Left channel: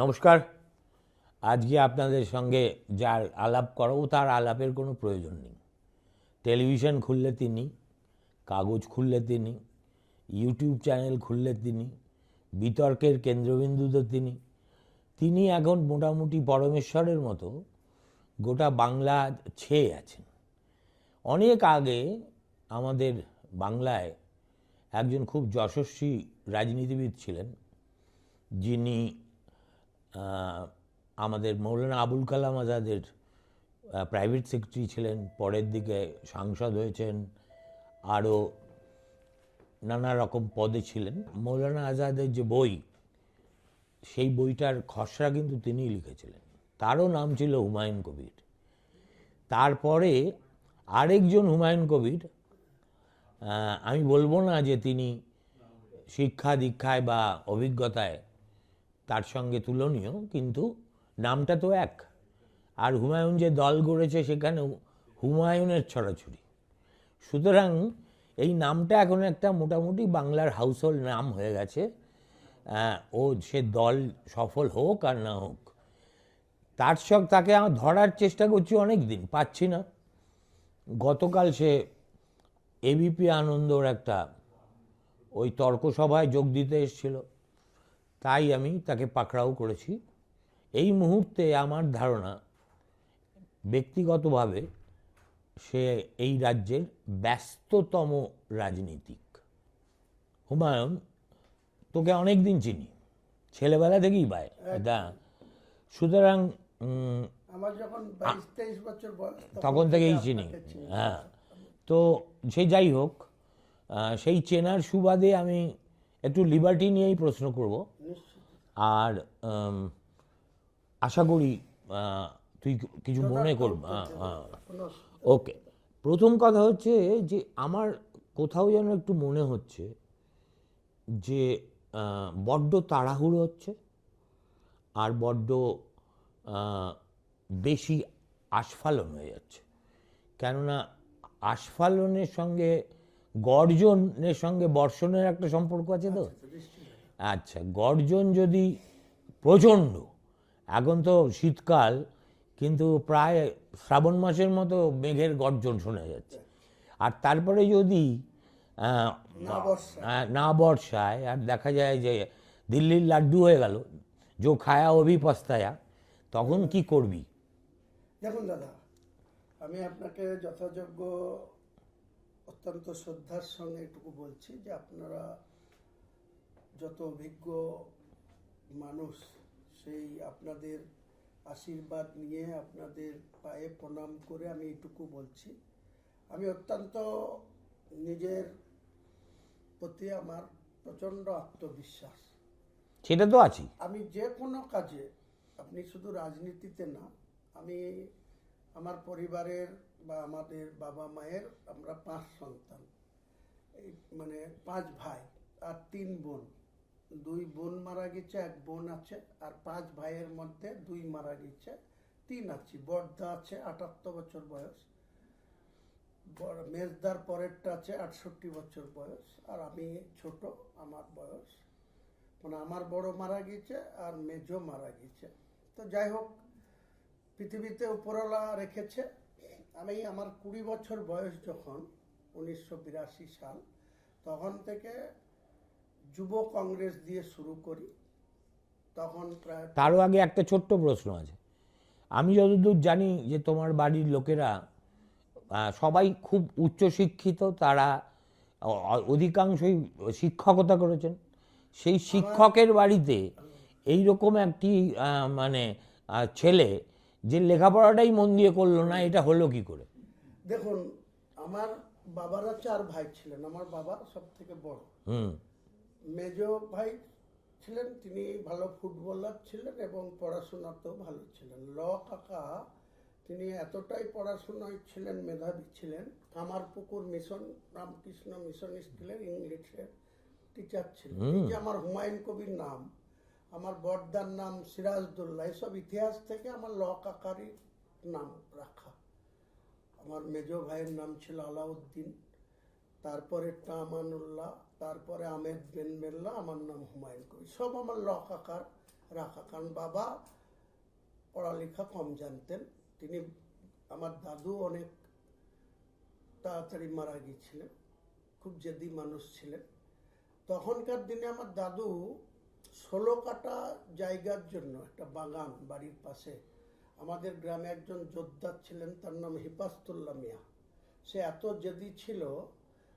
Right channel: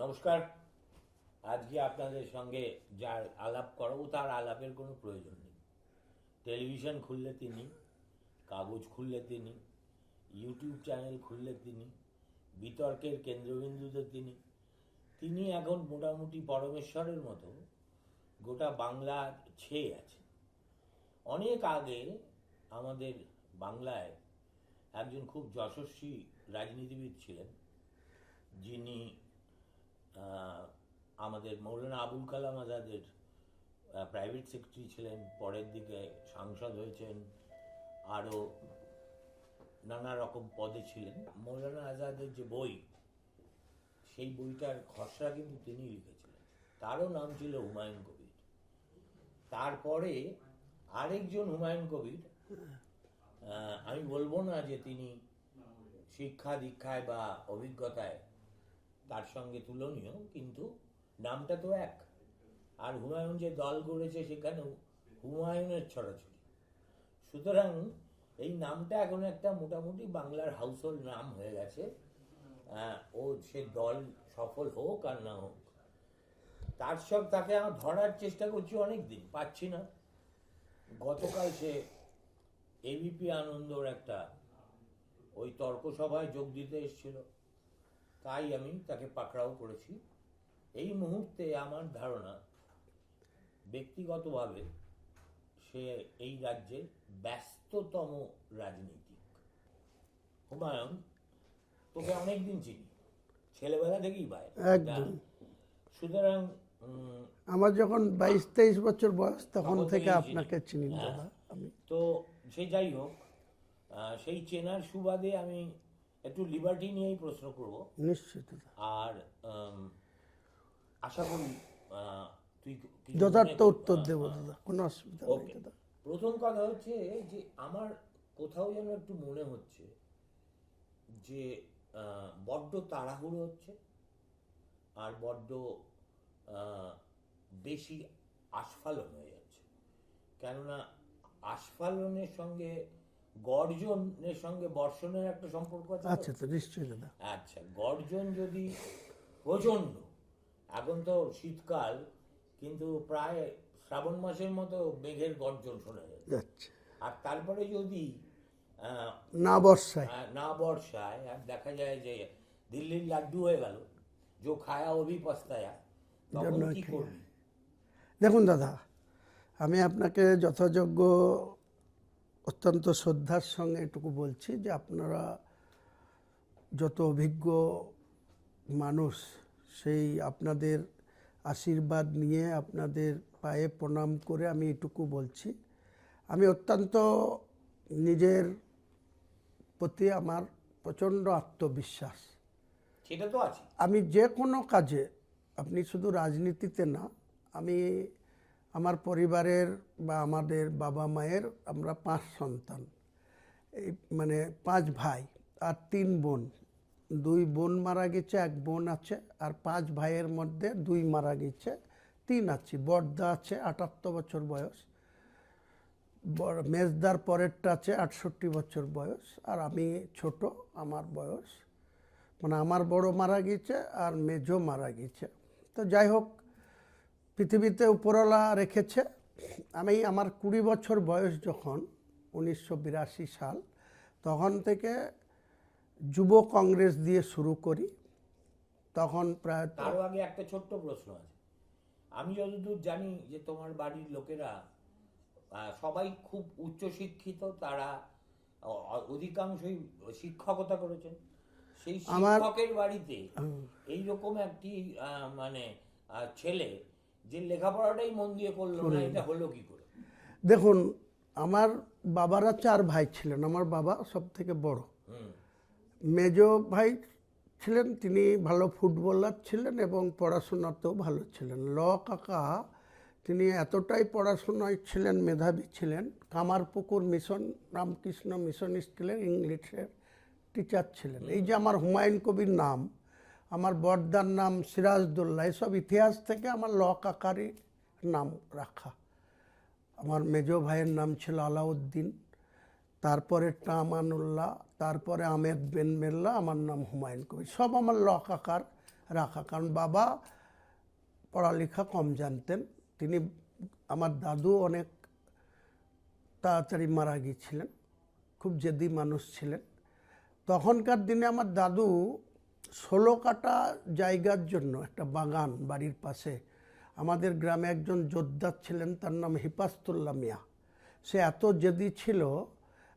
নমস্কার। আজকে আপনাদের সঙ্গে যার আলাপ করব তার আলাপের কোনো প্রয়োজন নেই। টেলিভিশন খুললে তিনি, কাগজ খুললে তিনি, ইউটিউব চ্যানেল খুললে তিনি, বিতর্কের কেন্দ্রবিন্দুতে তিনি এখন মোটামুটি পরমেশ্বরের মতো গোটা বাংলা ছেয়ে আছেন। অনেক আগে আমাদের বাংলায় একজন খুব যশস্বী রাজনীতিবিদ ছিলেন, যিনি আমাদের মৌলানা আবুল কালাম আজাদের প্রাইভেট সেক্রেটারি ছিলেন, পরের দিকে সাংসদ হয়েছেন, আরও নানা রকম পদে ছিলেন। মৌলানা আজাদের যে বই, সেই বইটার খসড়া কিন্তু তিনিই লিখেছিলেন। তারও নাম ছিল হুমায়ুন কবির। তারপরে আরেকজন হুমায়ুন কবির, আমি বলবো না যে তিনি শিক্ষা দীক্ষায় বা অভিজ্ঞতায় তার সঙ্গে তুলনীয়, কিন্তু নামটা তো এক। আর হুমায়ুন যে দল গড়েছে সেখানে হুমায়ুনের ছড়াছড়ি। সুতরাং এই নামটা এখন একটা মোটামুটি বাংলার হাউসহোল্ড নাম হয়ে গেছে। ও সে দল সফল হোক আর না হোক, তাকে ধরার চেষ্টা করছি অনেক দিন, পাচ্ছি না। গতকাল সে এবিপি আনন্দর একটা ওই তর্কসভায় যোগ দিতে এসেছিল, তাই আমি তাকে পাকড়াও করেছি। এই মুহূর্তে আমার ধারণা ব্যক্তিগতভাবে সে এই রাজ্যের ব্যস্ততম রাজনীতিক। হুমায়ুন, তোকে অনেক দিন চিনি, ছেলেবেলা থেকেই ভাই। সুতরাং আমার যখন 22-23 বছর বয়স তখন থেকেই চিনি। হ্যাঁ, তো সে যাই হোক, সেই চেনার সুবাদে আমি একটু লিবার্টি নিয়েই প্রশ্ন করব নিশ্চিত। আর আশা করি তুই কিছু মনে করবি। ওকে, প্রথম কথা হচ্ছে যে আমার কোথাও যেন একটু মনে হচ্ছে যে বড্ড তাড়াহুড়ো হচ্ছে আর বড্ড বেশি আস্ফালন হয়ে যাচ্ছে। কেননা আস্ফালনের সঙ্গে গর্জনের সঙ্গে বর্ষণের একটা সম্পর্ক আছে তো। আচ্ছা, গর্জন যদি প্রচণ্ড, এখন তো শীতকাল, কিন্তু প্রায় শ্রাবণ মাসের মতো মেঘের গর্জন শোনা যাচ্ছে। আর তারপরে যদি না বর্ষায় আর দেখা যায় যে দিল্লির লাড্ডু হয়ে গেল, যে খায়া অভি পস্তায়া, তখন কি করবি? দেখুন দাদা, আমি আপনাকে যথাযোগ্য অত্যন্ত শ্রদ্ধার সঙ্গে এটুকু বলছি যে আপনারা যত অভিজ্ঞ মানুষ, সেই আপনাদের আশীর্বাদ নিয়ে আপনাদের পায়ে প্রণাম করে আমি এটুকু বলছি, আমি অত্যন্ত নিজের প্রতি আমার প্রচণ্ড আত্মবিশ্বাস, সেটা তো আছে। আমি যে কোনো কাজে, আপনি শুধু রাজনীতিতে না, আমি আমার পরিবারের বা আমাদের বাবা মায়ের, আমরা 5 সন্তান, এই মানে 5 ভাই আর 3 বোন। 2 বোন মারা গেছে, 1 বোন আছে, আর 5 ভাইয়ের মধ্যে 2 মারা গেছে, 3 আছি। বড়দা আছে 78 বছর বয়স, মেজদার পরেরটা আছে 68 বছর বয়স, আর আমি ছোট, আমার বয়স, মানে আমার বড় মারা গেছে আর মেজো মারা গেছে। তো যাই হোক, পৃথিবীতে উপরওয়ালা রেখেছে। আমি আমার 20 বছর বয়স যখন, 1982 সাল, তখন থেকে যুব কংগ্রেস দিয়ে শুরু করি। তখন প্রায়, তারও আগে একটা ছোট্ট প্রশ্ন আছে। আমি যতদূর জানি যে তোমার বাড়ির লোকেরা সবাই খুব উচ্চশিক্ষিত, তারা অধিকাংশই শিক্ষকতা করেছেন। সেই শিক্ষকের বাড়িতে এইরকম একটি মানে ছেলে যে লেখাপড়াটাই মন দিয়ে করলো না, এটা হলো কি করে? দেখুন, আমার বাবারা 4 ভাই ছিলেন, আমার বাবা সব থেকে বড়। মেজো ভাই ছিলেন, তিনি ভালো ফুটবলার ছিলেন এবং পড়াশোনাতেও ভালো ছিলেন। কাকা, তিনি এতটাই পড়াশোনায় ছিলেন, মেধাবী ছিলেন, কামারপুকুর মিশন, রামকৃষ্ণ মিশন স্কুলের ইংলিশের টিচার ছিলেন। এই যে আমার হুমায়ুন কবির নাম, আমার বড়দার নাম সিরাজদৌল্লা, এসব ইতিহাস থেকে আমার কাকারই নাম রাখা। আমার মেজো ভাইয়ের নাম ছিল আলাউদ্দিন, তারপরে আমানুল্লাহ, তারপরে আহমেদ বেন মেল্লা, আমার নাম হুমায়ুন কবির, সব আমার কাকার রাখা, কারণ বাবা পড়ালেখা কম জানতেন। তিনি, আমার দাদু অনেক তাড়াতাড়ি মারা গিয়েছিলেন, খুব জেদি মানুষ ছিলেন। তখনকার দিনে আমার দাদু 16 কাঠা জায়গার জন্য একটা বাগান বাড়ির পাশে, আমাদের গ্রামে একজন যোদ্ধা ছিলেন, তার নাম হিপাস্তুল্লাহ মিয়া। সে এত জেদি ছিল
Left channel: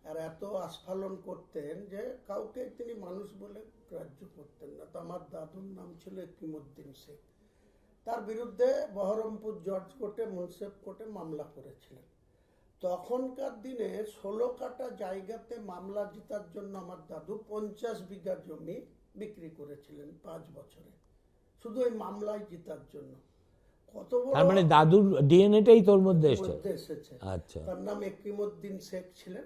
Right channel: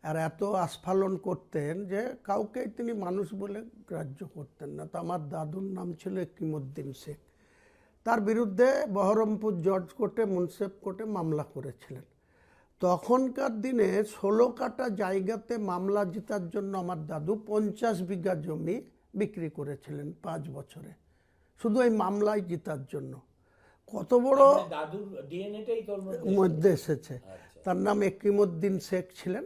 আর এত আস্ফালন করতেন যে কাউকেই তিনি মানুষ বলে গ্রাহ্য করতেন না। তো আমার দাদুর নাম ছিল একিমউদ্দিন শেখ। তার বিরুদ্ধে বহরমপুর জজ কোর্টে, মুন্সেফ কোর্টে মামলা করেছিলেন। তখনকার দিনে 16 কাঠা জায়গাতে মামলা জেতার জন্য আমার দাদু 50 বিঘা জমি বিক্রি করেছিলেন 5 বছরে, শুধু এই মামলায় জেতার জন্য। কত বড়, তার মানে দাদুর ডিএনএটাই তোর মধ্যে এসেছে। আচ্ছা। তার নাম একিমউদ্দিন শেখ ছিলেন।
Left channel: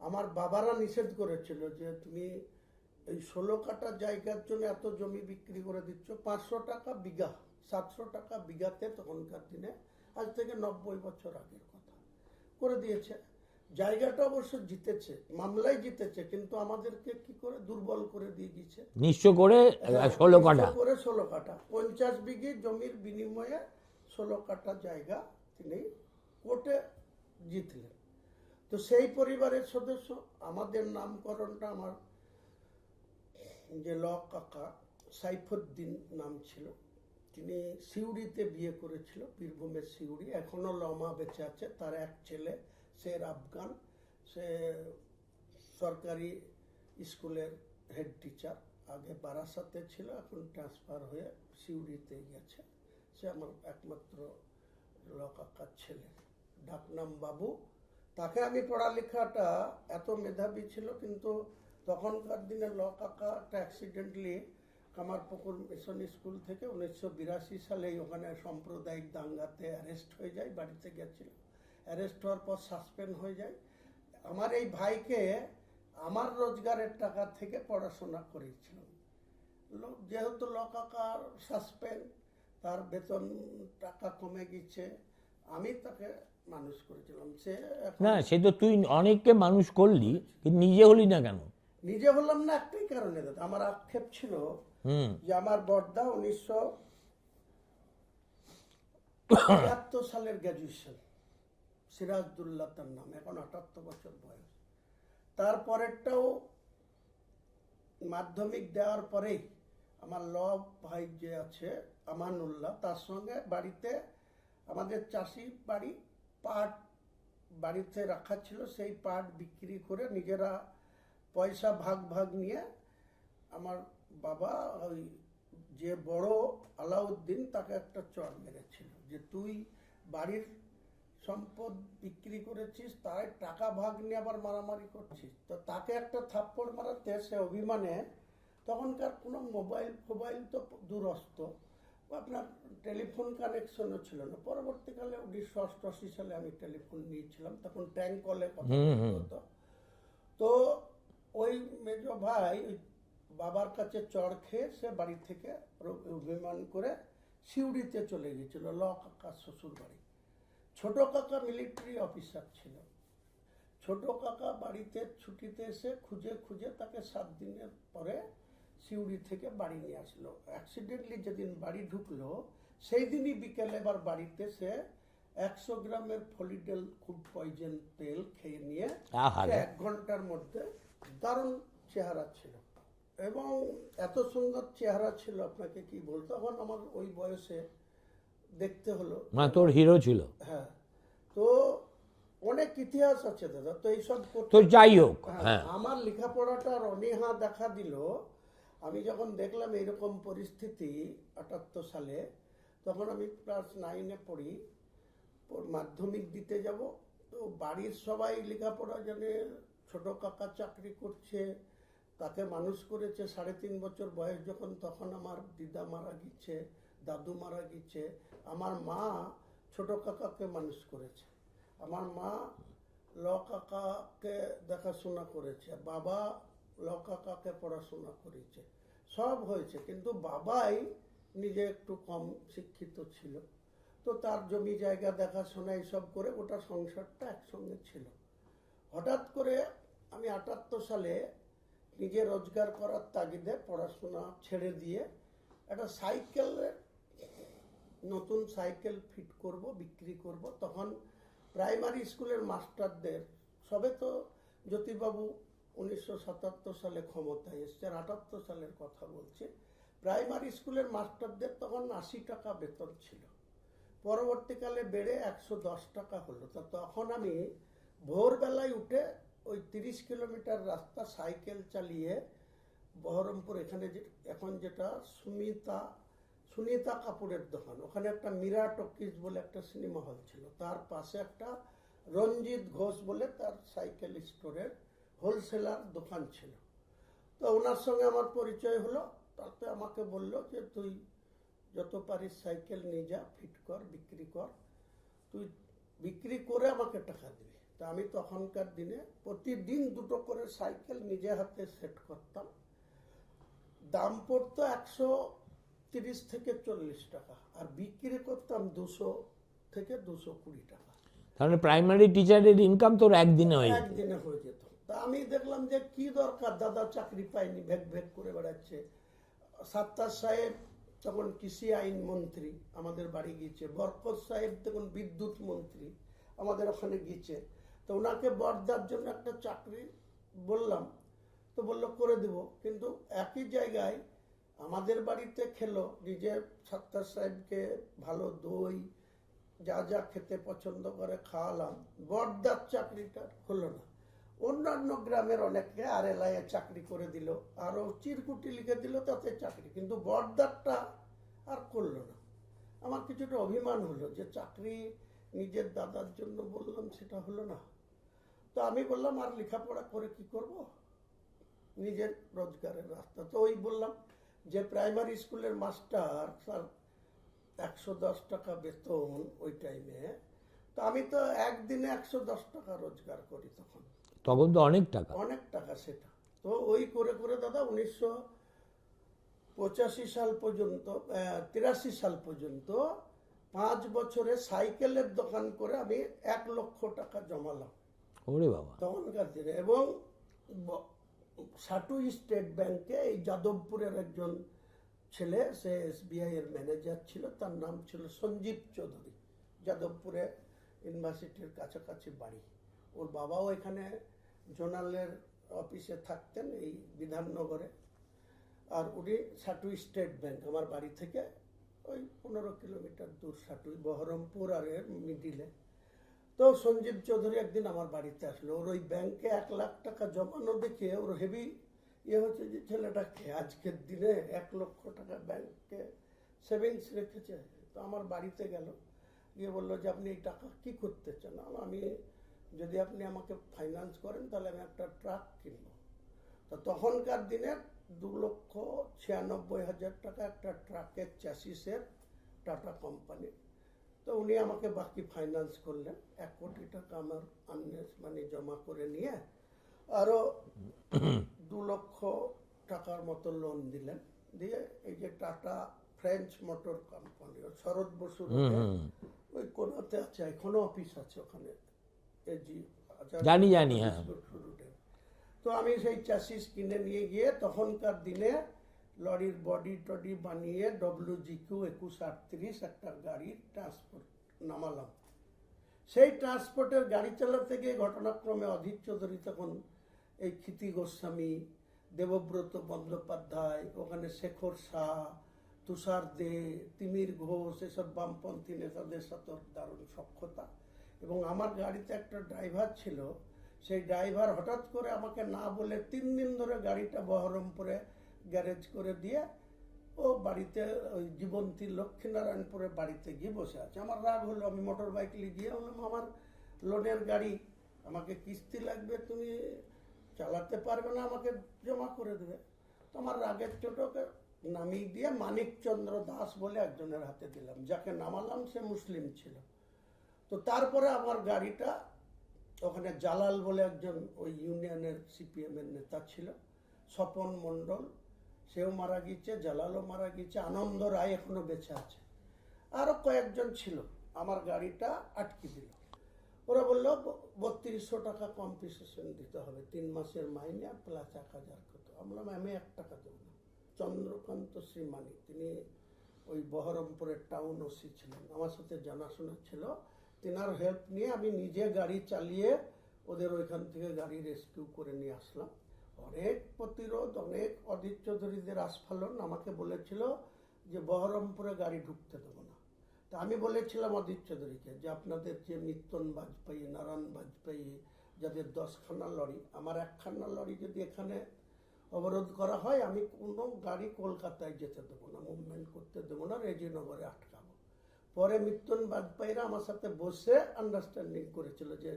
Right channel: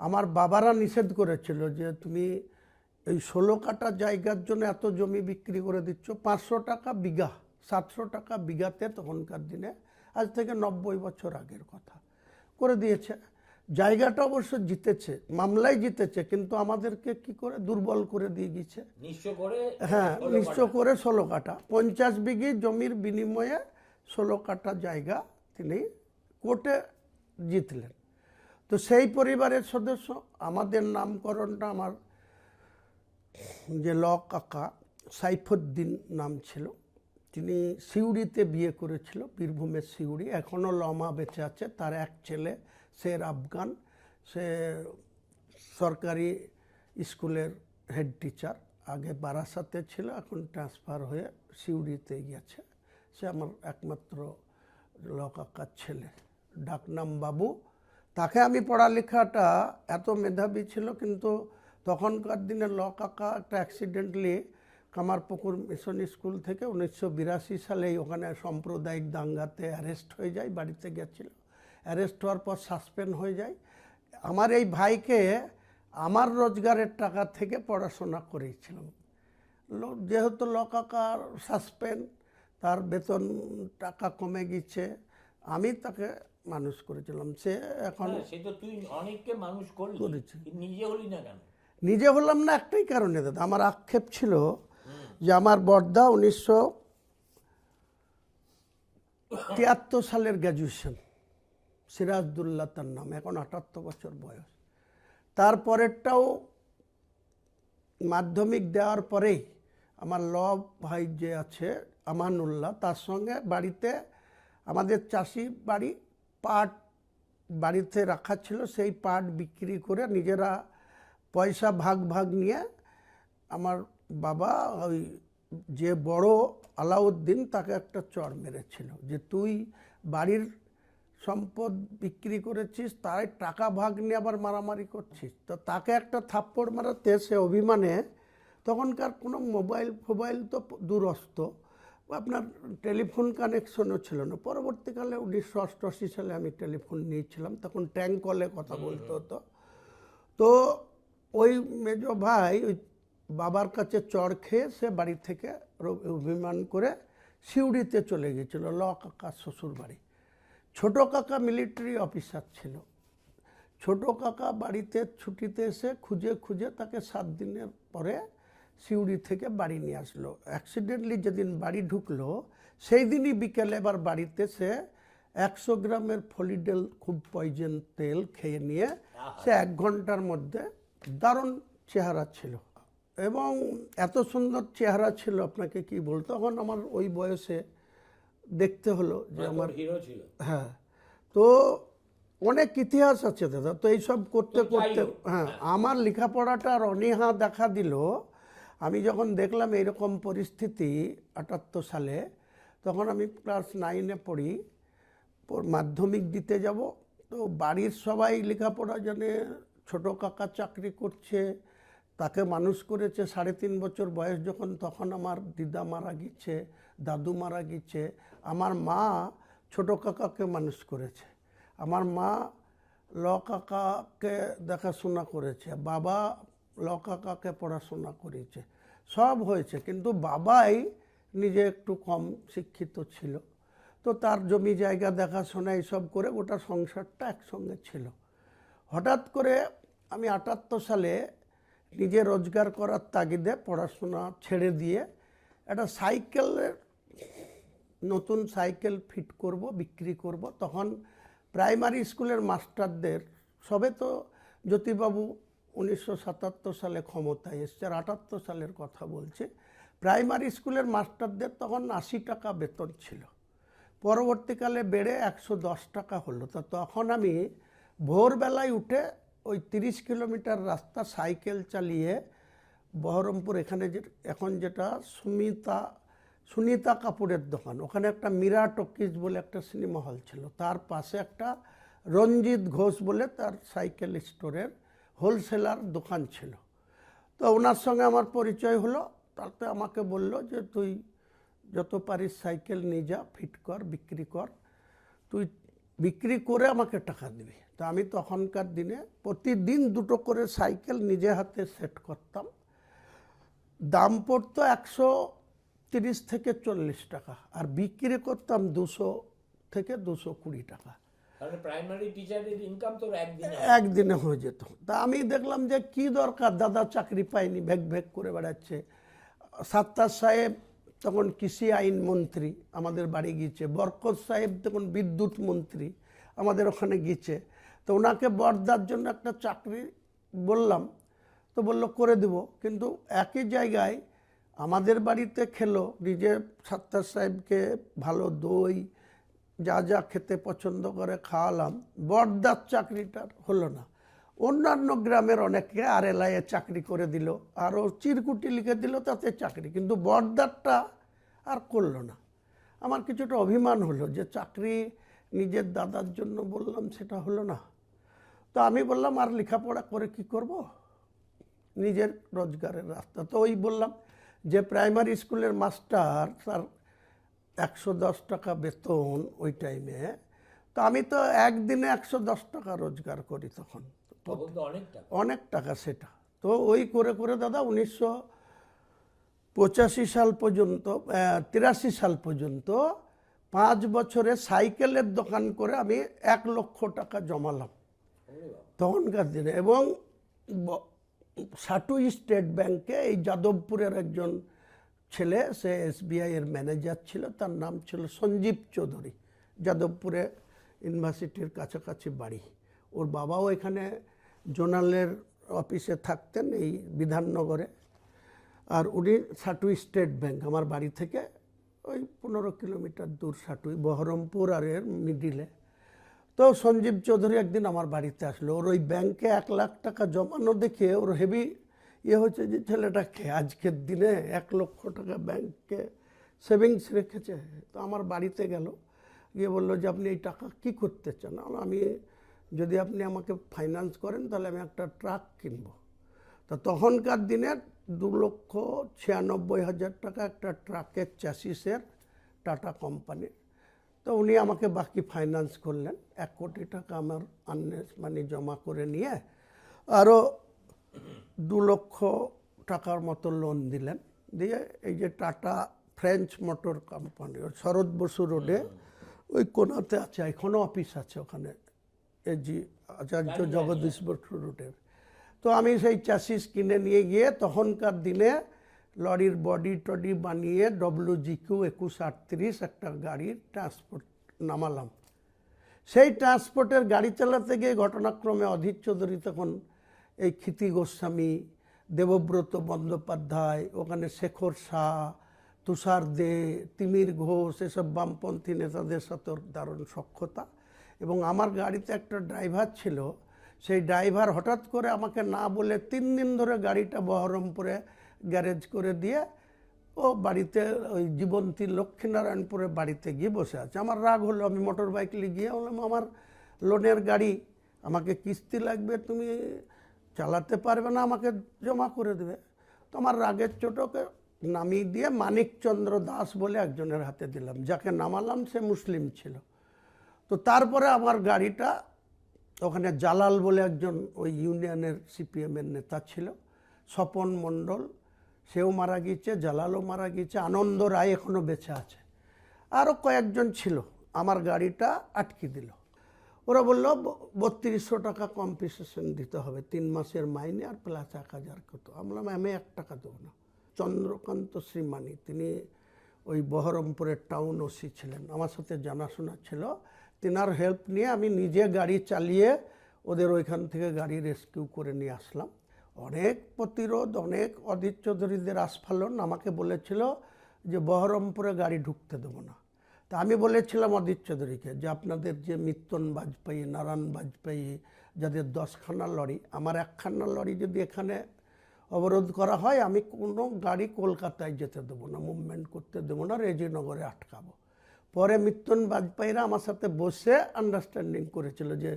আমার বাবারা নিষেধ করেছিল যে তুমি এই 16 কাঠা জায়গার জন্য এত জমি বিক্রি করে দিচ্ছ, 500 টাকা বিঘা, 700 টাকা বিঘাতে তখনকার দিনে, আজ থেকে 90 বছর আগের কথা, করে দিয়েছে। জায়গাটা অবশ্য জিতেছে, মামলায় জিতেছে, কিন্তু আমাদেরকে কি করে দুর্বল করে দিয়ে গেছে। নিঃস্ব করে হ্যাঁ, 16 নিঃস্ব কাঠা। করে 16 কাঠা, 50 বিঘি জমির বিনিময়ে 16 কাঠা জায়গা তিনি কোর্টে জিতলেন। তো সেই পরিবারের সদস্য, আমাদের নামকরণটা আমার যে ল কাকা সাইফুদ্দিন নাম ছিল, তিনি সিউড়িতে বিয়ে করেছিল, বীরভূমের সিউড়ি। এখনও লমা বেঁচে আছে। তার এক ছেলে শের আফগান, সে সরকারি স্কুলের হেড টিচার, আগে বারাসাতে ছিল, এখন ট্রান্সফার হয়ে সিউড়িতে গেছে। সে আমার একমাত্র ল কাকার ছেলে, ডাকনাম বাবু। তাকে আমি পড়ালেখাটা, এত মেধাবী ছিল, কিন্তু তখনকার দিনে ল কাকা একটা অ্যাক্সিডেন্টলি কামারপুকুর মিশন স্কুল থেকে 1982 সালেই ওখানে সাম্প্রদায়িক দাঙ্গাতে অ্যারেস্ট হয়ে যায়, বাড়িতে গেছিল। অ্যারেস্ট হওয়ার পর সাসপেন্ড হয়ে যায়। আমার এই ভাইকে আমার রোজগারের টাকা থেকে পড়াশোনা করিয়েছিলাম। যেহেতু ল কাকার সাসপেন্ড, তার বেতন টাকা কমে গেছে, আমি তাকে মানুষ করেছিলাম। সে এখন, না, সে তো তুই অনেককে মানুষ করলি, কিন্তু নিজে হলি না কেন? নিজে হলাম না একটাই কারণে দাদা, আমার আক্ষেপ ছিল যে আমার বড়দা 1973 সালের গ্র্যাজুয়েশন, সিরাজদুল্লাহ তার নাম, এখন 78 বছর বয়স। তারপরেরটাও মাধ্যমিক দেওয়ার পরেই আমার ল ভাই যে আছে আমানুল্লাহ, তার সঙ্গে বাড়িতে, আমাদের চাষি বাড়ি, পাট বাড়িতে রাখা ছিল, সেই পাট বিক্রি করে নিজেরা পয়সা ভাগ ভাগ নিয়ে আমার বাবা ওই যে বড় আলাউদ্দিন, তাকে একটা চড় মেরেছিল যে তুই বাড়ির সম্পদ বিক্রি করেছিস, তাই টাকা ভাগ নিয়ে আবার মারামারি করছিস। তো তাকে একটা থাপ্পড় মারাতে সে অভিমানে, তখনকার কোনো মোবাইল তো দূরস্থ, আপনার টেলিফোন কানেকশনও ছিল না। পরবর্তীকালে 1988 সালে আমি টেলিফোন নিয়েছিলাম, তখন ট্যাঙ্ক কলে কথা বলতে হতো। তো ওই মেজ ভাই ওই বাবার কাছে চড় খেয়ে সে বাড়ি থেকে অভিমান করে সিউড়িতে চলে গেছিল, ল কাকার শ্বশুর বাড়ি। ছোট কাকা মিলিটারি অফিসার ছিল। ছোট কাকা বাড়িতে ছুটিতে এসে খুঁজে খুঁজে তাকে 7 দিনের পরে সিউড়ি থেকে বাড়ি নিয়ে আসলো। অ্যাক্সিডেন্টলি যেদিন বাড়ি ঢুকলো, সেই দিনই বিকেলে এবার বাড়িতে সে 100 গ্রামের ফলিডেল, খুব পয়জন তেল খেয়ে নিয়ে সে 1 ঘন্টার মধ্যে দারুণ চেহারা ছিল, এবং এত সুন্দর চেহারা ছিল আপনাকে কি বলতো। তখন আমার ওই বয়সে দেখতে হলো, তোর হিরো ছিল। হ্যাঁ, তো অনেক ইতিহাস আছে দাদা। তো এইসব করতে, যাই হোক, হ্যাঁ, আমার লেখাপড়াটার অনীহা দেখা দিল। আমি যখন দেখলাম এরকম পরিস্থিতি 78 সালে, তখন আমি ক্লাস 9-এ পড়ি, মাধ্যমিক দিতে যাব। তো বাড়ির সবাই লেখাপড়া জানে, ছোট কাকা চাকরি করছে, তাকে মানুষ করেছে 3.5 বছর বয়স যখন, তখন আমার দিদা মারা গেছে, দাদু মারা গেছে। আমার মা ছোট কাকাকে মানুষ করেছে, আমার মা ল কাকাকে দেখাশোনা করেছে, বাবা ল কাকাকে পড়াশোনা করেছে, সব হয়েছে। কিন্তু বাবাই নিজে একটু কম শিক্ষিত ছিল, তো তার জমি জায়গা দেখাশোনা এইসব করে গোটা সংসারটা একসঙ্গে ছিল। হঠাৎ করে আমি 78 সালে নিজে রোজগার করার তাগিদে পড়াশোনা ছেড়ে দিয়ে একটা সাইকেলের নতুন সাইকেল ফিট করব, বিক্রি করব। তখন প্রাইমারি স্কুলের মাস্টারদের সবে তো জ্যোতিবাবু 1977 সালে ক্ষমতায় এসছে, আর 78 সালের কথা বলছে। প্রাইমারি স্কুলের মাস্টারদের তখন 80 টাকা বেতন ছিল, পরবর্তীকালে বেড়ে 110 টাকা হলো। তা তখন আমি ভোরবেলায় উঠে ওই 30 কিলোমিটার রাস্তা সাইকেল চালিয়ে বহরমপুর, এখানে যে এখন যেটা সুনিতা কাপুরের দোকান, ওখানে একটা মীরা টকিজ বলে একটা সিনেমা হল ছিল, তার পাশে একটা রঞ্জিত ঘোষ বলে তার সাইকেল স্টোরের হোলসেলার দোকান ছিল। তো ওনার সঙ্গে আমার পরিচয় হলো। তাতে আমাকে বলল যে তুই যত পারিস সাইকেল নিয়ে যা, ফিট কর, বিক্রি কর, তুই বিক্রি করে আমাকে টাকা দিবি। তা আমি তখনকার দিনে প্রতিদিন 2টো করে সাইকেল নিজে হাতে সেট করতাম। দাম পড়তো 130 থেকে 40 টাকা, আর বিক্রি করতাম 200 থেকে 220 টাকা। তাহলে প্রাইমারি টিচারের ইনকাম তোর একদিনে হয়? একদিনে হয়ে যেত। তা আমি দেখলাম যে কি দরকার, দাদা চাকরি পায়নি, ভেগ ভেগ করে বেড়াচ্ছে। সাত্তার সাহেব তখন কৃষি আইন মন্ত্রী, আমাদের বাড়ি গিয়েছে। বরকত সাহেব তখন বিদ্যুৎ মন্ত্রী, আমাদের ওখানে গিয়েছে। তো ওনাকে বর্দার জন্য একটা চাকরি বললাম, তো বললো করে দেব। কিন্তু একই জায়গায় আমাদের বাড়িতে খেলো, নিজে সাত্তার সাহেবকে ভালো দই যা যা খেতে পছন্দ করে খাওয়ালাম। বর্দার চাকরিটা হলো না। অন্যান্য গ্রামের অনেকে RLI চাকরি করে দিল, আরও চিরকুটি লিখে দিল, তাতে চাকরি। কিন্তু বর্দারটা আর করলো না। আমার কিছুটা অভিমান হলো যে চাকরি নিজের দাদার জন্য বললাম, সেটা হলো না। তো আমি বললাম আর লেখাপড়া করে কি করব, নিজের রোজগারের রাস্তা। তো ওই বললাম যে প্রাইমারি স্কুলের মাস্টার, তার 110 টাকা বেতন ওই টাইমে। তো আমি তো একদিনে 110 টাকা রোজগার করি তখন। তখন তো অনেক টাকা। অনেক টাকা সেটা। তো ওই করে করে দাদা 1985 সাল পর্যন্ত, 83 সাল পর্যন্ত 5 বছরে সাইকেলের দোকান করে আমি 1 লক্ষ টাকা জমালাম ওরে বাবা তখনকার দিনে। এবং সাটু স্টেট ব্যাংকে এই যাদবপুরের একজন ছেলে, সে SBI এর ম্যানেজার ছিল, তার নাম ছিল সঞ্জীব চৌধুরী। যাদবপুরে ইউনিভার্সিটির কাছাকাছি বাড়ি। ওর বাবাও এখানে জোনালের অফিসে থাকতেন, এই বিধাননগরে। আর উনি সাটু স্টেট ব্যাংক, আমার বাড়ি থেকে ওই 15 কিলোমিটার দূর সাটুই, বহরমপুর আর এর মিডিলে। তো সঞ্জীব চৌধুরী একদিন আমার বাড়িতে আসলো। ওর ওই ব্যাংকে 1 লাখ টাকা জমানো দেখে ওর হেভি হচ্ছে যে ছেলেটাকে আজকের দিনে 1 লক্ষ টাকা ব্যাংকে সেভিংস রেখেছে। তো আমার বাড়িতে গেল, গিয়ে বললো যে আপনি এই টাকা কি করতে চান? আমি যদি আপনি আমাকে ফাইন্যান্স করেন তাহলে আমি একটা ট্রাক কিনব। তো তখনকার দিনে 2,96,500 টাকা একটা ট্রাকের চ্যাসিসের, টাটা কোম্পানি। তো উনি আমাকে বাকি ফাইন্যান্স করলেন। 1 কোটি টাকা আমার আর্নেস মানি জমা করে নিয়ে আরও 2 লক্ষ টাকার মতো লোন দিলেন। দিয়ে এই যে টাটা ফ্রেঞ্চ মোটর কোম্পানি, শরৎ বসু রোডে ওই কোনাতে আছে, এখনো অফিস আছে ওখানে, এজি জগদীশ বসু রোডের। তো আমি সেই চ্যাসিস কিনে নিয়ে গিয়ে তখনকার দিনে লরির বডি টডি বানিয়ে WGQ 2138 একটা গাড়ির ট্রান্সপোর্ট নামালাম। সেই ট্রান্সপোর্টের গাড়ি চালাতে গিয়ে ঘটনাক্রমে অধীর চৌধুরী, তখন এই ক্ষিতি গোস্বামী, দেবব্রত বন্দ্যোপাধ্যায়, ওখানে শেখর শাহ, তুষার দে, তিমির ঘোষ, এসব বামপন্থী নেতাদের সাথে দারুণ সখ্যতা। এবং আমার গাড়িতে একটা ড্রাইভার ছিল, সেই ড্রাইভার হঠাৎ করে আমাকে না বলে 3 দিন ধরে গাড়িটা বহরমপুরে গ্যারেজ করে দিয়ে ও বাড়িতে, ওই জীবন্তী লক্ষ্মীনারায়ণপুরে বাড়িতে গিয়ে বসে আছে। আমার রাগ হলো, আমি মোটর বাইক নিয়ে গিয়ে বললাম আমার লোনের গাড়ি, আমাকে কিস্তি লাগবে, তুমি চালাতে পারবে না, আমাকে জমা করে দেবে। তো আমার রাগের চোটকে নামিয়ে দিয়ে মানিকচন্দ্র দাস বলে একজনের হাতে দিলাম, যাকে নামালাম সে মুসলিম ছিল। তো তারপরে আমার গাড়িটা ওখানে জালাল বলে একজন ওই ইউনিয়নের CPM-এর নেতা ছিল, স্বপন মণ্ডল, সেও মারা গিয়েছে, জালালও মারা গিয়েছে, আনন্দ রায় এখনো বেঁচে আছে, আরও কয়েকজন ছিল। আমার গাড়িটা আটকে দিল। ওরা বললো 3200 টাকা কম্পেনসেশন দিতে হবে, 3 মাসের মাইনে আর প্লাস 1000 কত। আমি বললাম আমি 1 টাকা দেবো না, চন্দ্রকান্ত শ্রীমানি, তিনি ওই বহরমপুরের টাউন ওসি ছিলেন, আমার সাথে জানাশোনা ছিল। তিনার হেল্প নিয়ে আমি নিজে গাড়ি চালিয়ে ওদের ওইখান থেকে গাড়ি রেস্কিউ করে নিয়ে আসলাম। অনেক প্রতিরোধ, অনেক অধীর চৌধুরীদের আস্ফালন। আমাকে বলেছিল যে বহরমপুরে গাড়ি ঢুকতে দেবো না। তা আমি বলেছিলাম অধীর চৌধুরীকে যে আপনাদের যে মিত্তন বাজপেয়ী, নারায়ণ বাজপেয়ী, যাদের 10খানা লরি, আমার 1খানা লরি যদি এখানে অবরোধ করা হয়, আমি কোনো গাড়ি কলকাতায় যেতে দেবো না, মুভমেন্ট করতে দেবো না, রেজিনগরে আটকাবো। পরে মিত্তন বাজপেয়ীরা আমার সাথে বসে আন্ডারস্ট্যান্ডিং করেছিল যে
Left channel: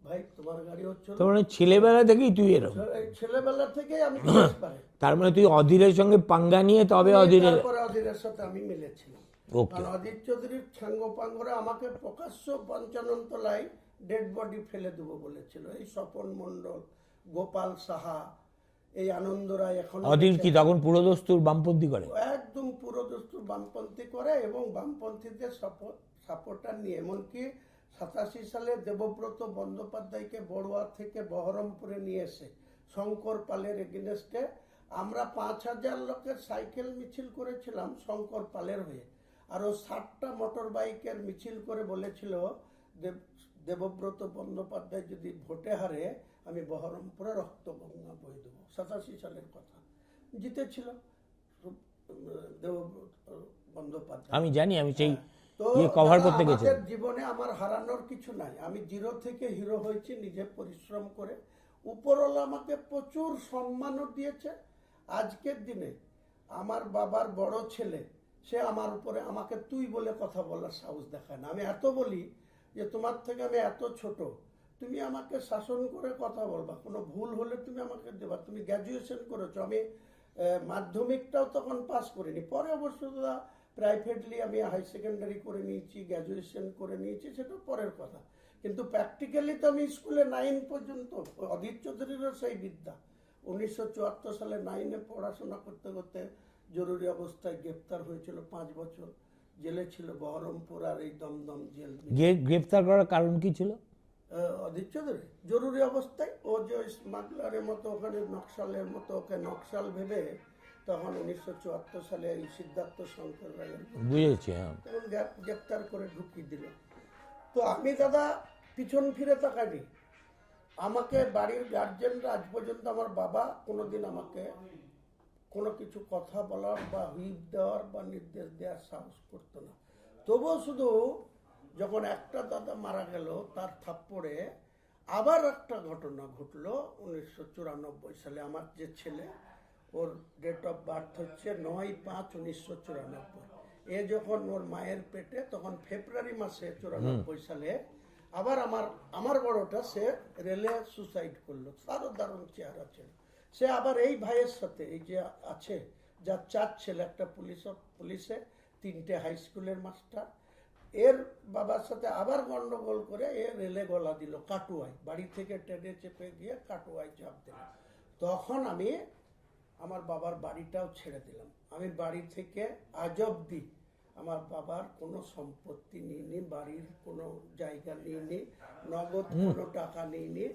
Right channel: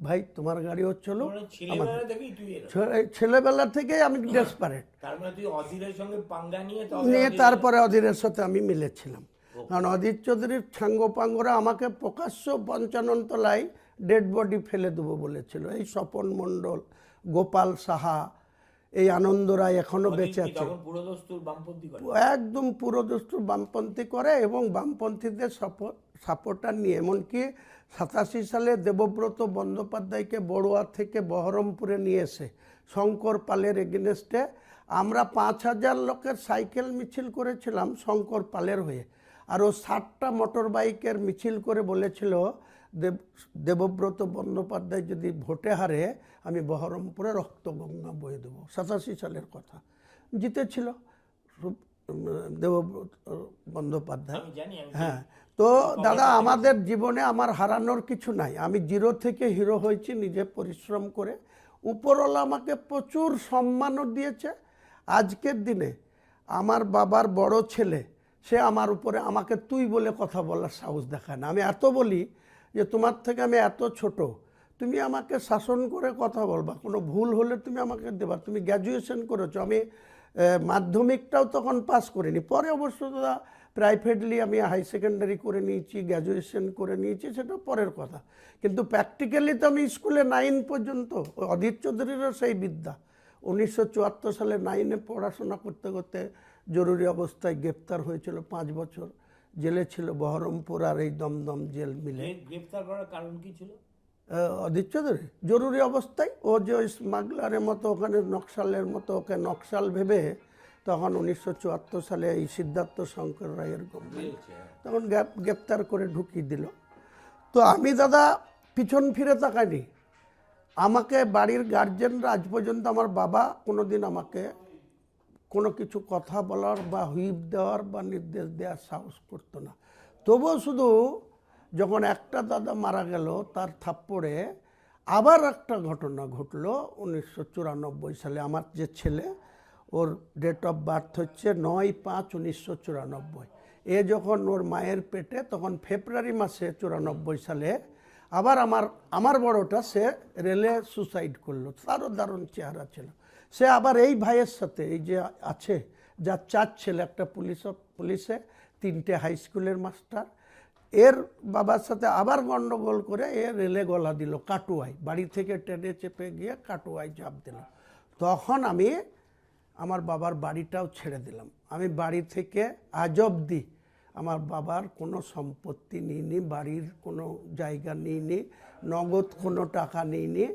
ভাই তোমার গাড়িও চলো। মানে ছেলেবেলা থেকেই তুই এরকম? ছেলেবেলা থেকেই আমি ডেসপারেট। তার মানে তুই অধীরের সঙ্গে পাঙ্গা নিয়ে তবে তারপরে অধীরের সাথে আমি মিলেছিলাম। কারণ অধীর চৌধুরীর ছাঙ্গপাঙ্গরা আমাকে প্রকাশ্য 55 তলায় ডেড বডি ফেলে দেবো বলেছিল। এই স্বপন মণ্ডল, গোপাল সাহা, এই আনন্দ রায় এখনো বেঁচে আছে। তখন পুরোদস্তুর বামপন্থী করে? একদম পুরোদস্তুর বামপন্থী করে এবং বামপন্থীদের সাপোর্টার নিয়ে। এমনকি 87 সালে দেবব্রত বন্দ্যোপাধ্যায়কে বড়ুয়া থেকে বহরমপুরে নিয়ে এসে শঙ্কর পালের এগেনস্টে আমরা 5000 লোকের সাইকেল মিছিল করেছিলাম শঙ্কর পালের হয়ে। আর ও 60টা মোটর বাইকের মিছিল করে বলেছিল দেবব্রত বন্দ্যোপাধ্যায় যদি ভোটে হারে আমি বহরমপুরে রক্তগঙ্গা বয়ে দেবো। 87 সালের কথা। জিতেছিল দেবব্রত বন্দ্যোপাধ্যায়, আমি জানি। আমি তো দাদা আমাদের জীবনে আমার হারানোর কিছু নাই। আমি জিরো থেকে হিরো হয়েছি নিজে পরিশ্রম করে। উপরওয়ালা আমাকে প্রচুর সম্মানও দিয়েছে। আজকের দিনে আমার বাবার বড় ছেলে, সে আমার উপরে আমাকে তুই বলে কথা বলার সাহস দেখায় না। আমি এত বলি যে তোমার থেকে আমি এত ছোট, তুমি আমাকে শাসন করে কথা বলবা, কোনো ভুল হলে তুমি আমাকে দেবা। তুমি গ্র্যাজুয়েশন করেছো, আমি মাধ্যমিকটাও তখন পাস করিনি। পরে অবশ্য দাদা প্রাইভেটলি আমি হাই সেকেন্ডারি করে নিয়েছি, গ্র্যাজুয়েশন করে নিয়েছি, সেটা পরের কথা। কিন্তু প্র্যাকটিক্যালি তো আমি স্কুলে 9 পর্যন্ত, অধীর চৌধুরীরও সেই বিদ্যা। 1974 সালে 9-এ পড়াশোনা করতে করতে জরুরি অবস্থায় গ্রেপ্তার হয়েছিল, 5 বছর জেলে ছিল বহরমপুর আর এই দমদম জেল মিলে। গ্রেপ্তার করার কারণ কি ছিল? অধীর চৌধুরী জরুরি অবস্থায় ও যে ওই স্মাগলারের মতো ওখানে নকশালের মতো ওকে নকশাল ভেবে তখন 1974 সালে এই সিদ্ধার্থ শঙ্কর রায়ের বুঝেছি, তখন গ্রেপ্তার করে ঢুকিয়ে দিল। তো আমি দাদা পিছন ফিরে তাকাইনি। আমাকে বাড়ির গার্জেনরা আজ পর্যন্ত, আমার বাবা কোনোদিন আমাকে কোনো কিছু কথা বলার বা হুইপ দেওয়ার বা নির্দেশ দেওয়ার সাহস করতো না। তবুও শুধু যখন একটা দাদা মারা গেল তার থাপ্পড়ে আবার একটা ঘটনা ঘটলো 1994 সালে। আমার যে ছেলে, ওর ডেট অফ বার্থ হচ্ছে 9/5/1994। এ যখন ওর মায়ের পেটে, তখন ফেব্রুয়ারি মাসে 94 সালে আবার আমার বড়টা সে রেলে সুসাইড করলো। তারও দারুণ চেহারা ছিল। সে আবার এই ভাইয়ের সাথে, এই যে আছে যার 4 ছেলে, একটা পুলিশে, 3টে হাই স্কুলের মাস্টার, এর বাবার সাথে আবার গন্ডগোল করে এ রেলে গলা দিল কাটুয়ায়। বাড়ি থেকে ট্রেনে চেপে গিয়ে কাটুয়ায় চাপ দিল। তখন আমি আমার বাবার বাড়িটাও ছেড়ে দিলাম। আমি বাড়ি থেকে আজ অবধি আমার বাবার কোনো সম্পত্তি নিইনি, বাড়ির কোনো জায়গা নিইনি, নগদ কোনো টাকা নিইনি।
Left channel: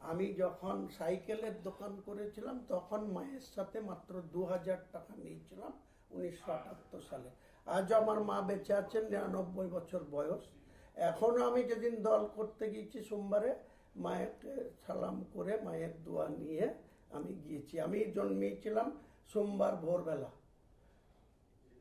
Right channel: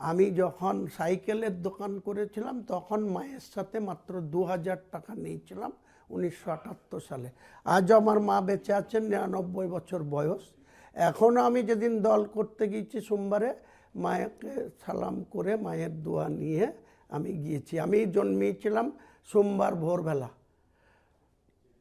আমি যখন সাইকেলের দোকান করেছিলাম তখন মায়ের সাথে মাত্র 2000 টাকা নিয়েছিলাম 1978 সালে। আজ আমার মা বেঁচে আছেন, 99 বছর বয়স। এখনও আমি যেদিন দল করতে গিয়েছি সোমবারে, মায়েকে সালাম করে মায়ের দোয়া নিয়ে আমি গিয়েছি। আমি জন্মেছিলাম সোমবার ভোরবেলা,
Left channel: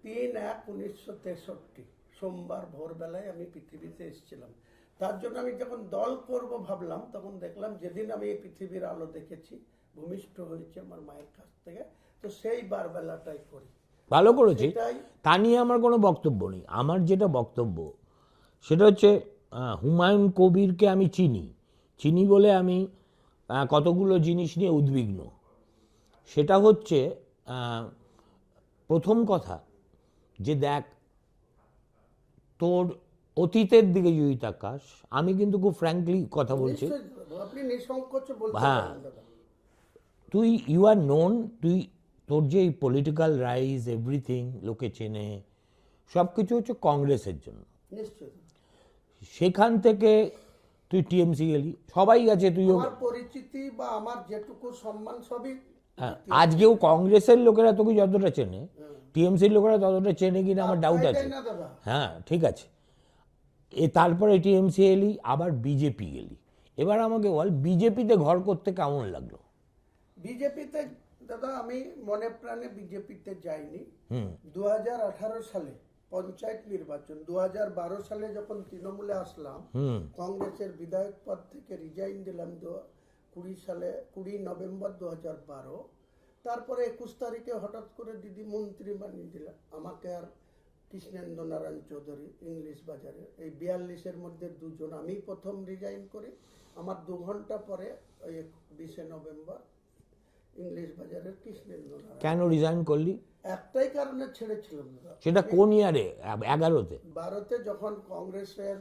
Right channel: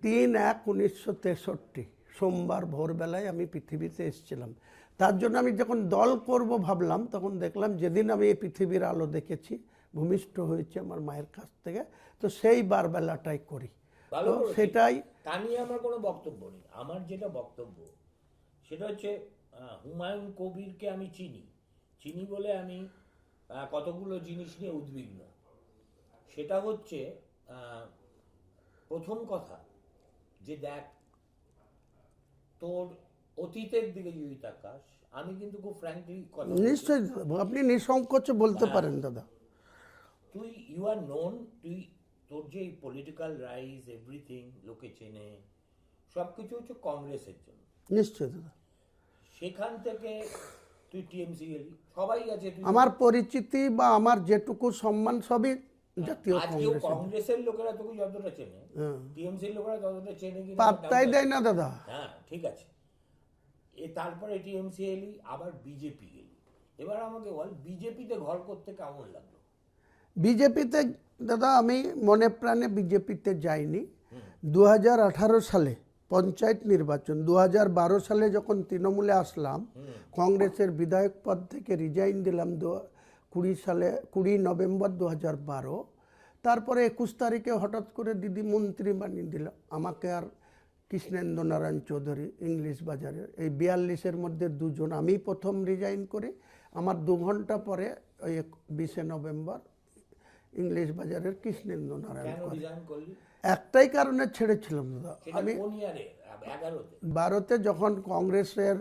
3/1/1963 সোমবার ভোরবেলায় আমি পৃথিবীতে এসেছিলাম। তার জন্য আমি যখন দল করব ভাবলাম, তখন দেখলাম যেদিন আমি এই পৃথিবীর আলো দেখেছি, ভূমিষ্ঠ হয়েছে আমার মায়ের কাছ থেকে, তো সেই বারবেলাটাই করি। ভালো করেছি, সেটাই। তা নিয়ে আমার কোনো বক্তব্য নেই। আমার যেটা বক্তব্য সেটা হচ্ছে হুমায়ুন কবিরকে আমি চিনি বলে আমি কতগুলো জিনিস নিয়ে উদ্বিগ্ন। সেটা হচ্ছে প্রথম কথা যে দেখ, তোর অতীতের দিকে যদি তাকাস, আমি কিন্তু খুব ফ্র্যাঙ্কলি কথা বলছি, নিশ্চয়ই আপনি নিঃসংকোচে বলতে পারেন দাদা। তুই ইউ আর নোন, তোর যে পলিটিক্যাল রাইজ এভরিথিং লোকে চেনে, সব কিছু হচ্ছে কংগ্রেসের জন্য। নিশ্চয়ই দাদা। সেখান থেকে তুই টিএমসি গেলি, সবাই গেছে, তুই আমার পরিচিতি বা আমার যেটুকু সম্মান সবই আজকেও কংগ্রেসের লোকেরা তোকে যতটা চেনে, টিএমসির লোকেরা ততটা চেনে কিনা আমার ডাউট পাত্তাই আছে। দেয় না দাদা। হ্যাঁ, ঠিক আছে। তারপরে টিএমসি এলি, আবার বিজেপি গেলি। এবার আমাকে বল, বিজেপিতে ঘর করতে কেমন লাগলো? বিজেপিতে দাদা আমি মনে প্রাণে বিজেপিতে যাইনি। 2018 সালে পঞ্চায়েত নির্বাচন, 2012 সালে যখন তৃণমূলে আসলাম, কংগ্রেসের বিধায়ক পদ থেকে রিজাইন দিলাম 20 নভেম্বর 2012। তারপরে 21 তারিখে হঠাৎ করে দিদি মন্ত্রী বানিয়ে দিল আমাকে আর কৃষ্ণেন্দ্র নারায়ণ চৌধুরী ইংলিশ বাজারে। এই 42-এর মধ্যে দুজন। আমি প্রথম রিজাইন করি, আমার 2 ঘন্টা পরে ওই 20 নভেম্বর ইংলিশ বাজারের কৃষ্ণেন্দ্র নারায়ণ। কেন রিজাইন করলি? একটাই কারণে ছেড়েছিলাম দাদা। সেটা কোন ইয়ারে? 11তে? 12তে যখন কংগ্রেসের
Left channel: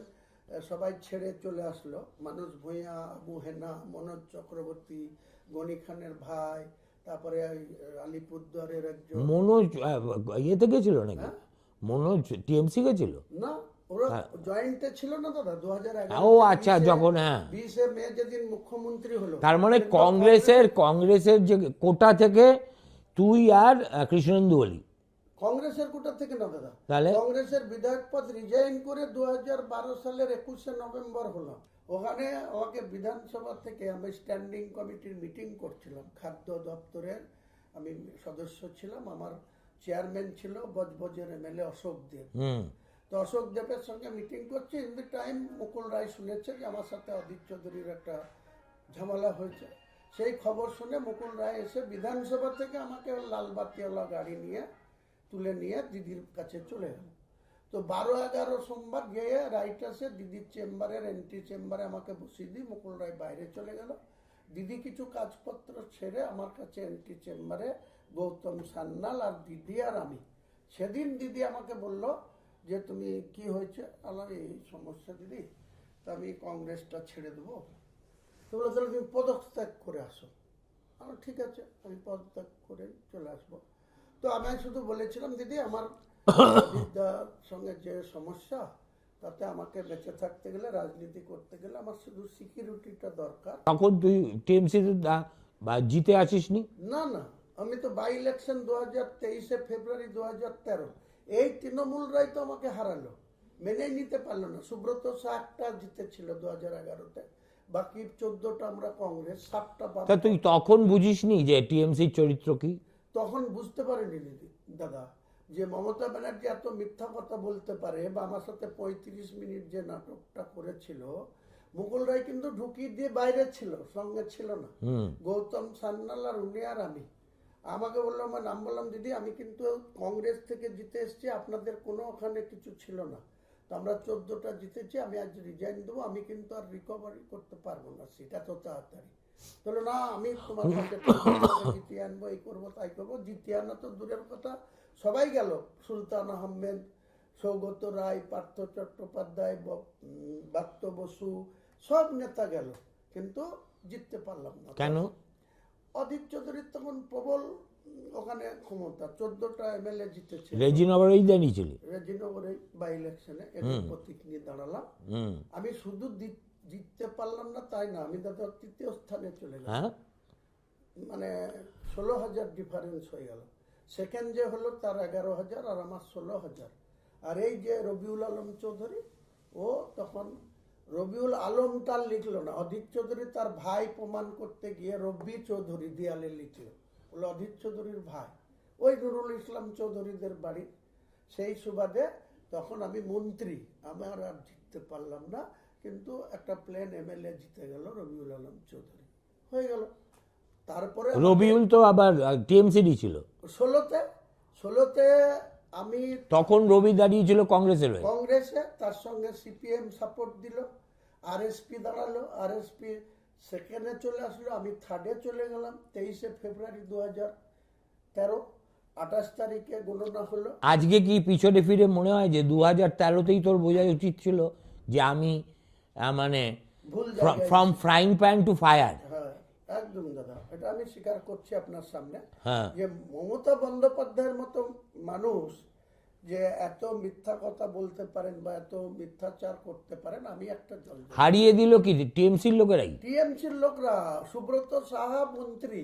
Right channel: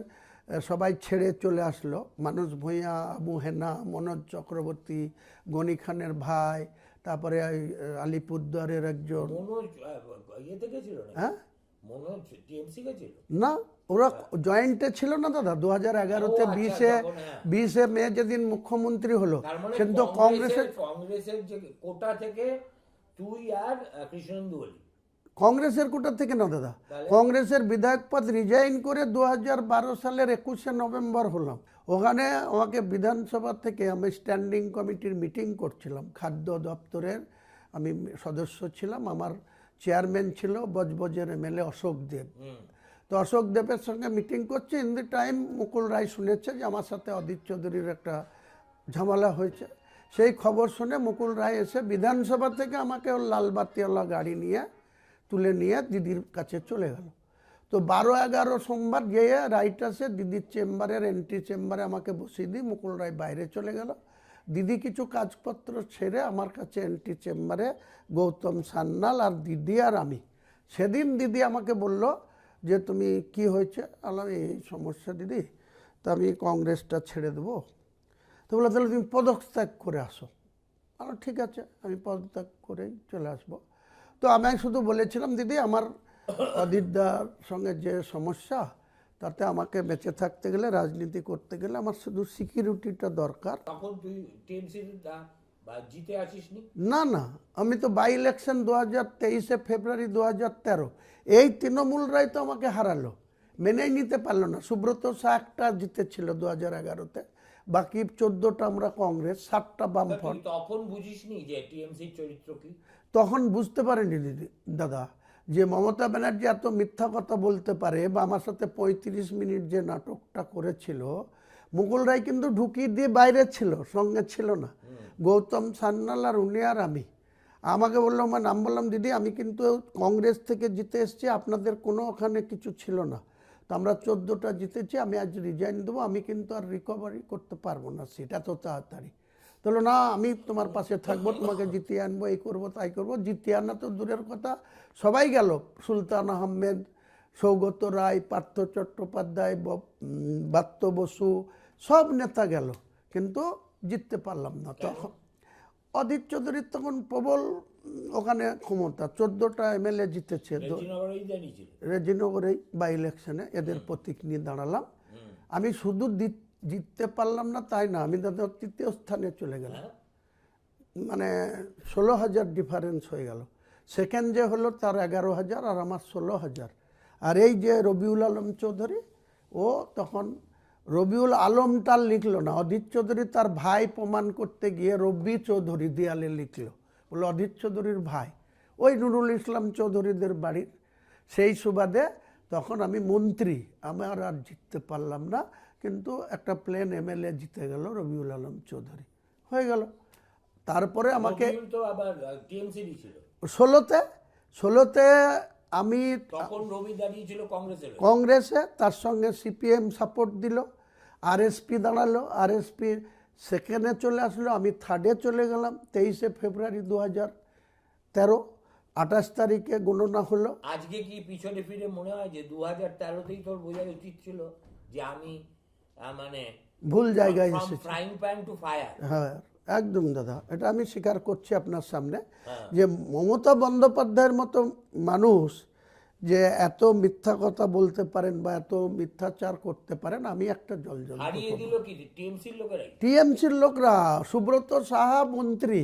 সবাই ছেড়ে চলে আসলো, মানুষ ভূঁইয়া, আবু হেনা, মনোজ চক্রবর্তী, গনি খানের ভাই, তারপরে আলিপুরদুয়ারের একজন। মনোজ ইয়েতে গেছিল নাকি? হ্যাঁ, মনোজ টিএমসি গেছিল? না, ওরা জয়েন্টে ছিল না দাদা 2011। ও আচ্ছা, যখন, হ্যাঁ, 20 মে যেদিন মুখ্যমন্ত্রী হলো। তার মানে কিন্তু কংগ্রেসের যে কোটা থেকে তুই আর কৃষ্ণেন্দু অলি? কংগ্রেসের কোটা থেকে না দাদা, তাহলে? কংগ্রেসের বিধায়ক পদ রিজাইন করে 2012 সালের 21 নভেম্বর হলো। ওখানে আমাকে বিধানসভা থেকে, আমি স্ট্যান্ডিং কমিটির মিটিং করছিলাম, খাদ্য দপ্তরের আমি সদস্য ছিলাম। আমার চেয়ারম্যান ছিল বজবজের এমএলএ অশোক দেব। তো অশোক দেবের সঙ্গে মিটিং করছি, in the time Mukul Roy শুনেছে যে আমার সাথে অদিত চৌধুরীর একটা ঝামেলা হয়েছে। সেই খবর শুনে মুকুল রায় এসে বিধানসভা থেকে আমাকে ওর লালবাতিওয়ালা গাড়ি নিয়ে তুলে নিয়ে দিদির কাছে চলে গেল। তো 12-11 সোমবার গিয়ে রাইট আসে দিদির চেম্বারের এন্ট্রি চেম্বারে আমাকে বসিয়ে দিই। মুকুল রায় বাইরে চলে গেল। দিদি কিছু কাজপত্র ছেড়ে আমার কাছে এন্ট্রি চেম্বারে গৌতম সান্যাল আর দিদি আর আমি। সেদিন দিদি আমাকে বলল যে তুমি কি হয়েছে? আলাম এই সমস্যা দিদি, তা আমি কংগ্রেসটা ছেড়ে দেবো। তো বললো তাহলে তুমি পদত্যাগ করে আসো। আমার ঠিক আছে, আমি পদত্যাগ করেই চলে আসবো। তো আমি শুধু বলেছিলাম দিদি আমার অদিতদার সঙ্গে যে সমস্যা, তাতে আমাকে বেঁচে থাকতে গেলে, রাজনীতি করতে গেলে আমার শুধু সিকিউরিটিটা দরকার। তখন তুই টিএমসি বা জিতে আসিসনি? না না, আমি তো বাই ইলেকশন 2023 ফেব্রুয়ারি 2013, এই তৃণমূলরাই তো আমাকে হারালো, মেনেই নিতে পারলো না। সুব্রত শাহ একটা জিতেছিল 2011-তে, বাকি 14টা আমরা কংগ্রেস, 7টা বাম। তুই তখন বুঝিসনি যে টিএমসির চরিত্র কি? তখন বুঝতে পারেনি দিদি দাদা যে মমতা ব্যানার্জি এত মিথ্যা কথা বলতে পারে, বা আমার সাথে 35 মিনিট যে নাটকটা করেছিল। মুকুল রায় কিন্তু ঢুকিয়ে দিয়ে বাইরে ছিল, সঙ্গে ছিল না। গৌতম সান্যাল আর উনি আর আমি। আমাকে বললো, আমার নাম বললাম, দিদি আমি কিন্তু কংগ্রেস থেকে জিতে এসেছি, আপনাদের কোনো ওখানে কিছু ছিল না, তো আমরা 14টা জিতেছি, আমি আজ রিজাইন দেবো, আমি কিন্তু আর রিকভারি করতে পারবো না সিট এত তাড়াতাড়ি। বললো না, আমি তোমার পাশে থাকবো, তোমাকে জিতিয়ে আনবো, এই করবো তাই করবো। জিতিয়ে আনা তো দূরের কথা, সবাই গেল, সুলতান আহমেদ, সৌগত রায়, পার্থ চট্টোপাধ্যায়, বাত্য বসু, সব নেতা গেল, কিন্তু জিততে পারলাম না। কেন? অদিত চৌধুরীর তখন প্রবল ওখানে ক্ষমতা, 14টা এমএলএ জিতেছে। রেজিনগরেই দাঁড়িয়েছিলি? রেজিনগরেই বাই ইলেকশনে এদের প্রতীক নিয়ে দাঁড়ালাম। আমি শুধু জিততে পারলাম না তাই না, আমি তাদের 3য় স্থানে চলে গেলাম। মানে 16,000 ডিফারেন্স হয়ে গেল। সেকেন্ড যে হলো তার 11,000 আর আমার 16,000। আর এই যে রবিউল আলম চৌধুরী, ও তখন রবিউল আলমটা লিখলো না, অদিত চৌধুরী তার ভাই প্রমাণ করতে গিয়ে রবি চৌধুরী দেয়ালে লিখলো, বলে অদিত চৌধুরীর ভাই, ওই নুরুল ইসলাম চৌধুরীদের বাড়ির। সেই সুবাদে তখন আমি মন্ত্রী, আমার আর জিততে পারলাম না, কিন্তু একটা প্লেন এমএলএ জিতে গেল রবিউল আলম চৌধুরী, হয়ে গেল। তারপরে রবিউল তো আবার টিএমসি ছিল 16তে আমি, তখন রবি দাঁড়িয়েছিল কংগ্রেসে, তার সঙ্গে সিপিএম সাপোর্ট দিল, আরএসপি দাঁড়ালো, আরএসপি সেকেন্ডে চলে আসলো, আমি থার্ডে চলে গেলাম। 23 ফেব্রুয়ারি 2013, 28 তারিখে গণনা হলো। আজকে কি পিছনে ফিরে মনে হয় যে 2013তেই তোর বোঝা উচিত ছিল যে আমি মানে ভুল জায়গায়, from frying pan to fire? হ্যাঁ একদম দাদা, এটা আমি স্বীকার করছি আপনার সামনে যে মমতা বন্দ্যোপাধ্যায়ের মতো মানুষ যে এত মিথ্যা কথা বলতে পারেন বা এত মিথ্যাচার করতে পারেন, আমি একটা জল। হারিয়ে দিল কি টিএমসির লোকেরাই? টিএমসির লোকরা, সুব্রত সাহা মন্ত্রী,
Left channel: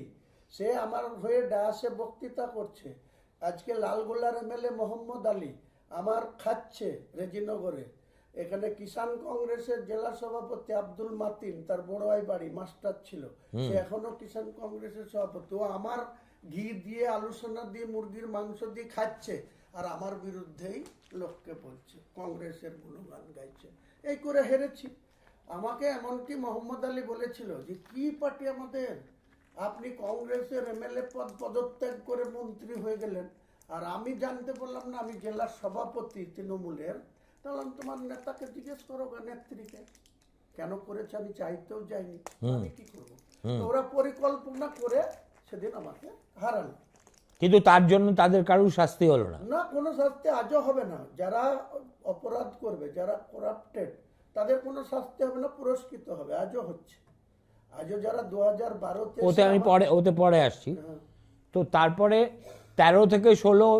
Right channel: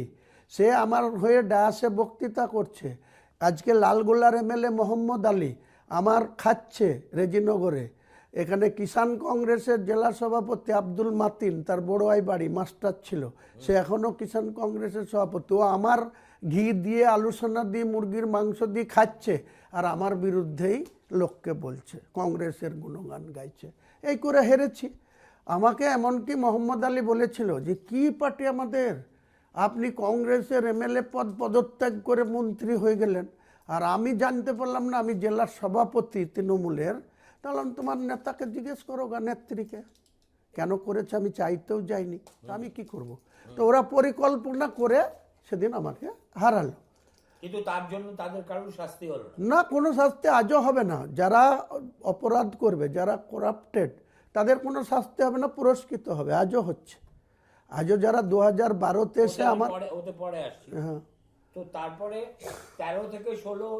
সে আমার হয়ে ডায়াসে বক্তৃতা করছে। আজকে লালগোলার এমএলএ মোহাম্মদ আলী আমার খাচ্ছে রেজিনগরে। এখানে কিষাণ কংগ্রেসের জেলা সভাপতি আব্দুল মাতিন, তার বড়ুয়াই বাড়ি, মাস্টার ছিল, সে এখনো কিষাণ কংগ্রেসের সভাপতি। ও আমার ঘি দিয়ে, আলুসোনা দিয়ে, মুরগির মাংস দিয়ে খাচ্ছে, আর আমার বিরুদ্ধেই লোককে বলছে, কংগ্রেসের গুণগান গাইছে। এই করে হেরেছি। আমাকে এমনকি মোহাম্মদ আলী বলেছিল যে কি পার্টি আমাদের, আপনি কংগ্রেসের এমএলএ পদত্যাগ করে মন্ত্রী হয়ে গেলেন, আর আমি জানতে পারলাম না আমি জেলার সভাপতি তৃণমূলের। তাহলে তোমার নেতাকে জিজ্ঞেস করো গা, নেত্রীকে কেন করেছে, আমি চাইতেও যাইনি, আমি কি করব। তো ওরা পরিকল্পনা করে সেদিন আমাকে হারালো। কিন্তু তার জন্য তাদের কারোর শাস্তি হলো না? না, কোনো শাস্তি আজও হবে না। যারা অপরাধ করবে, যারা করাপ্টেড, তাদের কোনো শাস্তি হবে না, পুরস্কৃত হবে। আজও হচ্ছে। আজও যারা 2012-তে ওতে পরে আসছি। তো তারপরে 13 থেকে 16,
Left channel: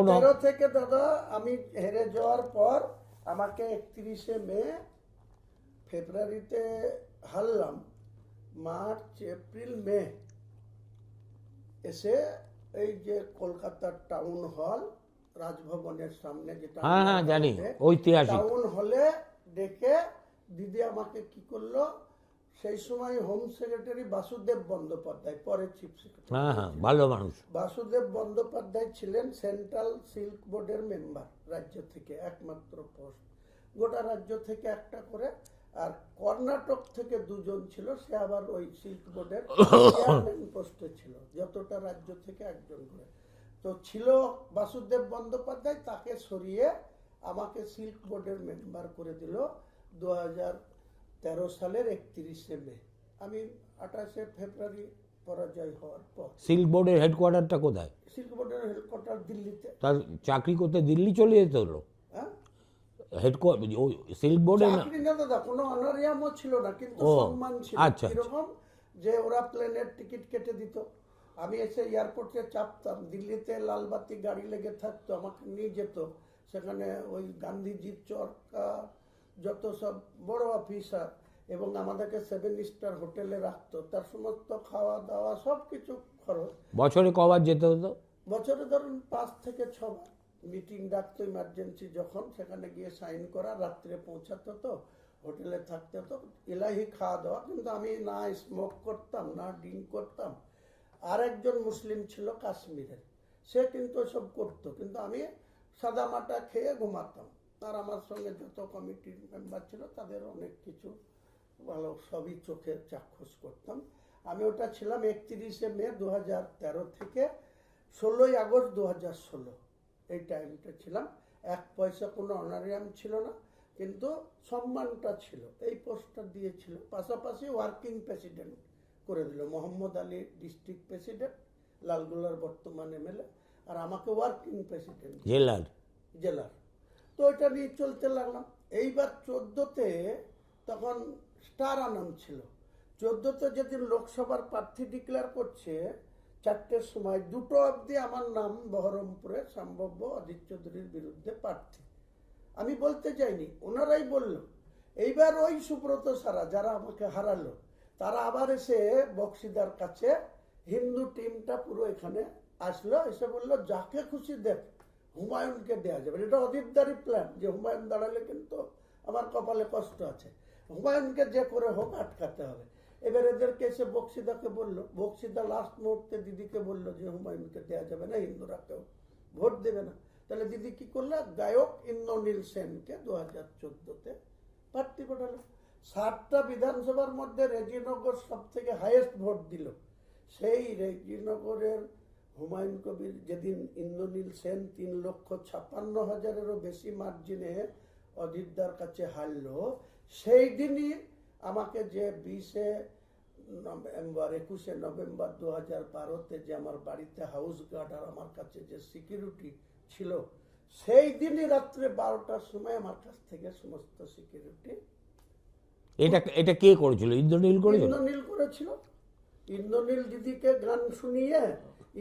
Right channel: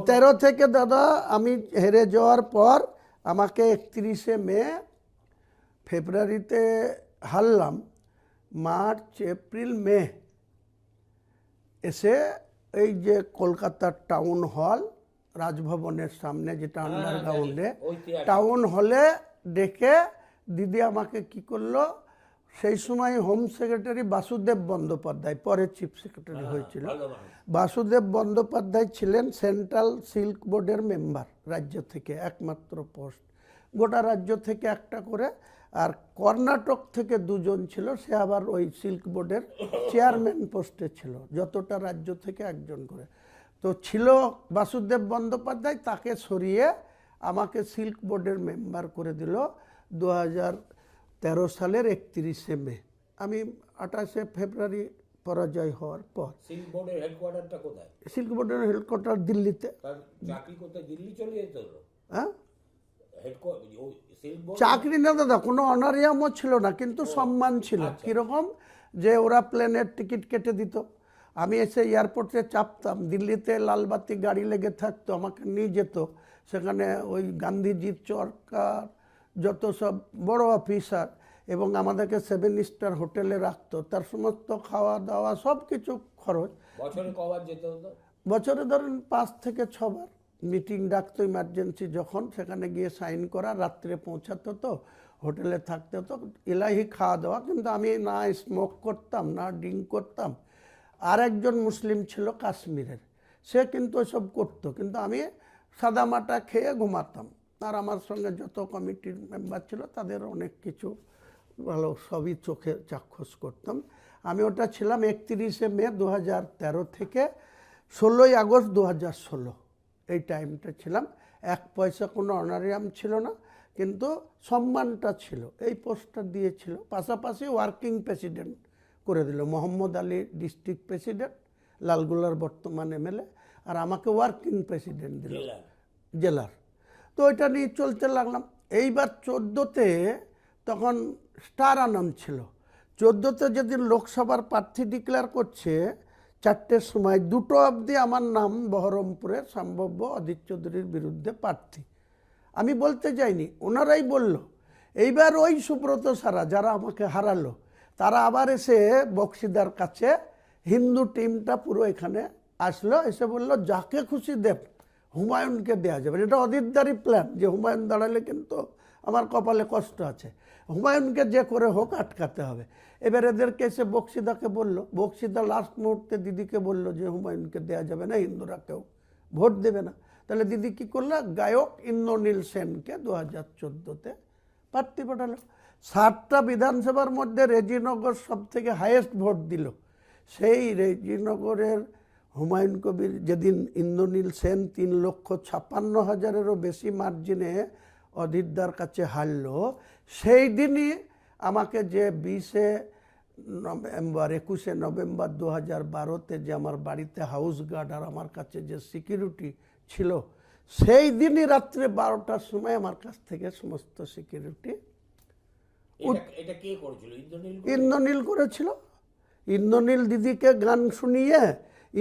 13 থেকে দাদা আমি হেরে যাওয়ার পর আমাকে 31শে মে, ফেব্রুয়ারিতে হারলাম, মার্চ, এপ্রিল, মে এসে এই যে কলকাতার টাউন হল, রাজভবনের সামনে, যেটা টাউন হলে ডেকে দিদি আমাকে কি করলো, সেই সময় হোম সেক্রেটারি বাসুদেব বন্দ্যোপাধ্যায়, পরে চিফ সেক্রেটারি, বাসুদেব বন্দ্যোপাধ্যায় ছিলেন সেন্ট্রাল সিল্ক বোর্ডের মেম্বার, রাজ্য থেকে একমাত্র পোস্ট, গোটা রাজ্য থেকে একটা করে। আর কর্ণাটক থেকে 2 জন ছিল, সে আবার ওই সিল্ক বোর্ডের চেয়ারম্যান পোস্টে ছিল, যতটা রাজ্য থেকে 1 জন করে। তো ছিল বাসুদেব বন্দ্যোপাধ্যায়, তাকে সরিয়ে আমাকে সিল্ক বোর্ডের মেম্বার করে দিল 2013 সালের 31শে মে। আমি 28শে ফেব্রুয়ারি পরাজয় হওয়ার পর। সিল্ক বোর্ডের হেডকোয়ার্টারটা কোথায়? সিল্ক বোর্ডের হেডকোয়ার্টার দিল্লিতে। তার চাকরি করতে দিল্লি চলে যেতে হলো? হ্যাঁ, সিল্ক বোর্ড চাকরি না দাদা, কোনো অনারিয়ামও ছিল না, কিন্তু সম্মান ছিল। কিরকম, যে ওরা প্লেনের টিকিট কেটে দিত, আমি এসে এয়ারপোর্টে চাপতাম, দিল্লিতে লালবাতি গাড়ি লেগে থাকতো, আমাকে নিয়ে যেত সেখানে, ওই গান্ধীজির চরকার যত সব বড় অফিসার, এবং আমাদেরকে 7 স্টার হোটেলে রাখতো, তার সমস্ত খাওয়া দাওয়া সব কিছু খরচ। বছরে কবার যেতে হতো? বছরে ধরুন 5 থেকে 6 বার মিটিং ডাকতো, ইমার্জেন্সি যখন, সেখানে গিয়ে সাইন করা, রাত্রে পৌঁছাতো, তো হোটেলে থাকতে হতো, এলাহি খাওয়া দাওয়া। কিন্তু আমি না স্মোক করতাম, না ড্রিঙ্ক করতাম। আর একজন মুসলিম ছিল কাশ্মীরের, সে কিন্তু ওসব করতো, কিন্তু আমি সাদামাটা খেয়ে ঘুমাতাম। আর আমার সঙ্গে যত কমিটির মেম্বার ছিল তাদের অনেক কিছু ভালো, সবই চোখে চাক্ষুষ করতাম। আমি ওটা ছিলাম 31শে মে 2013 থেকে 16ই আগস্ট 2016, এই টাইমটা ছিলাম। 1 পয়সা কোনো অনারিয়াম ছিল না, কিন্তু সম্মানটা ছিল, এই পোস্টটা দিয়েছিল। পাশাপাশি ওয়ার্কিং প্রেসিডেন্ট করে দিল, মোহাম্মদ আলী ডিস্ট্রিক্ট প্রেসিডেন্ট, লালগোলার বর্তমান এমএলএ, আর আমাকে ওয়ার্কিং প্রেসিডেন্ট জেলার। তো এটা নিয়ে চলতে লাগলাম। এইবার 14তে তখন স্টার আনাম ছিল। 14তে যেদিন লোকসভার প্রার্থী ডিক্লেয়ার করছে 4টের সময়, 2টো অবধি আমার নাম বহরমপুরে সম্ভাব্য অধীর চৌধুরীর বিরুদ্ধে প্রার্থী। আমি বলতে যাইনি, ওনারাই বলল। এইবার ওই সুব্রত সারা যারা আমাকে হারালো, তারা আবার এসে বক্সিদার কাছে, হিন্দু টিমটা পুরো এখানে আসলো, এসে বলল যাকে খুশি দেব, হুমায়ুনকে দেওয়া যাবে। এটা অধীরদারি প্ল্যান, যে হুমায়ুন দাঁড়ালে কিন্তু আমার কপালে কষ্ট আছে, হুমায়ুনকে যে করে হোক আটকাতে হবে। এবার এদেরকে এসে বক্সিদাকে বলল, বক্সিদা লাস্ট মুহূর্তে দিদিকে বলল যে হুমায়ুনকে দেওয়া যাবে না, হিন্দুরা কেউ ভোট দেবে না। তাহলে দিদি কী করলো, গায়ক ইন্দ্রনীল সেনকে 2014তে প্রার্থী পাঠালো। 7টা বিধানসভার মধ্যে রেজিনগর সব থেকে হাইয়েস্ট ভোট দিল। সেই রেজিনগরের হুমায়ুন কবির যেদিন ইন্দ্রনীল সেন 3,56,000-এরও বেশি মার্জিনে অধীরদার কাছে হারলো, সেই দিনই আমাকে যে 21শে নভেম্বর 2012-তে যে আমার বাড়িতে হাউস গার্ড আর আমার কাছে যে সিকিউরিটি ছিল, সেই দিনই রাত্রে 12টার সময় আমার কাছ থেকে সমস্ত সিকিউরিটি। এটা কে করেছিল? ইন্দ্রনীল করেছিল। ইন্দ্রনীল দিদিকে গান শুনিয়ে,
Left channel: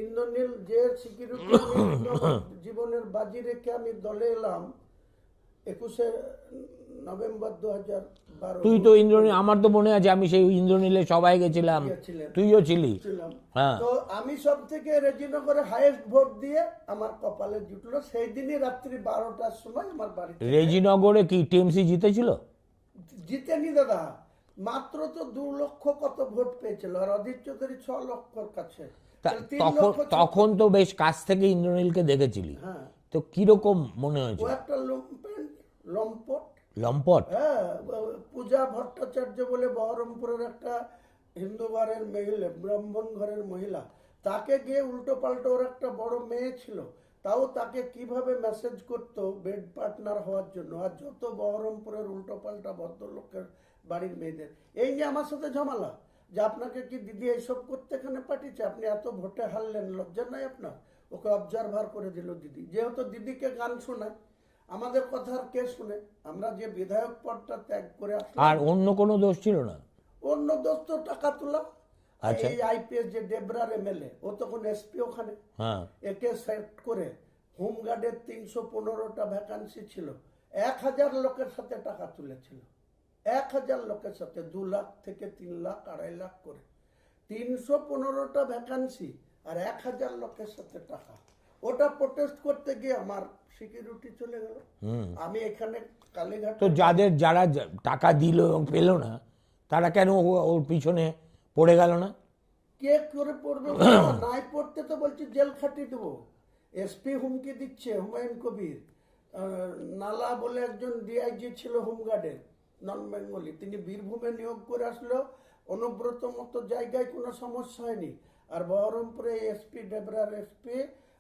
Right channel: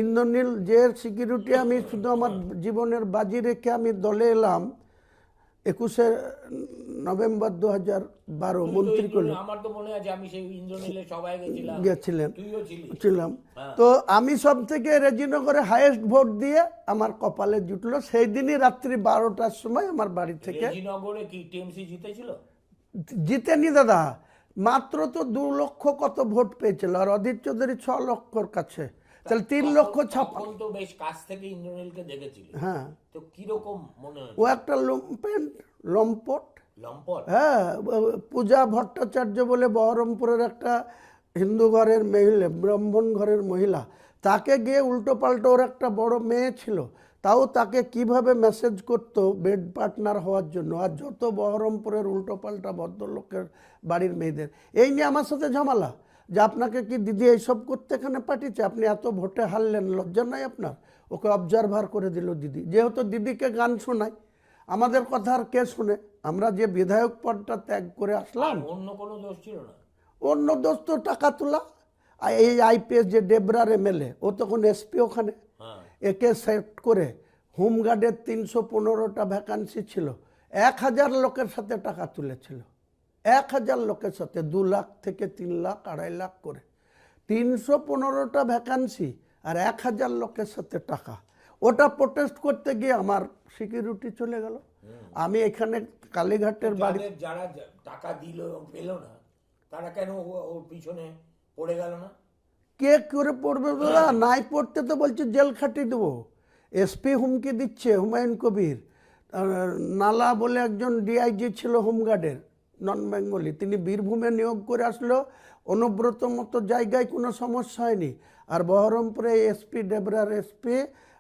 ইন্দ্রনীল যে সিকিউরিটি আমি আমার জীবনের বাজি রেখে আমি দলে এলাম, 21শে নভেম্বর 2012 তুই তো ইন্দ্রনীল, আমার তো মনে আছে আমি সেই ইন্দ্রনীলে সবাই গেছিলাম, গেছিলেন, তুইও ছিলি। ছিলাম। হ্যাঁ। তো আমি সব থেকে রেজিনগরে হাইয়েস্ট ভোট দিয়ে আমার কপালে জুটলো। সেই দিনই রাত্রি 12টার সময় আমার বাড়ি থেকে রেজিনগরে কি টিএমসি জিতেছিল? জিতেনি দাদা, মাত্র তো 2 লক্ষ কত ভোট পেয়েছিল, আর অধীর চৌধুরী 6 লক্ষর কাছে, তাহলে 3 লক্ষ। তখন তো বেশ কাছ থেকে ইন্দ্রনীলকে দেখেছিলি, হ্যাঁ, তো কিরকম মনে ও হয়েছে? একটা লম্পট। লম্পট? হ্যাঁ, পূজা ভট্টাচার্য বলে বহরমপুরের একটা হিন্দু ঘরের মহিলা, ব্রাহ্মণ ঘরের মহিলা, তাকে গিয়ে উল্টো পাল্টো, ওর একটা বড় মেয়ে ছিল, তাও তাকে কিভাবে মেসেজ করতো বেড পার্টনার হওয়ার জন্য, আর যত বহরমপুরের উল্টো পাল্টা ভদ্রলোকের বাড়ির মেয়েদের, এই নিয়ে আমার সাথে ঝামেলা, যে আপনাকে কি দিদি এইসব করতে এখানে পাঠিয়েছে, আপনি এত ভোটে হারলেন, লজ্জা নাই আপনার? ওকে অবজারভার করে দিল দিদি, যেহেতু দিদিকে গান শোনায়, আমাদের কথা আর কে শুনে? আমরা যে বিধায়ক পদটা ত্যাগ করে আসলাম। আর অন্য কোনো দোষ ছিল না? অন্য দোষ তো টাকা তোলা। আর এই আইপিএস যে ডেবরার এমএলএ, ও তখন এসপি ওখানে, হ্যাঁ। একে সেট করে হোমগার্ডের 315টা ভ্যাকান্সি ছিল, 1000 লোকের সাথে টাকা তুলেছিল, 1000 লোকের সাথে 2 লাখ থেকে 3 লাখ 2.5 লাখ করে, 315টা ভ্যাকান্সি আর 1000 লোকের সাথে টাকা। ওটা প্রোটেস্ট করতে গিয়ে আমার সিকিউরিটি চলে গেল। আমি এখানে কালীঘাটে, যারা টাকা দিল এবং পেল না, তারা কেন ওর পিছনে পড়ে গেল না? কে করে পড়বে না? নাই পড়তে তো বলছে জেল খাটিয়ে দেবো। এসপি হুমকি দিচ্ছে, হুমায়ুন কবির। নালা বলে একজন ডিআইজি ছিল হোমগার্ডের, নন বেঙ্গলি, তিনি বীরভূমে নিয়োগ করে আসলো, অনুব্রত মতো জায়গায় কোনো সমস্যা হয়নি, আর বহরমপুরে এসপি, ডেবরার এসপি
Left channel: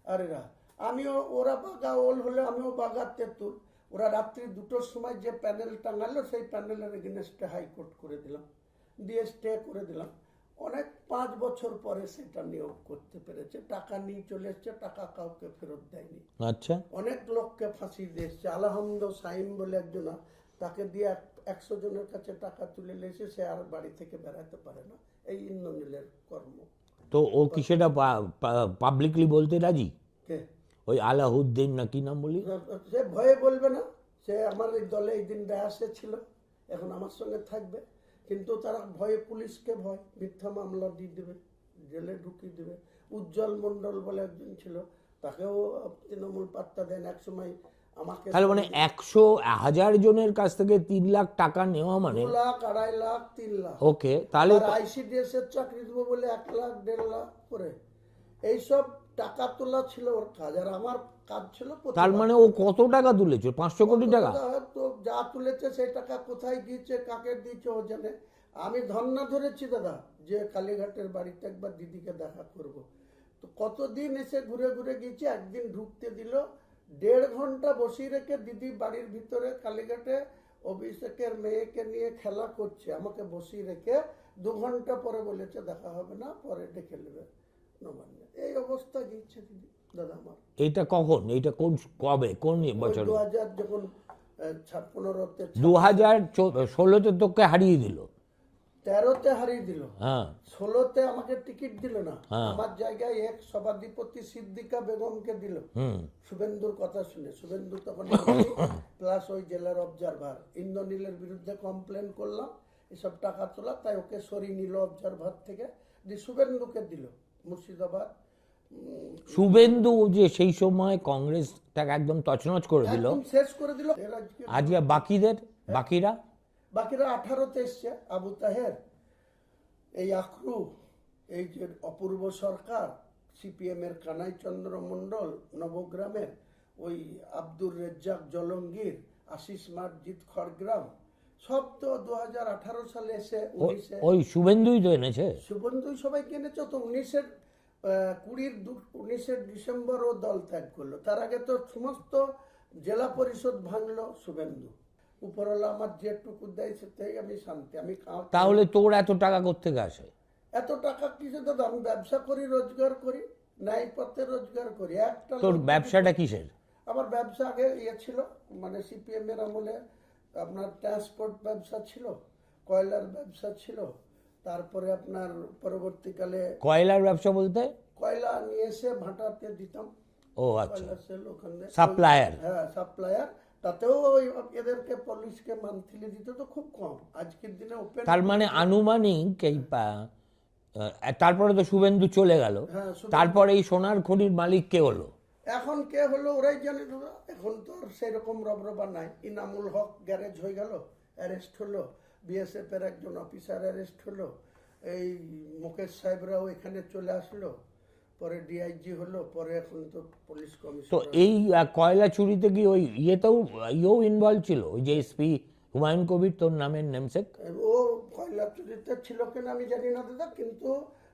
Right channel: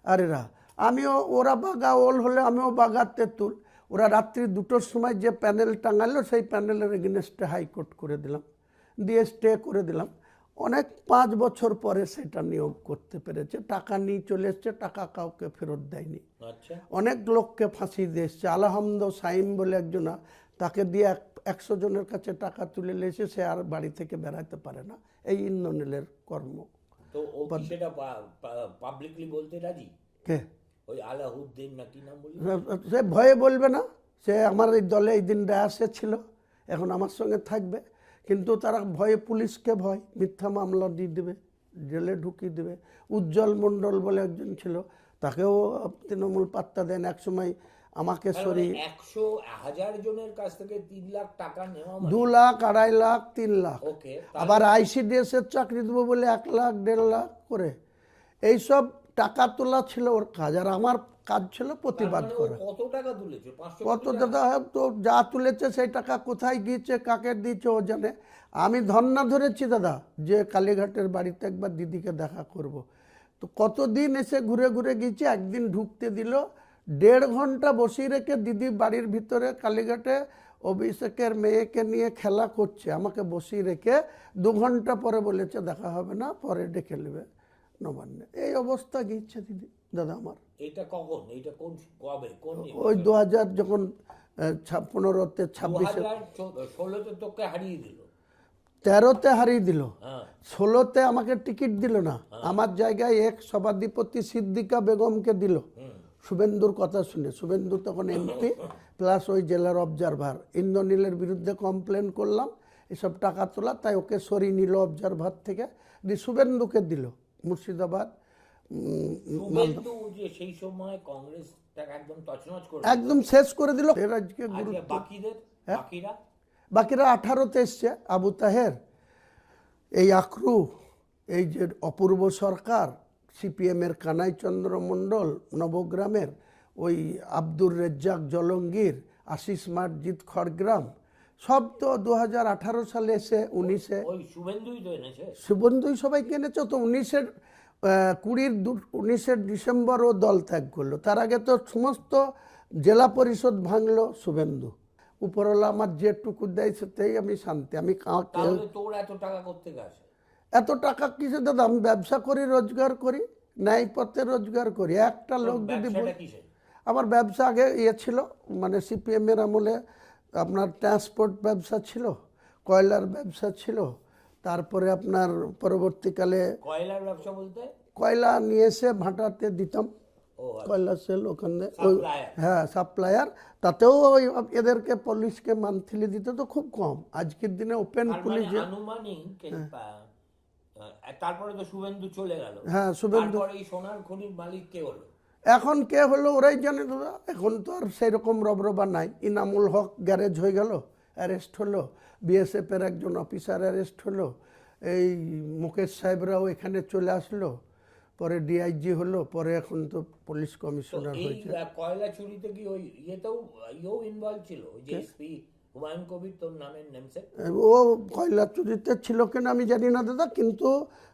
আর এরা, আমিও, ওরা বাগা ওল হলে আমিও বাগা তেঁতুল। ওরা রাত্রি 2টোর সময় যে প্যানেল টাঙালো, সেই প্যানেলের এগেনস্টে হাইকোর্ট করে দিলাম, দিয়ে স্টে করে দিলাম। অনেক 5 বছর পরে সেটা নিয়োগ করতে পেরেছে, টাকা নিয়ে চলে এসছে, টাকা কাউকে ফেরত দেয়নি। আচ্ছা। অনেক লোককে ফাঁসি দিয়ে এসছে। আলহামদ সাইম বলে একজনা, তাকে দিয়ে 100 জনের কাছে টাকা তুলে নিয়েছে, সে আর বাড়ি থেকে বেড়াতে পারে না। এই ইন্দ্রনীলের কর্ম। তো ও কি সেটা পাবলিকলি বলতে রাজি? কে? ওই আলাউদ্দিন না কি নাম বলি? সে ভয়ে বলবে না, সে আমার এই দলে এই দিন রায়াসে ছিল, এখন আমার সঙ্গে থাকবে, কিন্তু তারা ভয়ে, পুলিশকে ভয়, মিথ্যা মামলা দিয়ে দেবে, জেলে ঢুকিয়ে দেবে। উজ্জ্বল মণ্ডল বলে একজন ছিল, তাকেও তৃণমূল পাত্তা দেন। এক সময় আমাকে মানে 100,000 জনের কাছ থেকে 3 লাখ টাকা নেওয়া, মানে 2 লাখ 2.5 লাখ 3 লাখ। ওকে, তাহলে আবার আইসিডিএস এর চাকরি দেবো বলে 1 লাখ 1.5 লাখ করে এইসব টাকা তোলা ছিল ওর কাজ, আর আমার কাজ ছিল তার প্রতিবাদ মানে ও করা। কত টাকা তুলেছে? 500 কোটি কত টাকা? টাকা তো যা তুলেছে, সেই টাকা কোথায় গিয়েছে, কাকে দিয়েছে ও জানে। আমি ধর্না ধরেছি দাদা, যে কালীঘাটের বাড়িতে একবার দিদিকে দেখা করব। তো কতদিন এসে ঘুরে ঘুরে গিয়েছি, একদিন ঢুকতে দিল, 1.5 ঘন্টা বসিয়ে রেখে দিদি বাড়ির ভিতরে কালীঘাটে অভিষেকের মেয়েকে নিয়ে খেলা করছে, আমাকে বসিয়ে রেখে 2 ঘন্টা পরে বলেছে দেখা হবে না, পরে ডেকে নেবে নবান্নে। এই অবস্থা গিয়েছে দিদি দাদা আমার। এইটা কখন? এইটা কোন, কবে, কোন ওই বছর? 2000 যখন 15তে, 2016তে তোকে হারিয়ে দিল, 13তে হারিয়ে দিল, হ্যাঁ 16তে আমাকে টিকিট দিল না, আমার জায়গায় এক সভাধিপতি সিদ্দিকা বেগমকে দিল, শুভেন্দুর কথা শুনে। শুভেন্দু তখন এমপি প্লাস ওই জেলার অবজারভার। ইন্দ্রনীলের বিরুদ্ধে কমপ্লেন করলাম এসব টাকা তোলা, তাই ওকে সরিয়ে নিল অবজারভার থেকে, দিয়ে শুভেন্দুকে দিল মুর্শিদাবাদ। শুভেন্দু যে সেই সময় কংগ্রেসটাকে একদম তছনছ করে দিল, একদম শেষ করে দিল। আজকে বাকিরা বাকিরা 18তে এসছে, আবু তাহের, এই আখরু, এই যে অপূর্ব সরকার, সিপিএমের কানাই চন্দ্র মণ্ডল নবগ্রামের, ওই আব্দুর রেজ্জাক জলঙ্গির, আশিস মার্জিদ খড়গ্রাম, সব তো 2018 সালে এসে 19-এ ওই শুভেন্দুই তো এনেছে। শুভেন্দুই সবাইকে এনেছে। তো 19-এর ডিসেম্বর ও দল ত্যাগ করলো। তার আগে তো সমস্ত জেলা পরিষদ ভাঙলো শুভেন্দু। উপরওয়ালা আমার যেটুকু দেয় সেটাই আমি শান্তি। আমি তাহলে তোর এত টাকা কোত্থেকে আসে? এত টাকা কিছু দাদা, আমি ব্যবসা করি, রোজগার করি, ন্যায় পথে রোজগার করি। একটা তোর ব্যবসাটা কিসের? আমার ব্যবসা আগে ছিল, মানে সিপিএম এর আমলে আপনার ট্রান্সপোর্ট ব্যবসা ছিল, কয়লার ব্যবসা ছিল, তারপরে আপনার পরবর্তীকালে কয়লার ব্যবসা বলতে? কয়লা নিয়ে এসে ভাটাতে দিতাম। ও আচ্ছা, কৈলাসেল ওখানে সাপ্লায়ার। হ্যাঁ সাপ্লায়ার, তাতেও ওই এদেরকে পুলিশকে মান্থলি দিতে তো খুব কম। আজকের দিনে ওপেন তার মানে আনুমানিক এই তারপরে তো শুভেন্দু চলে গেল, হ্যাঁ তারপরে এই সোনার খনির মালিক কে হলো? এখন কে হলো ওরাই জানে দাদা। এখন তো আর সেই রকম রবরবা নাই। ইনামুল হক গ্যারেজ হয়ে গেল, অ্যারেস্ট হলো। বিএসএফ এর একজন অফিসার অ্যারেস্ট হলো। এই মুকেশ সাহেবরাও এখানে চলে আসলো, পরে ডিআইজি হলো, পরে এখন তো পুলিশ তো কমিশনার। এই কয়লা চুরিতে কি ওই ইয়েও ইনভলভ ছিল, ওই যে এসপি হুমায়ুন কবির, তোর নামের নেমসেক? ও কয়লা চুরিতে ছিল কিনা আমি জানি না দাদা, কিন্তু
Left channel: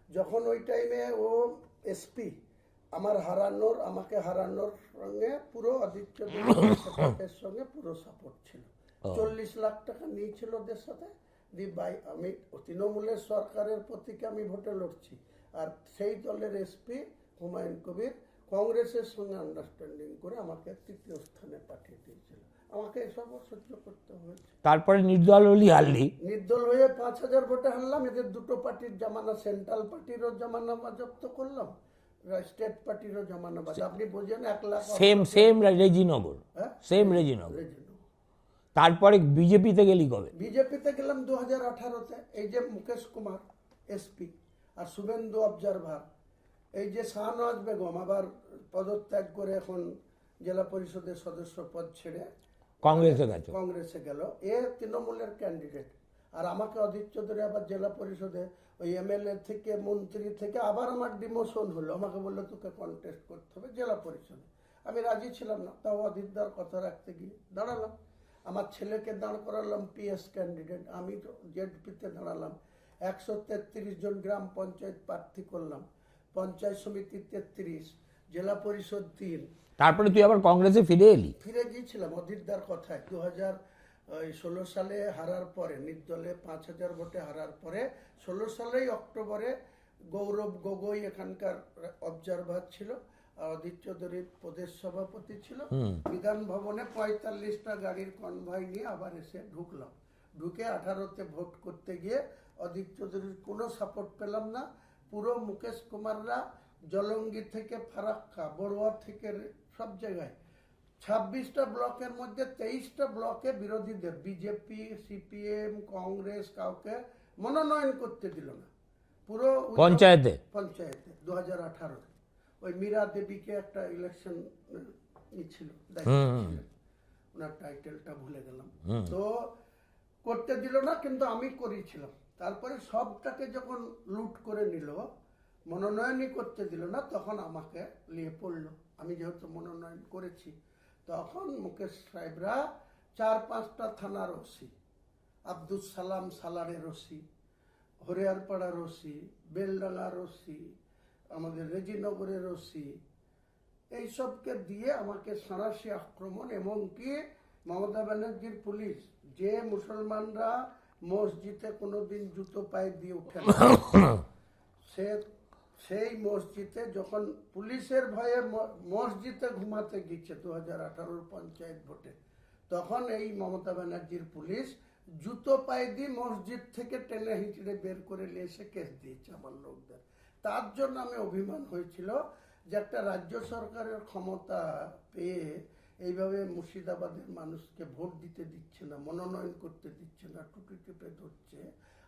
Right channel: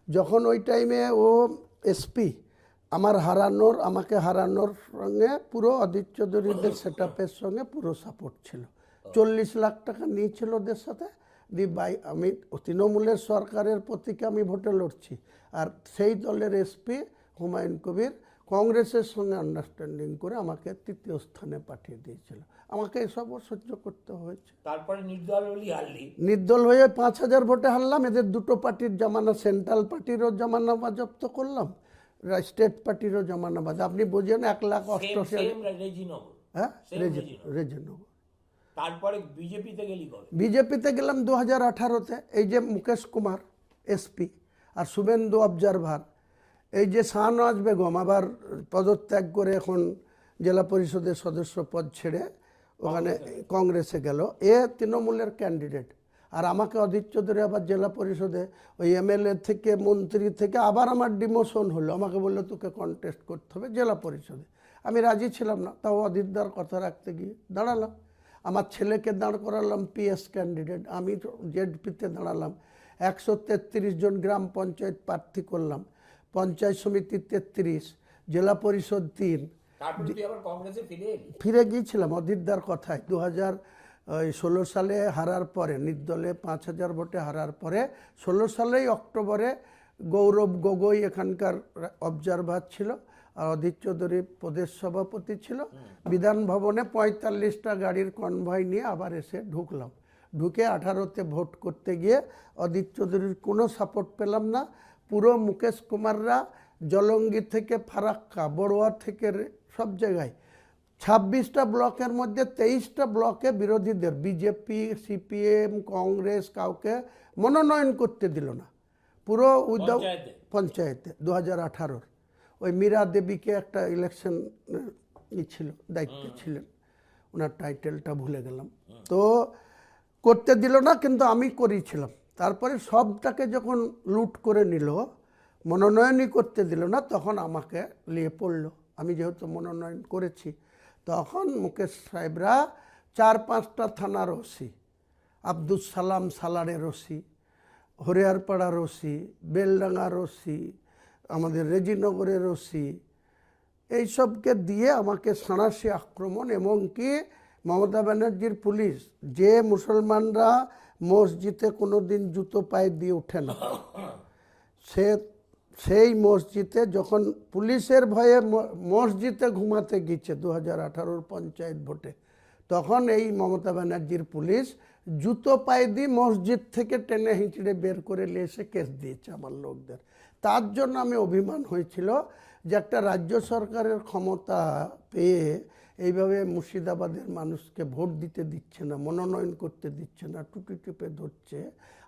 যখন ওই টাইমে ও এসপি আমাকে হারানোর সঙ্গে পুরো অদিত চৌধুরী সেটআপের সঙ্গে পুরো সাপোর্ট ছিল। 40 লাখ টাকা নিয়েছিল ওদের সাথে। আমি তৃণমূলের সরকারের প্রতীকে আমি ভোটে লড়ছি, আর সেই দলের এসপি হুমায়ুন কবির কংগ্রেসের সঙ্গে আন্ডারস্ট্যান্ডিং করে আমাকে 3য় স্থানে পাঠিয়ে দিয়েছিল। আমাকে এসবও সহ্য করতে হয়েছে। তারপরে নির্দল হলি, হারলি। নির্দল হয়ে 5000 ভোটে হারলাম। এদের দুটো পার্টির জমানা, সেন্ট্রাল পার্টিরও জমানা বাজপ্ত করলাম, স্টেট পার্টিরও জমানা বাজ। আপনি বোঝেন 1 লাখ সেম রেজিনগর, হ্যাঁ সেম রেজিনগর। রেজিনগর। তারপরে বিজেপিতে গেলি কবে? বিজেপিতে গেলাম 2018-তে। এই যে মুকেশ কুমার এসপি আর শুভেন্দু অবজারভার, এই যে শাহনওয়াজ বেগম আবার পদত্যাগ করে এখন জেলা পরিষদের সদস্য পদ ছেড়ে কংগ্রেসে গেল। এ তৃণমূলের ক্যান্ডিডেট, আর আমাকে অদিত চৌধুরী আবার জেলা পরিষদে ওই এমএলএ থেকে মন্ত্রী থেকে আবার আমার ডিমোশন হলো। আমাকে বললো তোকে কন্টেস্ট করতে হবে জেলা পরিষদে। আমি রাজি ছিলাম না, তাও অদিতদার কথা রাখতে গিয়ে দাঁড়ালাম। আমার ছেলেকে দাঁড় করালাম পিএস ক্যান্ডিডেট, আমি জেডপিতে দাঁড়ালাম। 133 জন গ্রাম পঞ্চায়েত প্রার্থী করলাম, পঞ্চায়েত সমিতি 33, জেলা পরিষদ 3। তারপরে তুই আবার কংগ্রেসে ফিরে গিয়েছিলাম অদিতদার কথায়। 2016 সালে হারার পরে, নির্দলে 5000 ভোটে হারার পরে 16 সালেই অক্টোবরে গৌরব গগৈ এখানকার অবজারভার ছিল, আর অদিত চৌধুরী প্রদেশ সভাপতি ছিল। বিধান ভবনে 45টা গাড়ির কনভয় নিয়ে আবার এসে ঢুকলাম। ঢুকে 18-তে ভোট করতে গিয়ে অদিত চৌধুরীর কোনো সাপোর্ট পেলাম না। পুরো মুকেশ কুমাররা জলঙ্গি থেকে ফারাক্কা, বড়ুয়া থেকে সব জায়গায় 26টা ব্লকের মধ্যে 23টা ব্লকে বিরোধীদের, বিজেপি, সিপিএম, কংগ্রেস কাউকে মনোনয়ন করতে দিল না। পুরো পঞ্চায়েতে 2018-র ওই মীরা দেবীকে একটা ইলেকশন ছিল, দায়িত্ব ছিলেন, ওনার টাইটেলটা ভুলে গেলাম, তো করতে দিল না, কিন্তু আমি করেছিলাম। তারপরে সবটাকে যখন লুট করে নিল, মনোনয়নই করতে দিল না, তখন আমাকে নিয়ে পড়লো। আমি যেহেতু মনোনয়ন করেছি, তখন মুকেশ সাহেবরা 4-5টা থানার OC, Abdul Salam সালারের OC, হরিয়ারপাড়ার OC, বেলডাঙ্গার OC, আমাদের রেজিনগরের ওসি, এইসবকে দিয়ে আমাকে সাঁড়াশি আক্রমণ। এমনকি মমতা ব্যানার্জির পুলিশ, যে মুসলমানরা মসজিদে কোনো দিন জুতো পায়ে দিয়ে ওঠে না, সেই মসজিদে যখন পুলিশের ভয়ে মসজিদে ঘুমাতে গিয়েছে 2018-র পঞ্চায়েত ভোটে, তখন এই মমতা ব্যানার্জির পুলিশ জুতো পায়ে দিয়ে মসজিদ থেকে টেনে হিঁচড়ে বের করে নিয়ে এসে কেস দিয়েছে আমার লোকদের। তার জন্য আমি অভিমান হয়েছিল যে একটা রাজ্য সরকারের ক্ষমতা পেয়ে এইভাবে মুর্শিদাবাদের মানুষকে ভোট দিতে দিচ্ছে না, মনোনয়ন করতে দিচ্ছে না, টুটি টিপে ধরছে।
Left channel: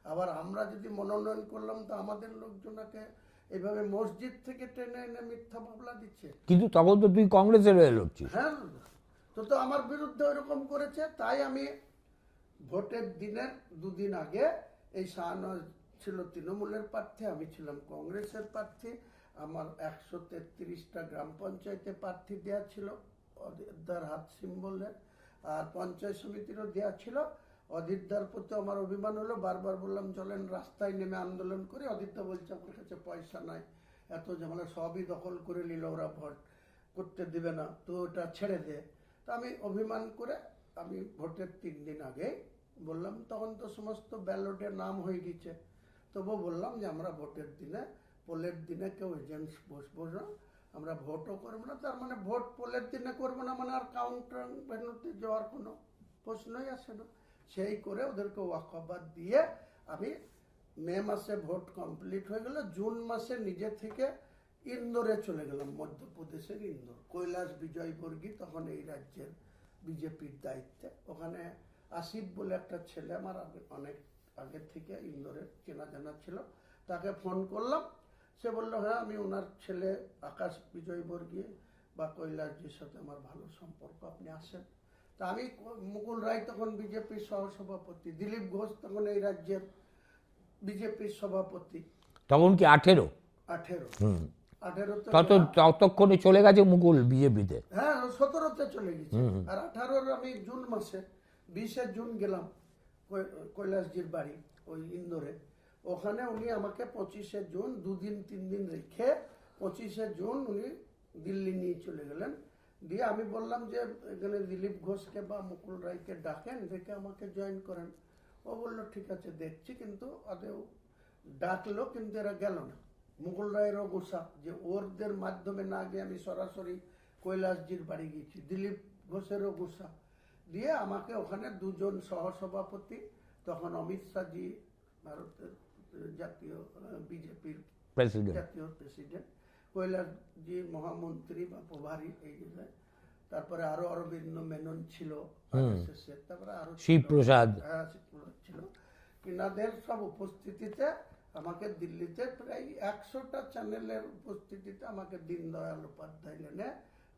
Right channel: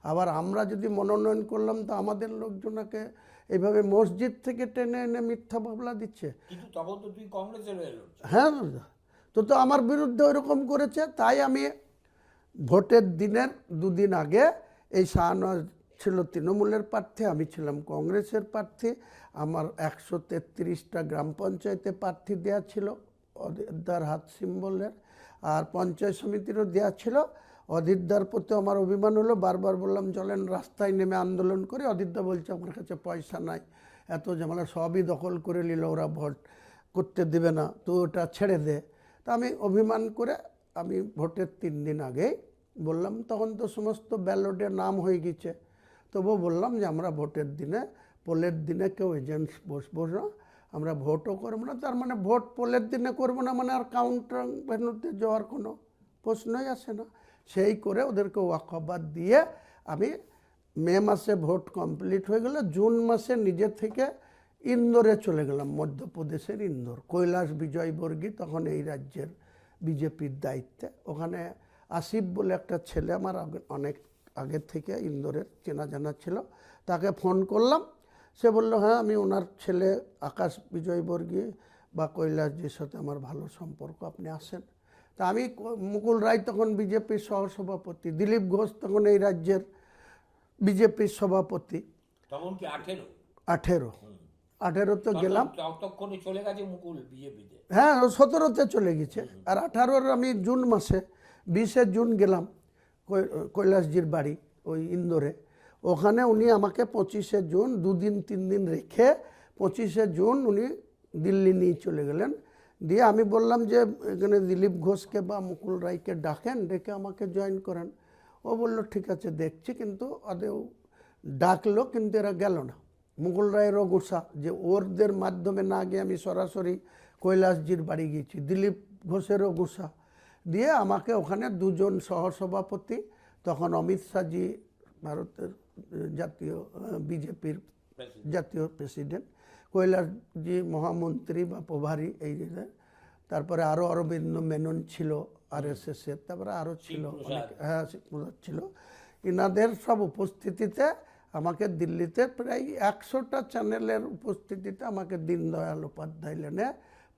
আবার আমরা যদি মনোনয়ন করলাম তো আমাদের লোকজনকে এইভাবে মসজিদ থেকে টেনে এনে মিথ্যা মামলা দিচ্ছে। কিন্তু তখন তো তুই কংগ্রেসের হয়ে লড়ছিস। হ্যাঁ দাদা, তো আমার বিরুদ্ধে ওইরকম করেছে। তাই আমি ভোটের দিনের 2 দিন আগে, এই শাহনওয়াজ ছিল তৃণমূলের প্রার্থী, আমি ছিলাম কংগ্রেসের প্রার্থী। আমার 133টা গ্রাম পঞ্চায়েতে প্রার্থী দেওয়া ছিল অদিতদার হাত সিম্বলের, আর পঞ্চায়েত সমিতিরও দেওয়া ছিল। অদিতদার প্রতি আমার অভিমান হলো, বারবার বললাম চলেন রাস্তায় নেমে আন্দোলন করে। অদিতদা বলছে আমার কাছে পয়সা নাই, এত ঝামেলা, সবই দখল করে নিল ওরা, ভোট করতে দেবে না, তো ওটা ছেড়ে দে। তা আমি অভিমান করে আমি ভোটের 3 দিন আগে বললাম, তখন তো সমস্ত ব্যালটে নাম হয়ে গেছে, তবুও বললাম যে আমরা ভোটের দিনে, পোলের দিনে কেউ এজেন্টস বসবো না, আমরা ভোটও করবো না। তার মানে ভোট পোলের দিনে করবো না মানে আর কাউন্টার ভেন্যুতে যাওয়ার কোনো প্রশ্নই আসে না। সেই করে ওদেরকে ওয়াকফ দিয়ে আমি মে মাসে ভোট কমপ্লিট হয়ে গেল। জুন মাসে নিজে থেকে ইন্দোরে চলে গেলাম, মধ্যপ্রদেশের ইন্দোর। কৈলাস বিজয়বর্গী তখন এই রাজ্যের বিজেপির দায়িত্বে। ওখানে আসিফ বলে একটা ছেলে আমার অনেক আগের থেকে ইন্দোরের চেনা জানা ছিল, তাকে ফোন করলাম। সে বলল হ্যাঁ আমি ওনার ছেলে আকাশ বিজয়বর্গী বা কৈলাসজির সাথে আমার ভালো সম্পর্ক, আপনি আসেন। তা আমি মুকুল রায় তখন বিজেপির সহসভাপতি, দিলীপ ঘোষ তখন এই রাজ্যের বিজেপির সভাপতি। তখন কি 18? 18-তে গেলাম। ততক্ষণে চলে গেছে মুকুল বিজেপিতে? হ্যাঁ 17-তে চলে গেছে। আর 18-র আমি জুন মাসে 20শে জুন গেলাম কৈলাসজির বাড়ি ওই ইন্দোরে। ওখানে উনি আমাকে 25শে জুন 2 দিন 3 দিন রেখে 25শে জুন উনি দিল্লি নিয়ে চলে গেলেন। দিয়ে আমি বললাম যে এখানে দিলীপ ঘোষকে বা মুকুল রায়কে ডাকেন, ডেকে আমাকে জয়েন করেন। ও বললো ঠিক আছে দেখছি, কিন্তু ওদের ডাকলো কিন্তু এরা গেল না। মুকুল রায়েরও গুসা যে ওরদের মাধ্যমে না গিয়ে আমি সরাসরি কৈলাসজির বাড়ি গিয়েছি, দিলীপ ঘোষেরও গুসা। দিয়ে আমাকে ওখানে 2 জন সহসভাপতি, তখন অমিত শাহজি ভারতের জাতীয় বিজেপির জাতীয় প্রেসিডেন্ট, কৈলাসজি মহামন্ত্রী বা প্রভারী এই যে, তারপরে আরও অরবিন্দ মেনন ছিল RSS-এর, তারপরে আরও শিবপ্রসাদ, হ্যাঁ শিবপ্রসাদ ছিল। ইনাদের সব উপস্থিতিতে আমাকে দিল্লিতে প্রায় 100টা চ্যানেলের উপস্থিতিতে আমাকে দীনদয়াল উপাধ্যায় লেনে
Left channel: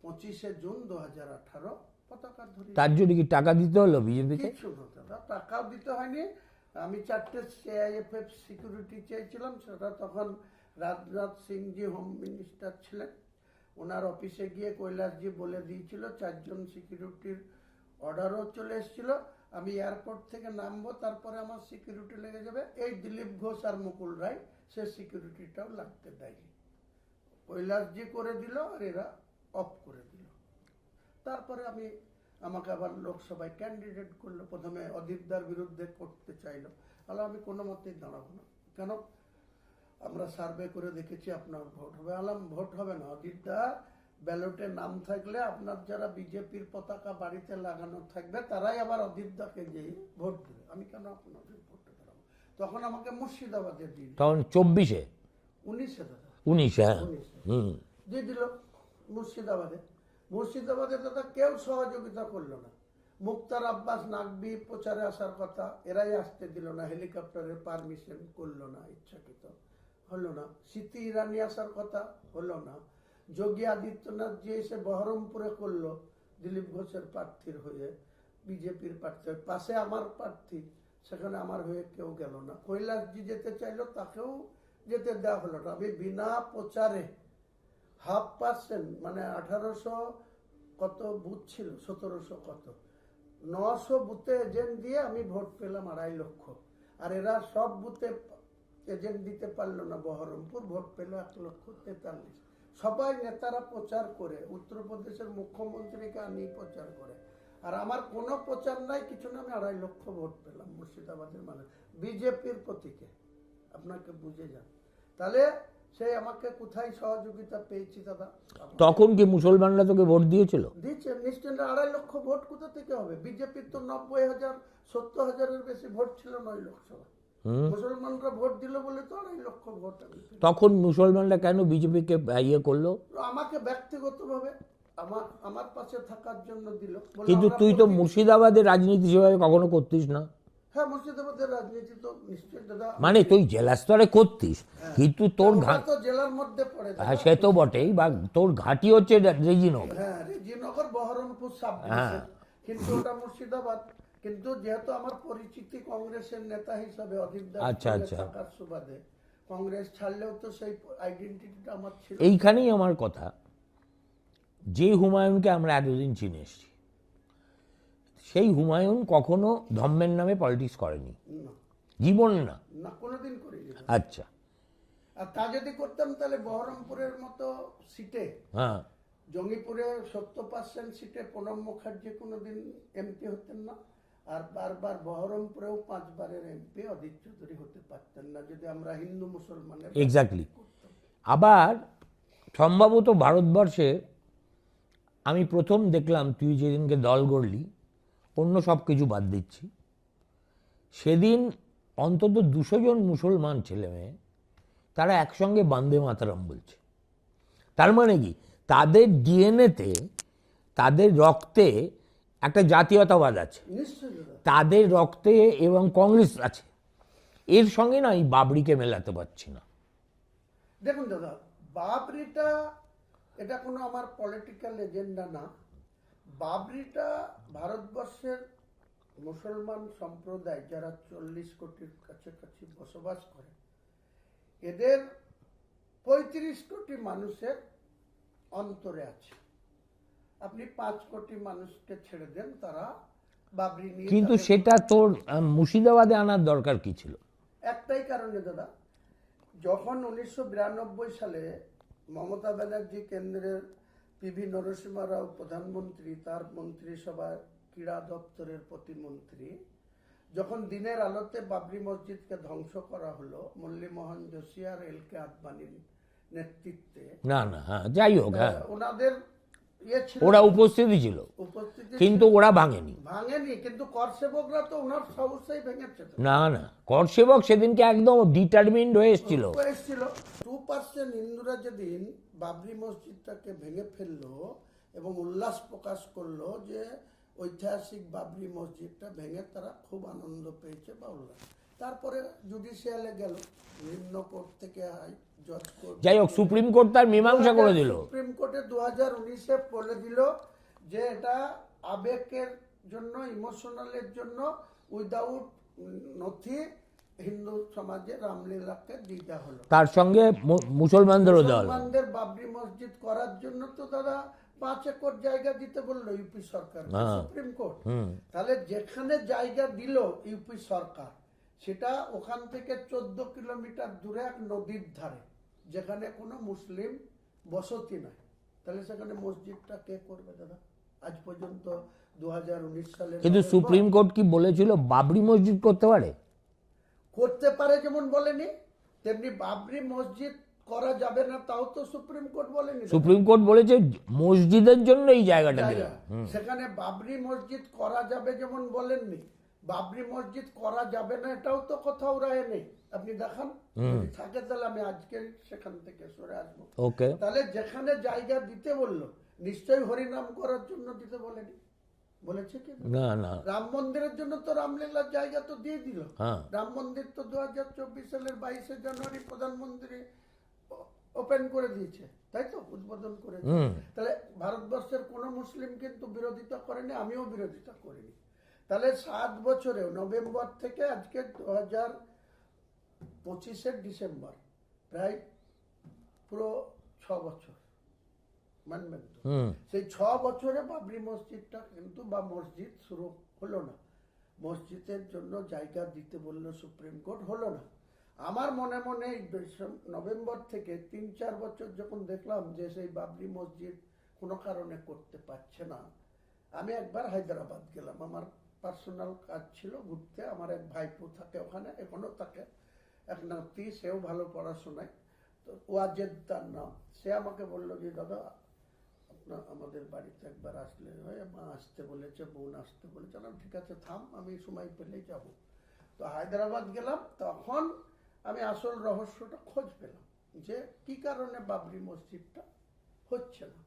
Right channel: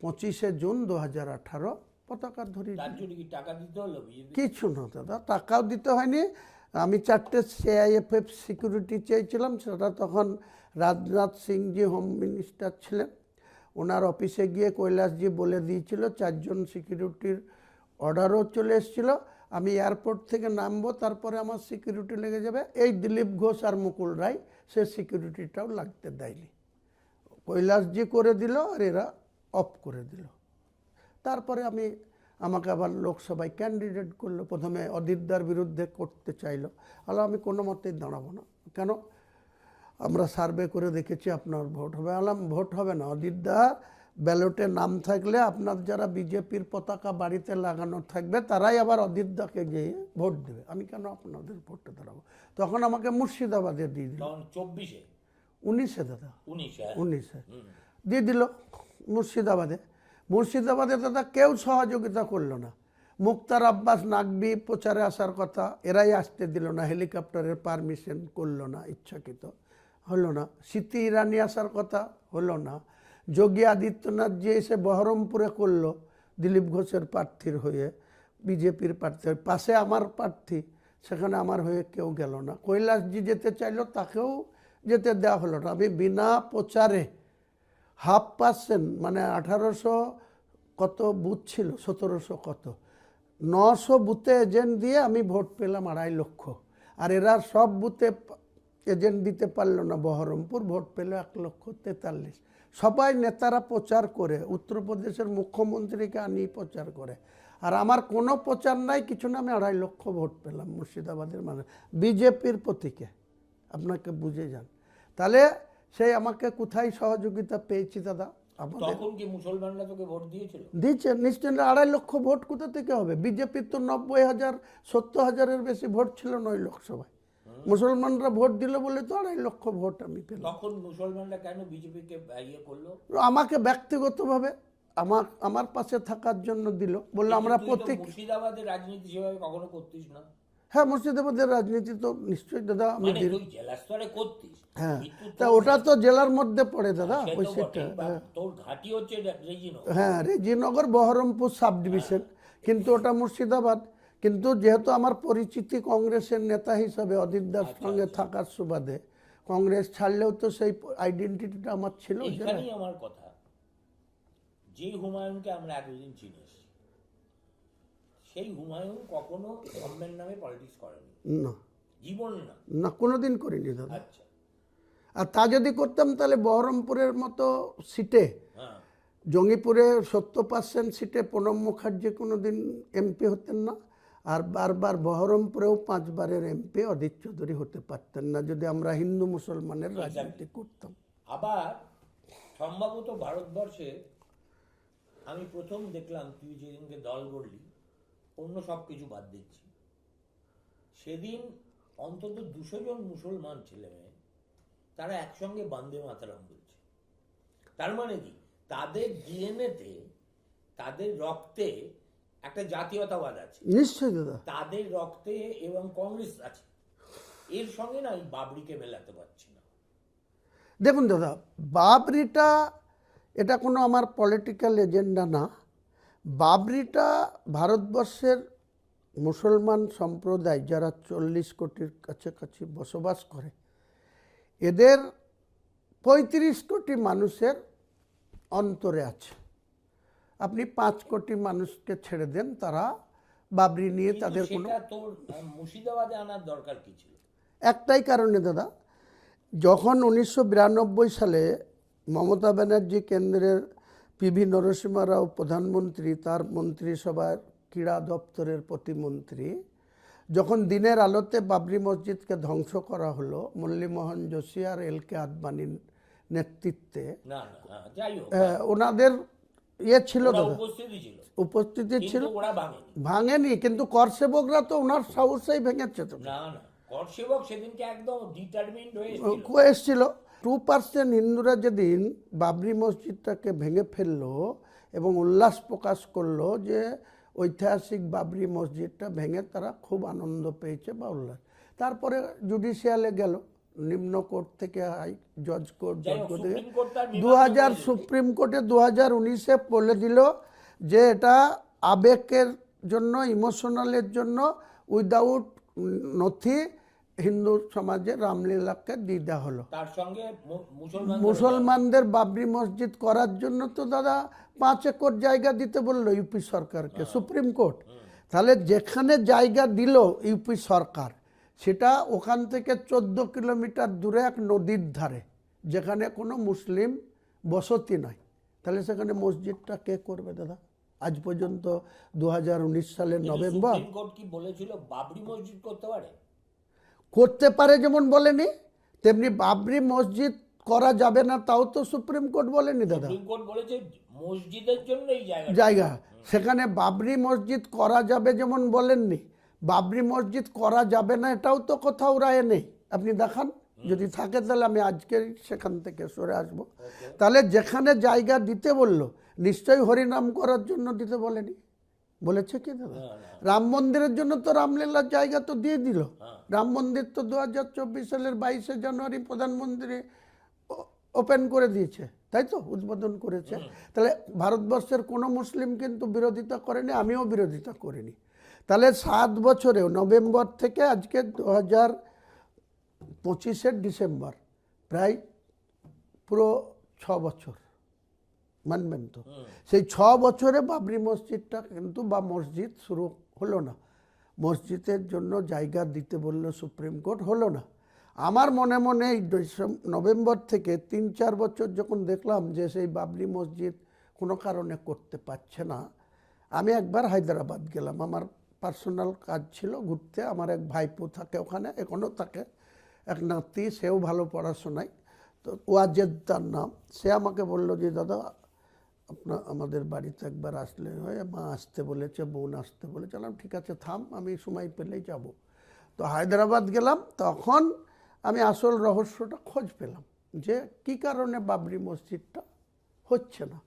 25শে জুন 2018 পতাকা ধরি। তার জন্য কি টাকা দিতে হলো বিজেপি? কিছু না দাদা, টাকাও দিতে হয়নি। আমি 4টে CIFF সিকিউরিটি চেয়েছিলাম, সেটা তখন রাজনাথ সিংজি হোম মিনিস্টার ছিলেন। ওনার অফিসে গিয়ে কৈলাসজি বলে দিয়েছিল, 4 জন সিকিউরিটির অর্ডারও চলে এসেছিল। আমি এয়ারপোর্ট থেকে নামবো, তারপরে আমার সিকিউরিটি লেগে যাবে। এই দিলীপ ঘোষ আর মুকুল রায় সে সিকিউরিটিটাও লাগতে দেয়নি, কৈলাসজি করে দিল আর এরা অফ করে দিল। তারপরে আমাকে আবার লোকসভায় ক্যান্ডিডেট করলো। প্রথমে অদিতদার বিরুদ্ধে করতে চাইলো, আমি কোনো মতেই দাঁড়াবো না। কেন? আমরা সার্ভে করে দেখেছি আপনার ভোট হবে। ভোট হবে না, অদিতদা ব্যালটে নাম থাকলে আপনার যারা বিজেপির পতাকা বাড়িতে লাগানো থাকবে তারাই আবার অদিতদাকে গিয়ে ভোট দেবে, আমি কেন আপনাদের ভোটে দাঁড়াবো। তখন আমাকে মুর্শিদাবাদে দিয়ে দিল। তখন 24-এ 19-এ দাদা, 19-এ 19-এ দিয়ে দিল মুর্শিদাবাদে দাদা কেউ সহযোগিতা করলো না। মুক্তার আব্বাস নাকভি প্রচারে আসার কথা, এরাই আসতে দিল না, হেলিকপ্টারের পারমিশন করলো না, ইচ্ছাকৃত হলো না। স্মৃতি ইরানি আসার কথা, হলো না। যোগী আদিত্যনাথ যে এসে বহরমপুরে করলো দিলীপ ঘোষের প্রার্থীর হয়ে, বিজেপির প্রার্থীর পাশে আমার প্রার্থী, সেখানে আমার হয়ে কেউ গেল না। কৈলাসজি যেতে চাইলো, তাকেও যেতে দেওয়া হলো না। আমি বিনা প্রচারে 0.5% মানে 1800 কত বুথ ছিল, 1700 কত, 900 বুথে এজেন্ট দিয়ে আমি ভোট পেলাম 2.5 লক্ষ। আর এরা সব বুথে এজেন্ট দিতে পারলো না। বহরমপুর ভোট পেল 1,43,000। সবাই নেতারা প্রচার করে, উত্তরপ্রদেশের মুখ্যমন্ত্রীকে আনিয়ে প্রচার করে, আর আমার কোনো প্রচার নাই, কিছু না। আমি 2.5 লক্ষ ভোট পেলাম মুর্শিদাবাদের মানুষ বিজেপির প্রতীকে। আপনাকে বুঝে যান তাহলে সেই আমাকে কোথায় সহযোগিতা পেয়েছি দাদা। তখন কি মুসলমানরা তোকে ভোট দিয়েছিল? দিচ্ছে নিশ্চয়। 2.5 লক্ষ ভোট কোথা থেকে হবে? বিজেপির তো 90,000 70,000-এর বেশি ভোট ছিল 9 লোকসভায়। মুসলমানরা ভোট দিল বলে তো 2.5 লক্ষ ভোট আমি পেলাম। তখন মুসলমানরা কেন বিজেপিকে ইয়ে করলো? আমাকে ব্যক্তিগতভাবে আমার পাশে থাকার জন্য দিল। বললাম কিন্তু তুই তো মুর্শিদাবাদের রাজনীতি সেভাবে কখনো করতিস না। হ্যাঁ মুর্শিদাবাদের রাজনীতি তো নিশ্চয়ই দাদা, মানে তুই জেলা স্তরে করতিস, কিন্তু তোর ওটা তো জেলার মধ্যে পড়ে দাদা। সে তো বটেই, বা তোর ঘাঁটি হচ্ছে রেজিনগর। হ্যাঁ রেজিনগর বহরমপুর সাব ডিভিশন, কিন্তু ওটা মুর্শিদাবাদ। কিন্তু যেহেতু আমার পরিচিতি কংগ্রেসের নেতা হিসাবে অদিতদার সঙ্গে থাকার সুবাদে, কংগ্রেস ছাড়লেও তো সেই আইডেন্টিটিটা আমার ছিল। এইখানেই আমার কথা, যে হুমায়ুনকে আমরা এতদিন চিনে এসেছি, সেই হুমায়ুন কখনো ধর্মের নামে পলিটিক্স করেনি না, জীবন না, না কোনোদিন করিনি। আচ্ছা, আর তা যদি করতাম তাহলে বহরমপুরের মতো সিটে, হ্যাঁ, জঙ্গিপুরে 70% সিটে প্রণব মুখার্জি কোনোদিন এমপি হতেন না। আর বারবার বহরমপুরেও 5 বারের এমপি অধীর চৌধুরী হতে পারতেন না, যদি আমরা হিন্দু মুসলমানের এক্স্যাক্টলি করতাম। আবার সম্ভবত ভারতবর্ষে আমি প্রথম দেখলাম, তুই যেদিনকে দল গড়লি, অন্য সব কিছু বাদ দিচ্ছি, সেদিন অন্তত 200 জন মুসলমান ছেলে মেয়ে তারা একসঙ্গে বন্দে মাতরম বলছে। তার মানে কি তাদের ডিএনএতে, তাদের রক্তে একটা জাতীয়তাবাদ আছে, নিশ্চয়ই দাদা। তাদের রক্তে এবং কংগ্রেস আছে। এর সঙ্গে না এই বাবরিকে মেলাতে পারছি না। দেখুন দাদা, বাবরিটা এটা কোনো আমার পলিটিক্যাল এজেন্ডা না। বাবরিটা ভারতবর্ষের মুসলমান সম্প্রদায় যারা 40 কোটির কাছাকাছি বসবাস করে, এদের 35 কোটি মানুষের অন্তরে আছে। আপনি 5 কোটি মানুষকে ছেড়ে দেন, তারা বাবরি নিয়ে কিন্তু তাদের সেটা তোর মুর্শিদাবাদে আনার দরকার কি ছিল? একটাই কারণে দাদা, যখন 1992 সালে মমতা ব্যানার্জি কেন্দ্রের পিভি নরসিংহ রাও প্রধানমন্ত্রী, তার মন্ত্রিসভার ক্রীড়া দপ্তরের প্রতিমন্ত্রী, যখন দিনের আলোতে বাবরি মসজিদকে ধ্বংস করা হলো মুরলীমোহন যোশী আর এল.কে. আদবানির নেতৃত্বে, না না, হ্যাঁ যাই হোক, হ্যাঁ, ওনাদের ছিল, ওরা উপস্থিতি ছিল, উপস্থিতি কিন্তু ওরা ভাঙেনি। ভাঙেনি, কিন্তু করসেবকরা তো ওনার সাহসেই ভেঙেছে তো। না না, করসেবক সেদিনকে একদম ডিটারমিন্ড হয়ে এসেছিল। এসেছিল 2% হিন্দুরা যেদিন বাবরি মসজিদটাকে ভেঙে ফেললো এবং উল্লাস প্রকাশ করলো যে ঐতিহাসিক বাবরি মসজিদটা ভেঙে তারা খুব আনন্দ পেয়েছে বা উল্লাস। তারপরে জুডিশিয়ালে গেল, নিম্ন কোর্ট থেকে হাই জজ কোর্ট, যাই হোক, সুপ্রিম কোর্ট তার মীমাংসা করে দিল। সুপ্রিম কোর্টে 2019-এ বলে দিল যে এটা আবেগের জন্য, ইমোশনালের জন্য, উইদাউট নথি হিন্দু সমাজে রামলীলাকে দিয়ে দেওয়া হলো। তার সঙ্গে মুসলমানদের বাবরি মসজিদ করার জন্য তো দাদা 5 একর জায়গা দিতে বললো ইউপি সরকারকে সুপ্রিম কোর্ট। তাহলে যেখানে জায়গা দিল ইউপি সরকার, সেটা ওখান থেকে 14 কিলোমিটার দূরে এক নদীর ধারে, যেখানে কোনো মুসলিম বসতি নাই। তাহলে সেখানে মসজিদটা কে করবে দাদা? আজ পর্যন্ত 2019 সালে কিন্তু সুপ্রিম কোর্ট কি বলেছিল বাবরি মসজিদ করতে পারে? করতে পারে যেমন বলেনি, তেমনি বাবরি মসজিদ করা যাবে না তাও তো সুপ্রিম কোর্ট বলেনি। সুপ্রিম কোর্ট বলেছে মসজিদের জন্য এই জায়গা, সেখানে বাবরি মসজিদ করা যাবে যেমন বলেননি, বাবরি মসজিদ করা যাবে না এটাও তো কোথাও রায় নেই। আপনি দেখান, যদি থাকে তাহলে আমি আজকে সেখান থেকে সরে আসবো। তাহলে যেখানে জায়গা দিতে বললো, নিশ্চয়ই হরিনাম করার জন্য দিতে বলেনি, বলেছে কি? না না, রাম মন্দিরের জন্য তো রামলীলার জায়গা তো দিয়ে দিল। রাম মন্দির তো 2024 সালের 22শে জানুয়ারি প্রধানমন্ত্রী ওপেন করে দিয়েছে, তাই তো, উদ্বোধন করেছে। তাহলে ভারতবর্ষের কোনো মুসলিম কিন্তু বিরোধিতা করেনি, আমিও বিরোধিতা করিনি। তাহলে 7 বছরেও, নভেম্বর থেকে আজকে 2025-এর ডিসেম্বর, প্রায় পুরো 6 বছর, মানবেন তো? সেই 6 বছরে বাবরি মসজিদটা কিন্তু, বা মসজিদ শুরু হলো না। মসজিদের জন্য জায়গা দিতে বলল সুপ্রিম কোর্ট, হলো না। আমার মনে মনে এই নভেম্বর থেকে 3-4 বছর যখন দেখলাম যে সেই বাবরি মসজিদ কোনো কারণে করতে পারছে না, আমি একবার হায়দ্রাবাদ গেলাম, আমার পার্সোনাল কাজ ছিল ঘুরতে। আমার এক ভাইপো থাকে ওখানে, এখনও থাকে, এক নাতি, সেও ভালো পড়াশোনায়, তো ওয়াজেদ তার নাম। সে আমাকে বললো যে দাদা আমাদের বাড়িতে একবার আসলে হয়, মা আসতে বলেছে, বোন আসতে বলেছে। ঠিক আছে থাম, আমি সময় পেলেই যাব। তো হায়দ্রাবাদ গেলাম, তখন আমি আসল রহস্যটা খোঁজ পেলাম যে কি কারণে বাবরি মসজিদটা হচ্ছে না।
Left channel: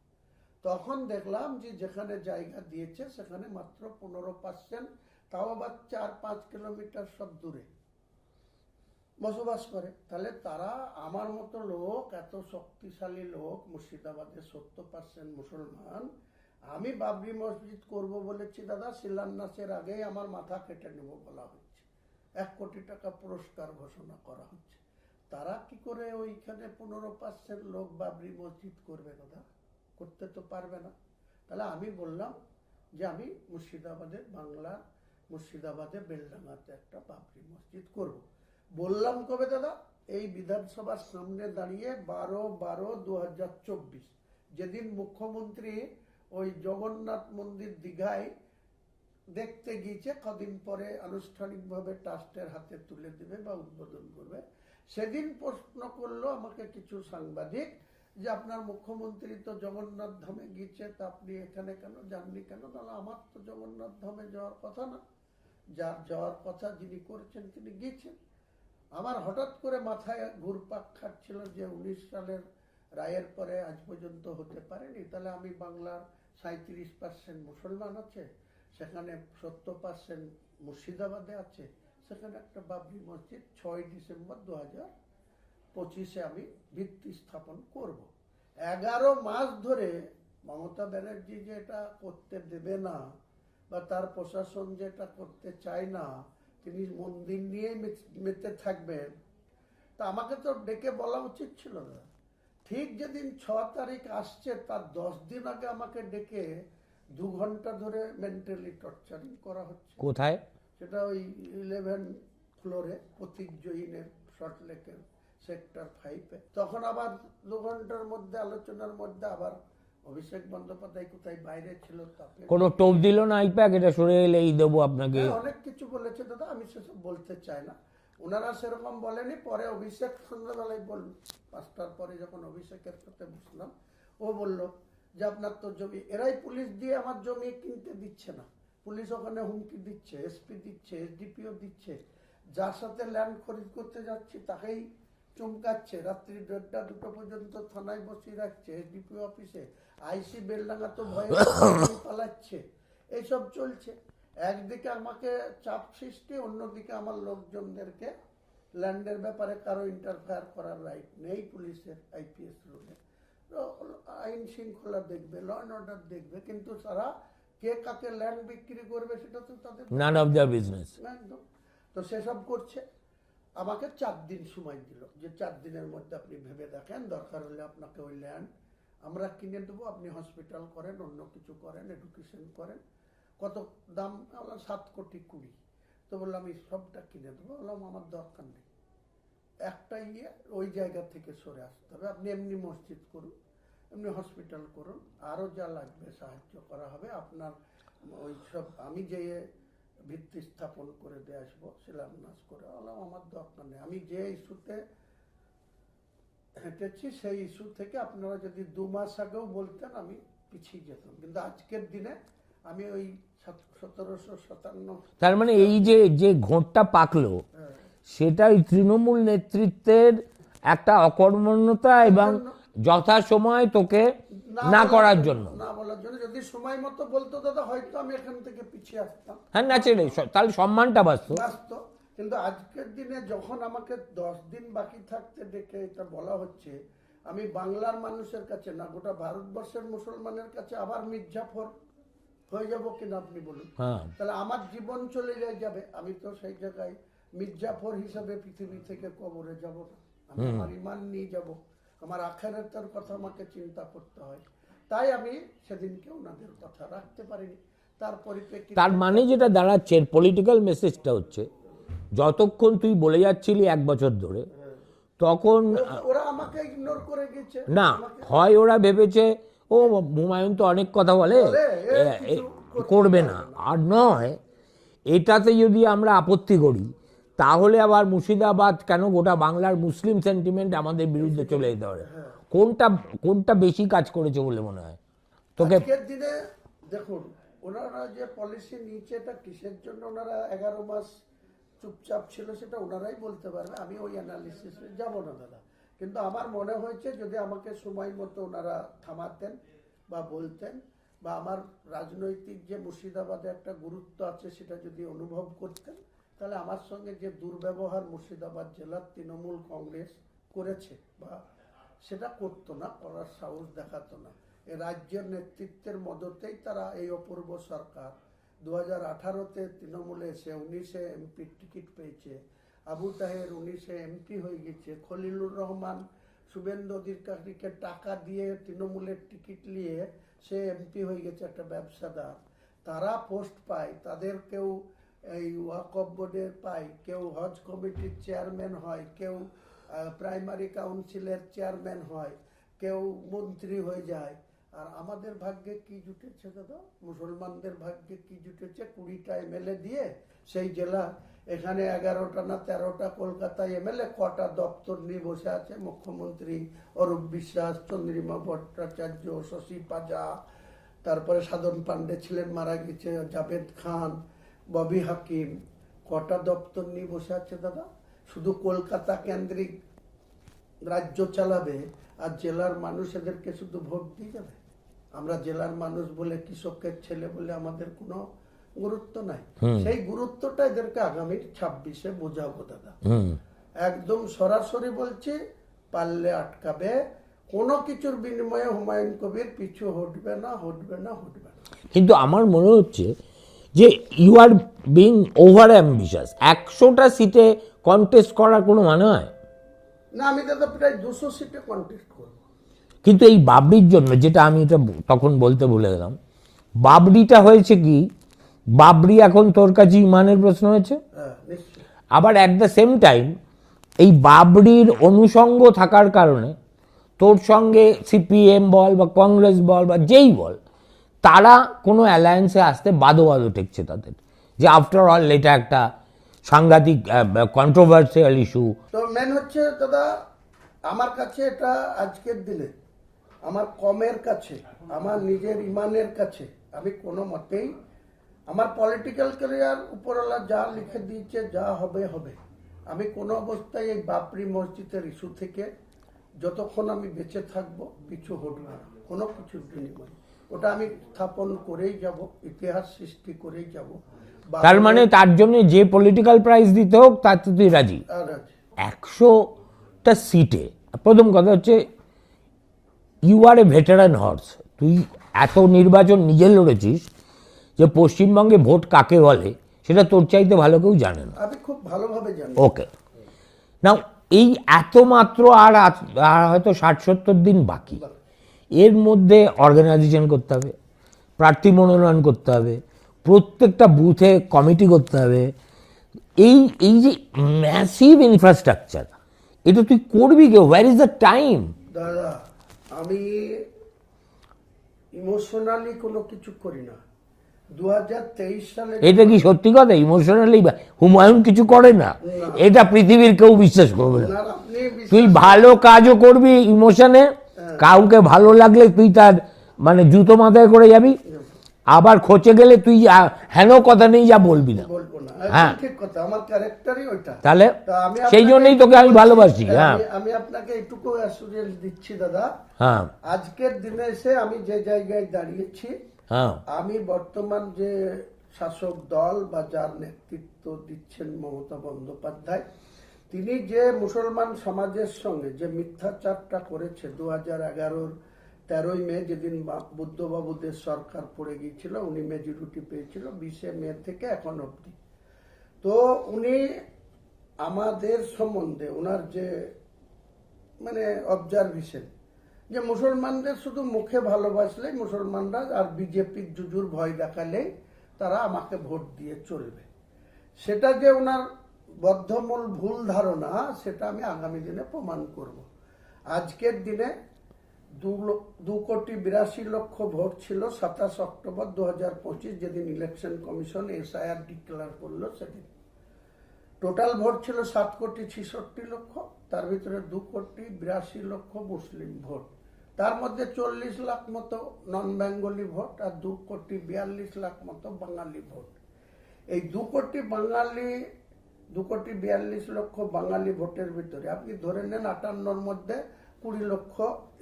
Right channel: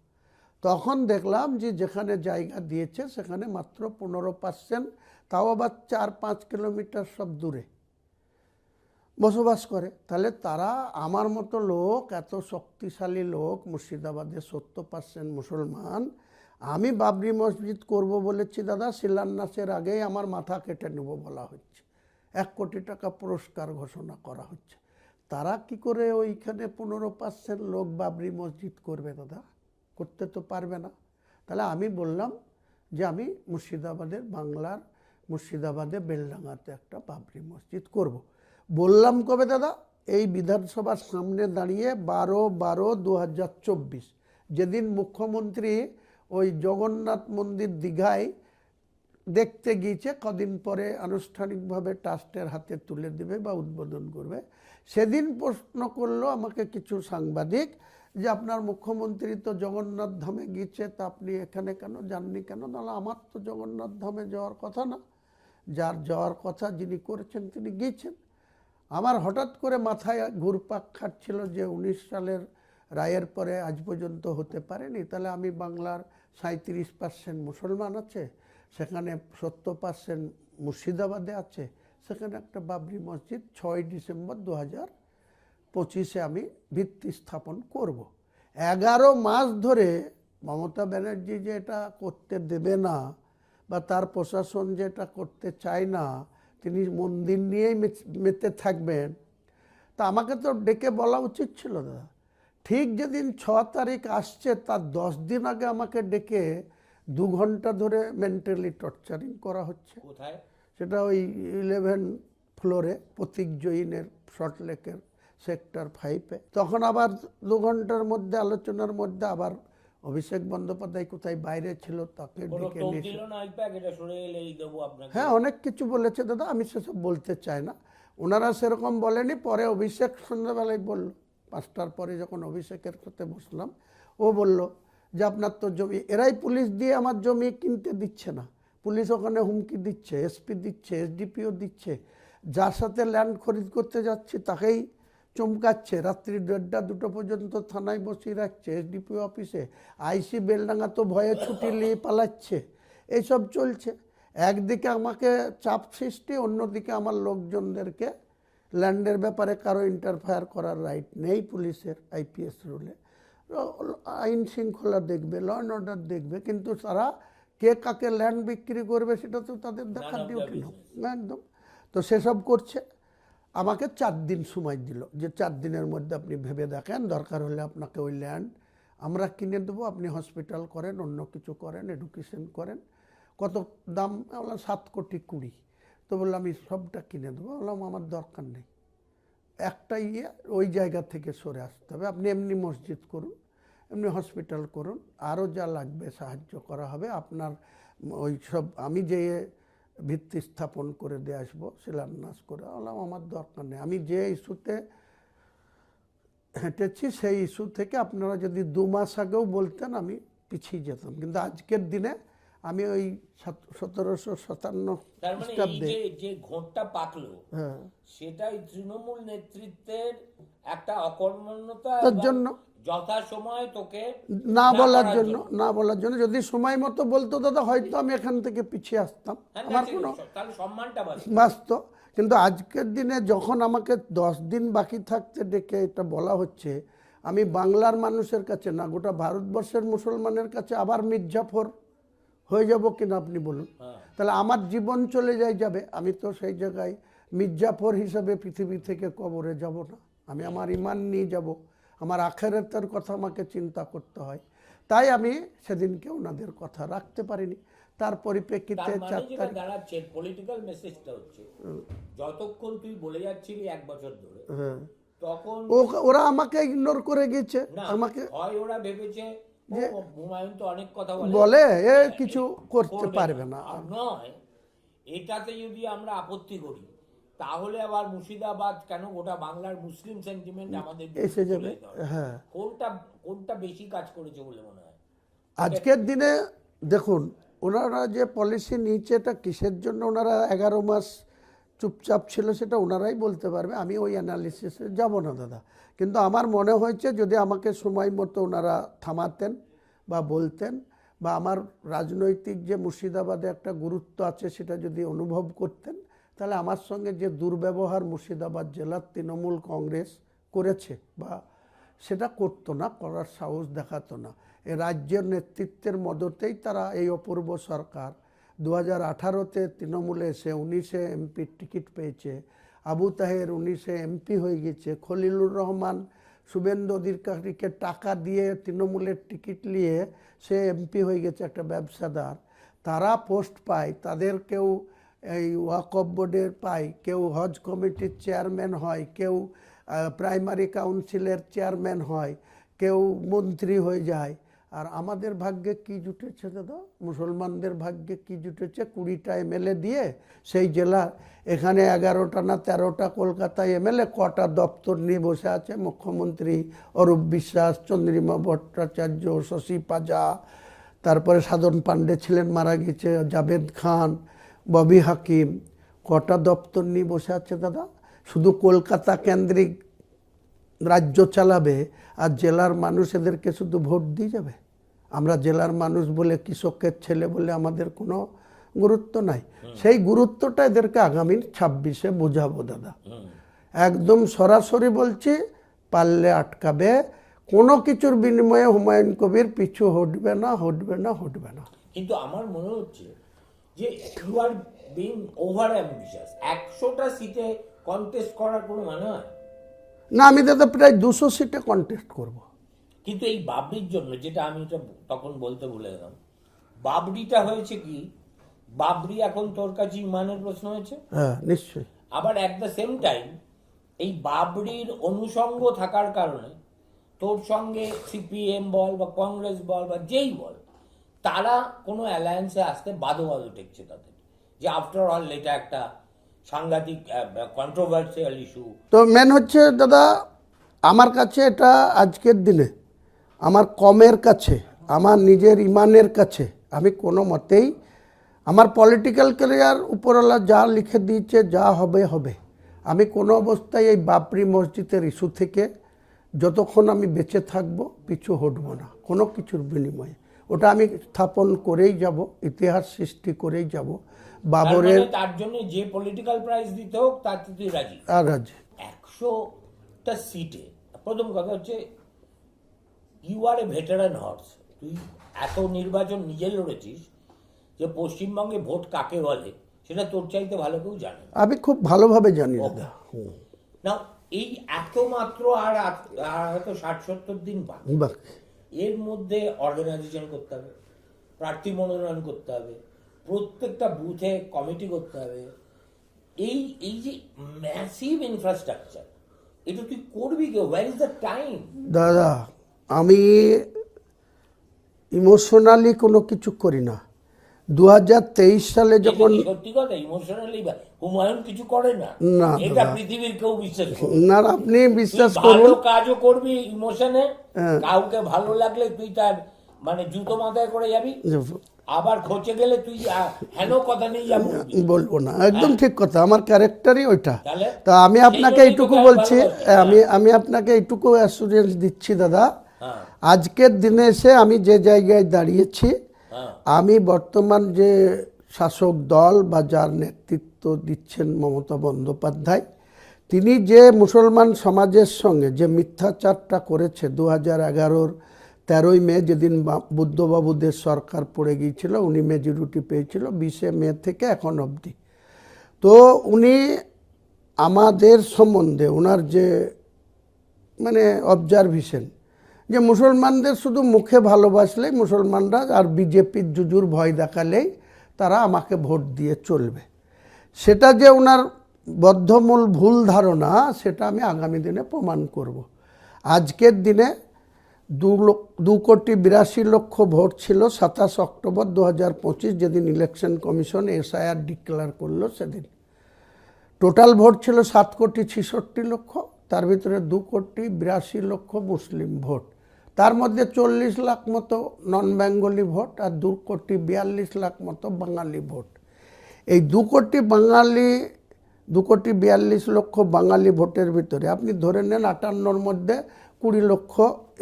তখন দেখলাম যে যেখানে জায়গা দিয়েছে সেখানে মাত্র 15%, তাও আবার 4-5 কিলোমিটার সব দূরে বসবাস করে। তাহলে তারা, আমার মতো লোক, এত শক্তিশালী লোক, মুর্শিদাবাদে 70% মুসলমান, আমি বাবরি মসজিদ করব বলেছি দাদা, শিলান্যাসের আগেই আমার মাথা কেটে নেব বলা হচ্ছে, 1 কোটি টাকা পুরস্কার ঘোষণা করা হচ্ছে। তারা কি করে ওইখানে 15% লোক বাবরি মসজিদ করবে দাদা? করতে তো পারবে না। তাহলে আমি বললাম যে আমি মুর্শিদাবাদের, বাংলার মুর্শিদাবাদে বেলডাঙ্গাতে একটা বাবরি মসজিদ করব। বললাম কবে দাদা? এই বিধানসভার সামনে দাঁড়িয়ে 12/12/2024, যেদিন মুখ্যমন্ত্রী ওই জগন্নাথ মন্দির দীঘায় দেখতে গিয়েছে, কদিন পরে আনুষ্ঠানিকভাবে ট্রাস্টের হাতে তুলে দেবে বা উদ্বোধন করবে, সেদিন প্রশ্ন করলো আমাকে কিছু সাংবাদিক যে আপনার মুখ্যমন্ত্রী তো জগন্নাথ ধামে গিয়েছে, তা আপনি এখানে কেন যাননি কেন? নাহলে আমার তো জগন্নাথ ধামে যাওয়ার কথা না, যার যাওয়ার কথা যিনি করেছেন তিনি গিয়েছেন। আমার হঠাৎ করে মাথায় ঘুরপাক খাচ্ছিল যে 19 সালের রায়ের পরে আজ পর্যন্ত হতে পারেনি, তাহলে আমি বাংলার 37% মুসলমান আছে, সেখানে 70% মুর্শিদাবাদে আছে, সেখানে একটা বাবরি মসজিদ 6 ডিসেম্বর 2025 আমি ভিত্তি স্থাপন করব। 11 মাস ধরে মমতা ব্যানার্জি যে এটা করতে দেবে না বা তার প্রশাসন যে এটা করতে চায় না, তিনি মন্দির নিয়েই মেতে থাকবেন, তা আমাকে তো ডেকে বলা উচিত ছিল দাদা। ঠিক যেদিন 6 তারিখ আসছে তার 10 দিন আগে আমাকে ডেকে 2 ঘন্টা ধরে মেন্টালি টর্চারিং করা হচ্ছে। কোথায়? সেটা ওই 11 ফ্লোরে প্রতীক জৈনের সল্টলেকের সেক্টর 5-এ। তখন আবার 2 ঘন্টার মধ্যে আলোচনার মধ্যে আবার অভিষেক বন্দ্যোপাধ্যায় কোথায় বাইরে ছিল, তাকে কোনো টোপ দিল না আইপ্যাক, এটা সরে এলেই দেবো আপনাকে? হ্যাঁ, অনেক কিছু বলেছে দাদা, আমি সেসব বলতে চাই না। ওনারা সেরকম বলেনি। পরে অভিষেক সন্ধ্যাবেলায় বলল, 5টার পরে যখন অভিষেকের সাথে বসলাম, ও বলল যে আপনার তো জমি, এরাই পুলিশ দিয়ে আমার জমি কিনতে দিচ্ছে না, পুলিশ ওখানে হুমকি দিচ্ছে, এসপি দিচ্ছে, এসডিপিও দিচ্ছে, যার সাথে ল্যান্ড খরিদ করতে যাচ্ছি তাকেই চমকাচ্ছে, রাত্রি 1:30-2টো পর্যন্ত থানায় বসিয়ে রাখছে এসডিপিও অফিসে, আইসি বেলডাঙ্গা তো ভয়ে পালাচ্ছে। এইসব চলছে। একদিকে আমাকে চাপ সৃষ্টি, অন্যদিকে আমার লোকজনদেরকে ল্যান্ডের ব্যাপারে কারো ইন্টারফেয়ার করার রাইট নেই পুলিশের, আইপিএস রুলে। আইন শৃঙ্খলা দেখবে, ল অ্যান্ড অর্ডার দেখবে, কিন্তু তারা কে কাকে ল্যান্ড বিক্রি করবে সেটা তো তাদের নান অফ দ্য বিজনেস। একদম। তো সেসব করছে। আমাকে 4 দিন সময় দিল, যে 4 দিনের মধ্যে আপনি ভেবে দেখেন, দরকার হলে আপনাকে ওই ল্যান্ড আমরা কিনে দেবো, আপনি হসপিটাল করেন, অন্য কিছু করেন, এডুকেশন করেন। কত দাম? বললাম 7,20,00,000। তো বললাম আমি সবটা কিনে দেবো। বললাম আমার দরকার নেই, একটা ওই জায়গা থেকে সরে আসতে হবে, আপনি এমনি মসজিদ করুন, এমনি হসপিটাল করুন, আরও যা লাগবে সাহায্য করা হবে আপনার। ওই সব আমি যে ভিত্তি স্থাপন করে দিয়ে আসবো, শিলান্যাস করে। বললাম আমার দরকার নেই, আমি যে ইস্যুতে হেঁটেছি সেই ইস্যু থেকে আপনারা যদি 2 মাস আগেও বলতেন আমি পিছিয়ে যেতাম, কিন্তু আজকের দিনে আমি ওই 1757। তার মানে এই যে যে ঘোঁটটা পাকলো, সেটা ওই তৃণমূল নেতৃত্বের একটা অকর্মণ্যতা এবং যথাসময় তোকে না করার জন্য, না বলার জন্য। যদি সময় মতো বলতো দাদা, হয়তো আমি এখান থেকে পিছিয়ে আসতাম। হ্যাঁ, ন্যাচারালি, তাহলে সম্মানটা বাঁচত। কিন্তু আজকের দিনে যখন আমাকে 10 দিন বাকি থাকতে ডেকে এটা বলা হচ্ছে, আমি বাংলার মানুষের কাছে না, গোটা ভারতবর্ষের মুসলমানের কাছে আবার মির্জাফর হয়ে যাব কিনা আপনি বলুন। তাহলে আমার জীবন চলে যাবে, আমি তো সেই জায়গায় মির্জাফর হিসাবে পৃথিবী থেকে কবরে যাব না। আমি আমার ইমান নিয়ে যাব, আমার আখেরাতের কথা আমাকে চিন্তা করতে হয়। তাই আমি সেদিনকে ওনাদের কথা রাখতে পারিনি। তার পরিপ্রেক্ষিতে তার মানে যেটা দাঁড়াচ্ছে, পলিটিক্যাল মেসেজটা হচ্ছে, যতক্ষণ তুই বলে যাচ্ছিলি 1 বছর ধরে, তখন ওরা আমাকে ইগনোর করে গেছে। না, হয় ওরা ভেবেছে ও হুমায়ুন তো অনেক কথা বলে, কিছু করবে না, আর নয় এটাতে যদি আমরা আপত্তি করি তাহলে আবার মুর্শিদাবাদ কেন, গোটা বাংলার মুসলিম সেন্টিমেন্ট আমাদের বিরুদ্ধে চলে যেতে হয়। কোনটা বেশি কাজ করেছে বলে মনে হয় আজকের দিনে? দেখুন, ওনারা যে পলিসি নিচ্ছে, এটা কিসের জন্য ওনারা 11 মাস চুপচাপ ছিল সেটা ওনারাই বলতে পারবে, আমি ওই অ্যানালিসিসে যাব না দাদা। কিন্তু আমার মনে হয়েছে যদি আমাকে সময় মতো ওনারা থামাতেন বা বলতেন, বা আমার রাজনৈতিক যে মুর্শিদাবাদে একটা গুরুত্ব আছে সেটা যদি অনুভব করতেন, তাহলে আমার সঙ্গে যে দুর্ব্যবহার মুর্শিদাবাদ জেলার তৃণমূল কংগ্রেস করেছে, বা সেটা করতো না, করার সাহস দেখাতো না। এই রাজ্যের নেতৃত্বের মদতেই তারা, এই অপূর্ব সরকার 2018-তে তৃণমূলে এসে 19-এ এমপির টিকিট পেয়েছে, আবু তাহের 19-এ এমপি হয়ে গেছে, খলিলুর রহমান শুভেন্দু অধিকারীকে টাকা দিয়ে তৃণমূলের টিকিট নিয়ে সে এমপি হয়ে গেছে, একটা ব্যবসাদার। তারা পোস্ট পায়, তাদের কেউ এই ওয়াকফ বোর্ডের পায়, কেউ হজ কমিটির চেয়ারম্যান হয়, কেউ প্রাইমারি কাউন্সিলের চেয়ারম্যান হয়, কেউ মন্ত্রী হয়ে যায়। আর আমাদের ভাগ্যে কি জুটেছে দাদা? মুসলমানদের ভাগ্যে কি জুটেছে? 20টা এমএলএ দিয়ে সেই জেলা, এখানে 11টা না 13টা কলকাতায় এমএলএ, কটা দপ্তর নিয়ে বসে আছে, মুখ্যমন্ত্রী অরূপ বিশ্বাস, চন্দ্রিমা ভট্টাচার্য, শশী পাজা, তারপরে সাধন পান্ডে ছিলেন, মারা গেছে, জাভেদ খান, ববি হাকিম, কটা দপ্তর নিয়ে বসে আছে দাদা? শুধু কলকাতা কেন্দ্রিক রাজ্য চালাবে, আর জেলার মানুষ এদেরকে শুধু ভোট দিয়ে যাবে? আমরা জেলার মানুষ বলে, কৃষকের ছেলে বলে আমাদের কোনো গুরুত্ব নাই। সেই গুরুত্বটা এদেরকে আগামী 26-এ বোঝাবো দাদা। একদম সরাসরি বলছি, পারলে আটকাবে। কোনো কিছুর বিনিময়ে হুমায়ুন কবির পিছু হটবে না, হটবে না, হটবে না। কিন্তু আমার মনে হচ্ছে যে you are being over ambitious. 100টা সিটে কন্টেস্ট করার কোনো মানে হয় না, আমি দাদা প্রায় 200 সিটে কন্টেস্ট করব। কিন্তু এই বাবরির জন্য, যেটা আমি এটা তখন বলতে ভুলে গেলাম, বাবরিটা হয়েছে কি, বাবরি এখন তোর কাছে ইমানের প্রশ্ন হয়েছে। হ্যাঁ, নিশ্চয়ই। আবার অ্যাট দ্য সেম টাইম এই বাবরির অনুষঙ্গ থাকার কারণে তোর সঙ্গে সিপিএম বল বা কংগ্রেস বল বা যেই বল, তারা কোনো অ্যালায়েন্সে আসতে বাদো ঠেকছে তাদের, যে আফটার অল এটা একটা সাংঘাতিক কন্ট্রোভার্সিয়াল ইস্যু। তো মেন হচ্ছে দাদা, আমার কাছে এটা আজকের দিনে আমার কমের কাছে, আমার নিজের ইমানের কাছে, আমি কোনো মতেই আমার পলিটিক্যাল ক্যারিয়ার উপরওয়ালা যা লিখে দিয়েছে, যা হবে হবে, আমি কোনো অবস্থায় এই বাবরি মসজিদের ইস্যু থেকে যতক্ষণ আমি বেঁচে থাকব পিছু হটব না কোনো কিছুর বিনিময়ে। ওটা আমি স্থাপন করেই যাব, ইতিহাস সৃষ্টি করেই যাব। তার মানে তার জন্য যে পলিটিক্যাল প্রাইস দিতে হোক তাতে তুই রাজি? আর রাজি। 100টা সিটে প্রথম কথা হচ্ছে you are a veteran horse. তুই এত নির্বাচন নিজে লড়েছিস যে পশ্চিমবঙ্গে ভোট কাকে বলে সেটা তোর চাইতে ভালো কেউ জানে না। আমি খুব ভালোভাবে জানি। ওকে, নাও এই এত মাত্র আর হয়তো 60-70 দিন বাকি। এর মধ্যে অর্গানাইজেশন করতে হবে, প্রার্থী মনোনয়ন করতে হবে, প্রত্যেকটা বুথে কমিটি করতে হবে। এই যে ম্যাসিভ ইনফ্রাস্ট্রাকচার, এটা তুই করবি কে? Where is the time? দাদা, আমি ইমোশনালি কোনো কিছু করি না। 2023 সালে এটা কি সত্যি কথা? ইমোশনালি হুমায়ুন কিছু করে না? এটা পৃথিবীর কেউ বিশ্বাস করবে না। আপনি তুই ভালো কাজও করবি ইমোশনে, কাউকে ভালো লাগলে তুই তার মানে জুতো মাথায় করে যাবি, আবার খোঁচে গেলে তুই হেন কথা নেই যা বলবি। বলবো না, একদম ঠিক কথা। আমার ক্যারেক্টারই ওইটা। তাহলে তা আমি আপনাকে ভালোবাসি। আমি আপনাকে এইটুকু অ্যাসুরেন্স দিচ্ছি দাদা, আজকের দিনে এসে আমি যে জায়গায় দাঁড়িয়েছি, আমি বর্তমান যে শাসক দল বা যার নেতৃত্ব দিচ্ছেন মমতা বন্দ্যোপাধ্যায়, তিনি যে মুসলমান সমাজের সঙ্গে যে মিথ্যাচারটা করেছে 2011-র 13ই মে, যেদিন বুদ্ধবাবুদের সরকার পড়ে গিয়েছিল, উনি মেজরিটি পেয়েছিল 20শে মে থেকে এখন অবধি। তো উনি আমাদের সম্বন্ধে ওনার যে মানে অবজারভেশন, যে মুসলমানদের শুধু মুখে ভালোবাসলেই মুসলমানরা আর বিজেপির জুজুর ভয় দেখালেই তারা আমাকে ভোট দিয়ে চলবে, সেটা যে ওনার বদ্ধমূল ভুল ধারণা, সেটা আমি আগামী দিনে প্রমাণ করব। আজকের দিনে 2,82,00,000 ভোট ছিল 27 অক্টোবর 2025, যেদিন ইলেকশন কমিশন এসআইআর ডিক্লেয়ার করলো। সেদিন টোটাল ভোট ছিল 7,66,00,000, তার ভিতরে 2,82,00,000 মুসলিম ভোট, তার মধ্যে 40 লাখ মতো নন বেঙ্গলি ভোট আর 2,42,00,000 মতো বাঙালি ভোট। এই 2,42,00,000 বাঙালি ভোটের ভিতরে আপনি ধরে নেন 58-র মধ্যে 20 লক্ষ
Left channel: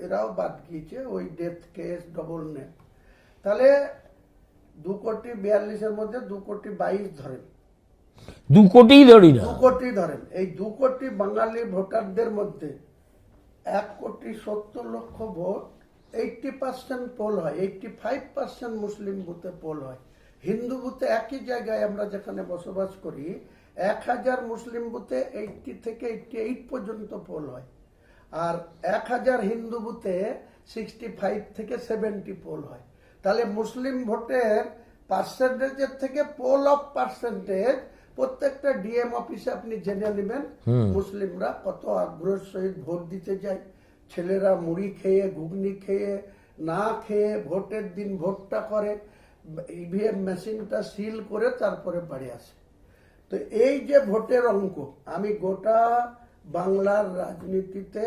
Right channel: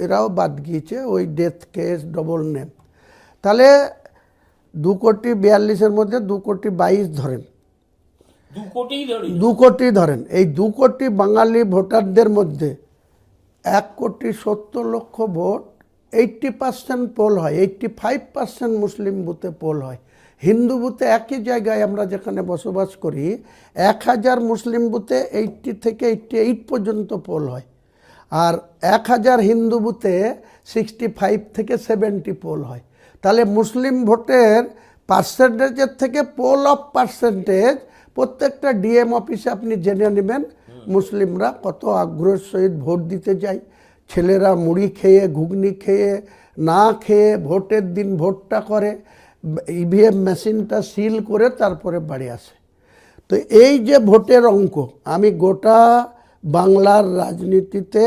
এরাও বাদ গিয়েছে, ওই ডেথ কেস ডবল নেম। তাহলে 2,42,00,000-এর মধ্যে 2,22,00,000 ধরেন, 2 কোটি ধরি, 2 কোটি ধরেন। এই 2 কোটি বাঙালি ভোটারদের মধ্যে 1,70,00,000 ভোট 80% পোল হয়, 85% মুসলিম বুথে পোল হয়। হিন্দু বুথে একই জায়গায় আমরা যেখানে বসবাস করি 1000 মুসলিম বুথে 80 থেকে 88 পর্যন্ত পোল হয়, আর 1000 হিন্দু বুথে 65 থেকে 70 পোল হয়। তাহলে মুসলিম ভোটের পার্সেন্টেজের থেকে পোল অফ পার্সেন্টেজ প্রত্যেকটা ডিএম অফিসে আপনি জেনে নেবেন মুসলিমরা কত আগ্রহের সহিত ভোট দিতে যায়। ছেলেরা মুড়ি খেয়ে, ঘুগনি খেয়ে, না খেয়ে ভোটের দিন ভোটটা করে, ইভিএম মেশিনটা সিল করে তারপরে বাড়ি আসে। তো এই যে ভোটের অঙ্ক, আমি গোটা বাংলার রাজনীতিতে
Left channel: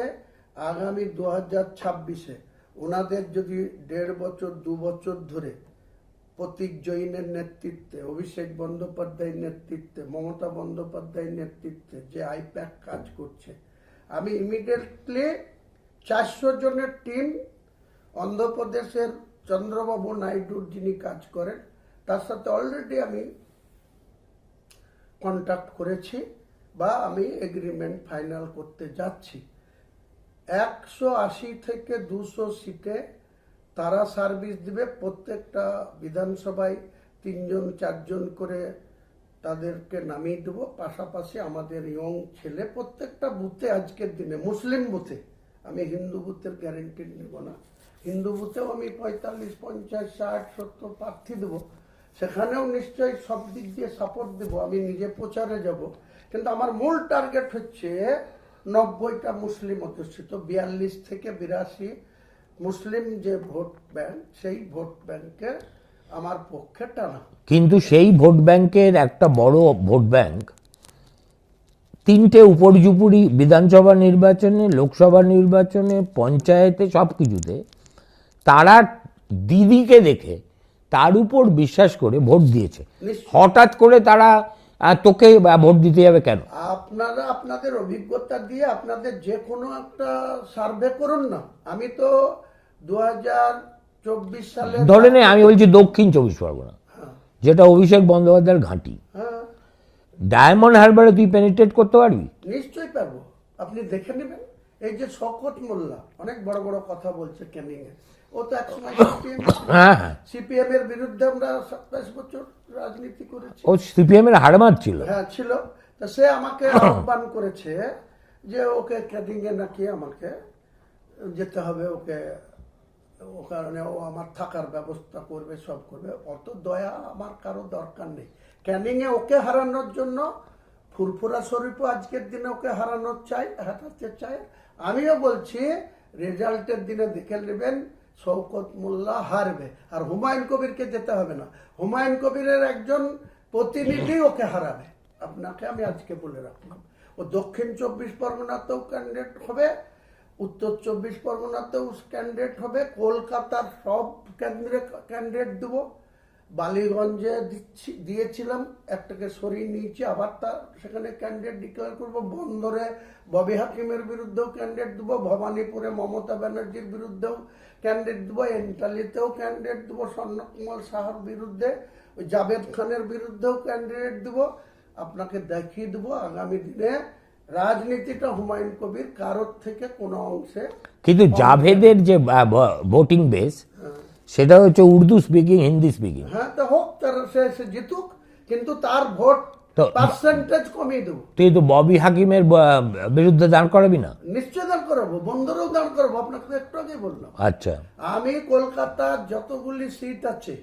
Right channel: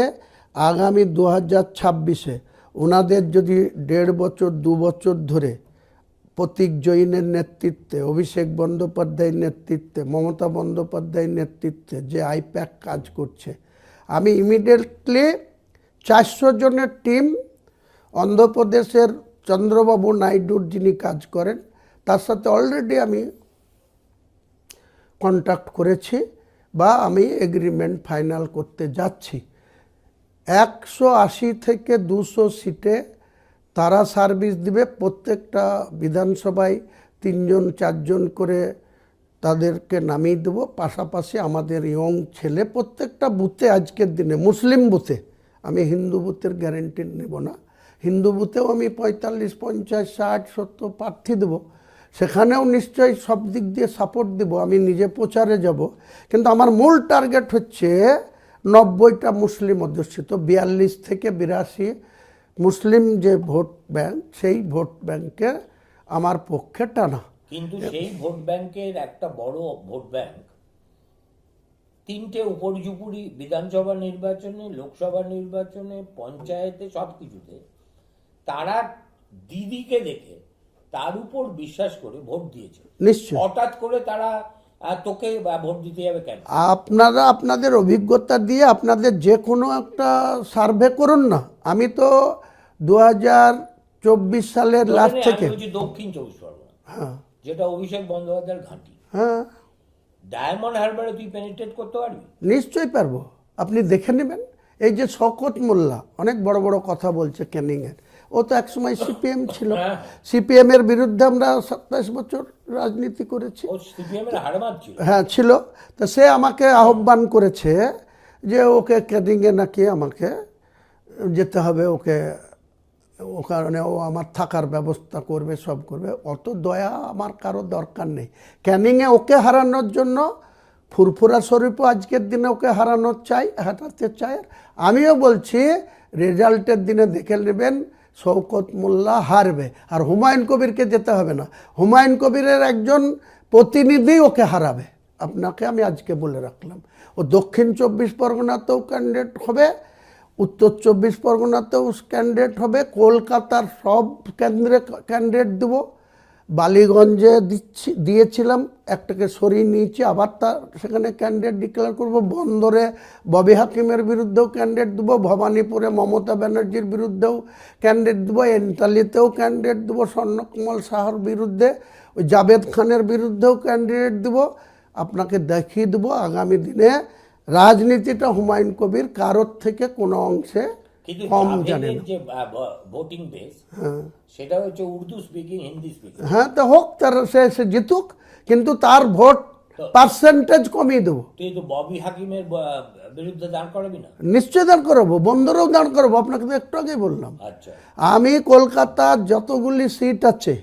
আগামী 2026-এ ওনাদের যদি 1.5 বছর 2 বছর ধরে প্রতীক জৈনের নেতৃত্বে, অভিষেক বন্দ্যোপাধ্যায়ের নেতৃত্বে, মমতা বন্দ্যোপাধ্যায়ের নেতৃত্বে যে আইপ্যাক কাজ করছে, আমি ইমিডিয়েটলি 400 জনের টিম অন্ধ্রপ্রদেশের চন্দ্রবাবু নাইডুর যিনি কাজ করেন তার সাথে অলরেডি আমি কন্ট্যাক্ট করেছি বা আমি এগ্রিমেন্ট ফাইনাল করতে যাচ্ছি। 180 থেকে 200 সিটে তারা সার্ভিস দিবে। প্রত্যেকটা বিধানসভায় 3 জন 4 জন করে তাদেরকে নামিয়ে দেবো। পাশাপাশি আমাদের ইয়ং ছেলে প্রত্যেকটা বুথে, আজকের দিনে মুসলিম বুথে, আমি হিন্দু বুথের গ্যারেন্টি নেব না, হিন্দু বুথেও আমি 45, 50, 60, 70 প্রার্থী দেবো। সেখানেও নিশ্চয়ই সব দিক দিয়ে সাপোর্ট দেব। আমি নিজে প্রচারে যাব, কিন্তু আমার মূল টার্গেট হচ্ছে 90টা মুসলিম অধ্যুষিত 42 থেকে 82 মুসলিম যে ভোট ব্যাংক, সেই ভোট ব্যাংকে আমার পক্ষে টানা। কিন্তু সেই ভোট ব্যাংকের একটা বড় ভোট ব্যাংক 3টে উপর্যুপুরি বিধানসভা নির্বাচনে, লোকসভা নির্বাচনে, পঞ্চায়েতে, সব কিছুতে তারা দিদিকে দেখে তার উপর বিশ্বাস করে ভোট দিয়েছে। নিশ্চয় হঠাৎ করে তারা তোকে ভোট দিতে যাবে কেন? আপনারা আপনাদের অভিজ্ঞতা দিয়ে আপনাদের যে কোনো একটা সার্ভে করুন না। আমি তো 2024 সালে ধরে নে আমি বলছি দক্ষিণ 24 পরগনা, যেটা অভিষেক বন্দ্যোপাধ্যায়ের ঘাঁটি, হ্যাঁ ডায়মন্ড হারবারে তুই পেনিট্রেট করতে পারবি? নিশ্চয়ই পারবো। আপনি দেখে নেবেন, এই যে শওকত মোল্লা অনেক বড় বড় কথা বলছে ক্যানিংয়ের, ও তো একসময় সিপিএম ছিল। সিপিএম এর বিরুদ্ধে আমরা 27 বছর রাজনীতি করেছি। ও সিপিএম এর হাড়মাত ছিল। হ্যাঁ ছিল। তো সে আমাকে আহ্বান করেছে যে ওকে ক্যানিংয়ে নাকি আমাকে যেতে হবে, ওকে ও কারণে ও আমার থাকার ব্যবস্থা করবে, সব করবে। অত দয়া আমার কারো দরকার নেই। ক্যানিংয়ে ওকে হারানোর জন্য ফুরফুরা শরীফও আজকের দিনে ওকে হারাতে চায়। আমিও বলছি রেজাল্টের দিনে দেখে নেবেন শওকত মোল্লা হারবে, আর হুমায়ুন কবিরকে যেতে হবে না। হুমায়ুন কবিরের একজন প্রতিনিধি ওকে হারাবে। আপনাকে আমি আজকে বলে রাখলাম। ও দক্ষিণ 24 পরগনাতেও ক্যান্ডিডেট হবে, উত্তর 24 পরগনাতেও ক্যান্ডিডেট হবে, কলকাতার সব কেন্দ্রে ক্যান্ডিডেট দেব। বালিগঞ্জে দিয়েছিলাম, একটাকে সরিয়ে নিয়েছি, আবার তার সেখানে ক্যান্ডিডেট ডিক্লেয়ার করব। বন্দরে ববি হাকিমের বিরুদ্ধেও ক্যান্ডিডেট দেবো, ভবানীপুরে মমতা ব্যানার্জির বিরুদ্ধেও ক্যান্ডিডেট দেবো, এন্টালিতেও ক্যান্ডিডেট দেবো, স্বর্ণকুমার সাহার বিরুদ্ধে, ওই জাভেদ খানের বিরুদ্ধেও ক্যান্ডিডেট দেবো। আপনাকে দেখিয়ে দেবো আগামী দিনে রাজনীতিটা হুমায়ুন কবির কারোর থেকে কোনো অংশে। কিন্তু জাভেদের যে ভোটিং বেস, সেটা হচ্ছে উর্দু স্পিকিং, হিন্দি স্পিকিং। হ্যাঁ, তো হোক, তার সে জিতুক, কিন্তু তার ভোট পার্সেন্টেজ কমিয়ে দেবো। তুই তো ববি হাকিমের বিরুদ্ধে দাঁড় করাবি না? নিশ্চয় দাঁড় করাবো, বন্দরেও দাঁড় করাবো। আপনাকে তো একটু আগেই বললাম। আচ্ছা, আমি কলকাতার যতগুলি সিট আছে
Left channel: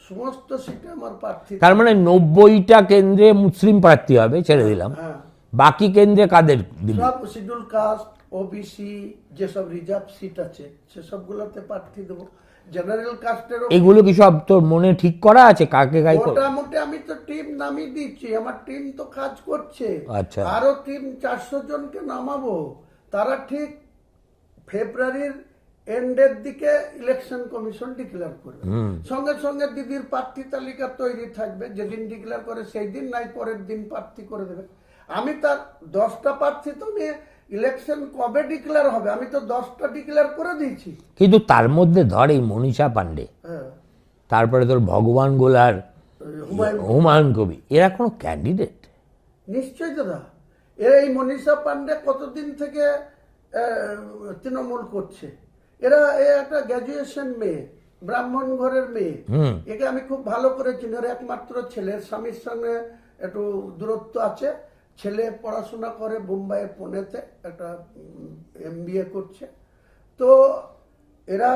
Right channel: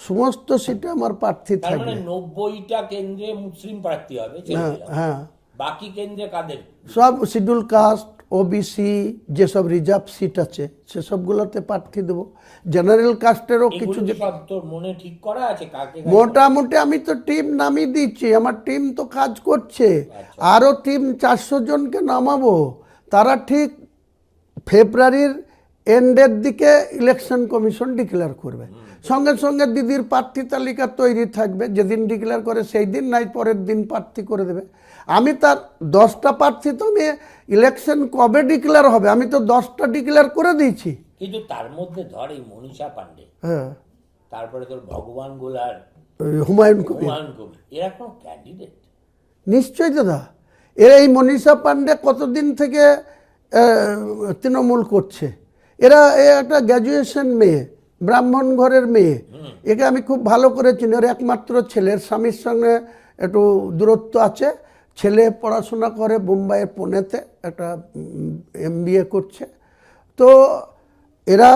সমস্ত সিটে আমার প্রার্থী। তার মানে 90টা কেন্দ্রে মুসলিম প্রার্থী হবে, ছেড়ে দিলাম। হ্যাঁ, বাকি কেন্দ্রে কাদের? সব শিডিউল কাস্ট, ওবিসি, যেসব রিজার্ভ সিট আছে সেসবগুলোতে প্রার্থী দেবো। জেনারেল কাস্টেরও এগুলো কি সব তোর মনে ঠিক করা আছে? কাকে মোটামুটি আমি তো টিম নামিয়ে দিচ্ছি, আমার টিম তো কাজ করছে। আচ্ছা, আরো টিম 400 জনকে নামাবো। তারা ঠিক ফেব্রুয়ারির এন্ডের দিকে ইলেকশন কমিশন ডিক্লেয়ার করবে। সঙ্গে সঙ্গে দিদির প্রার্থী তালিকা তৈরি থাকবে। যেদিন ডিক্লেয়ার করে সেই দিন নাই পরের দিন প্রার্থী করে দেবে। আমি তার 10টা প্রার্থী, তো আমি ইলেকশন কবে ডিক্লেয়ার হবে আমি তো 10টা ডিক্লেয়ার করে দিয়েছি। কিন্তু তার মধ্যে ধর এই মনীষা পান্ডে, হ্যাঁ, তারপরে তোর ভগবান গোলার, হুমায়ুন কবি, এরা কোনো ক্যান্ডিডেট? নিশ্চয়ই দাদা। এই মনীষা পান্ডে কতদিন থেকে তৃণমূল করছে। এরা একটা গ্র্যাজুয়েশন মেয়ে, ব্রাহ্মণ ঘরের মেয়ে। একে আমি খুব ভালো করে চিনি। ওর একমাত্র ছেলের স্বামীর সঙ্গে একটু দূরত্ব আছে। ছেলে পড়াশোনা করে বোম্বাইয়ের পুনেতে, একটা MBA করছে। তো এরা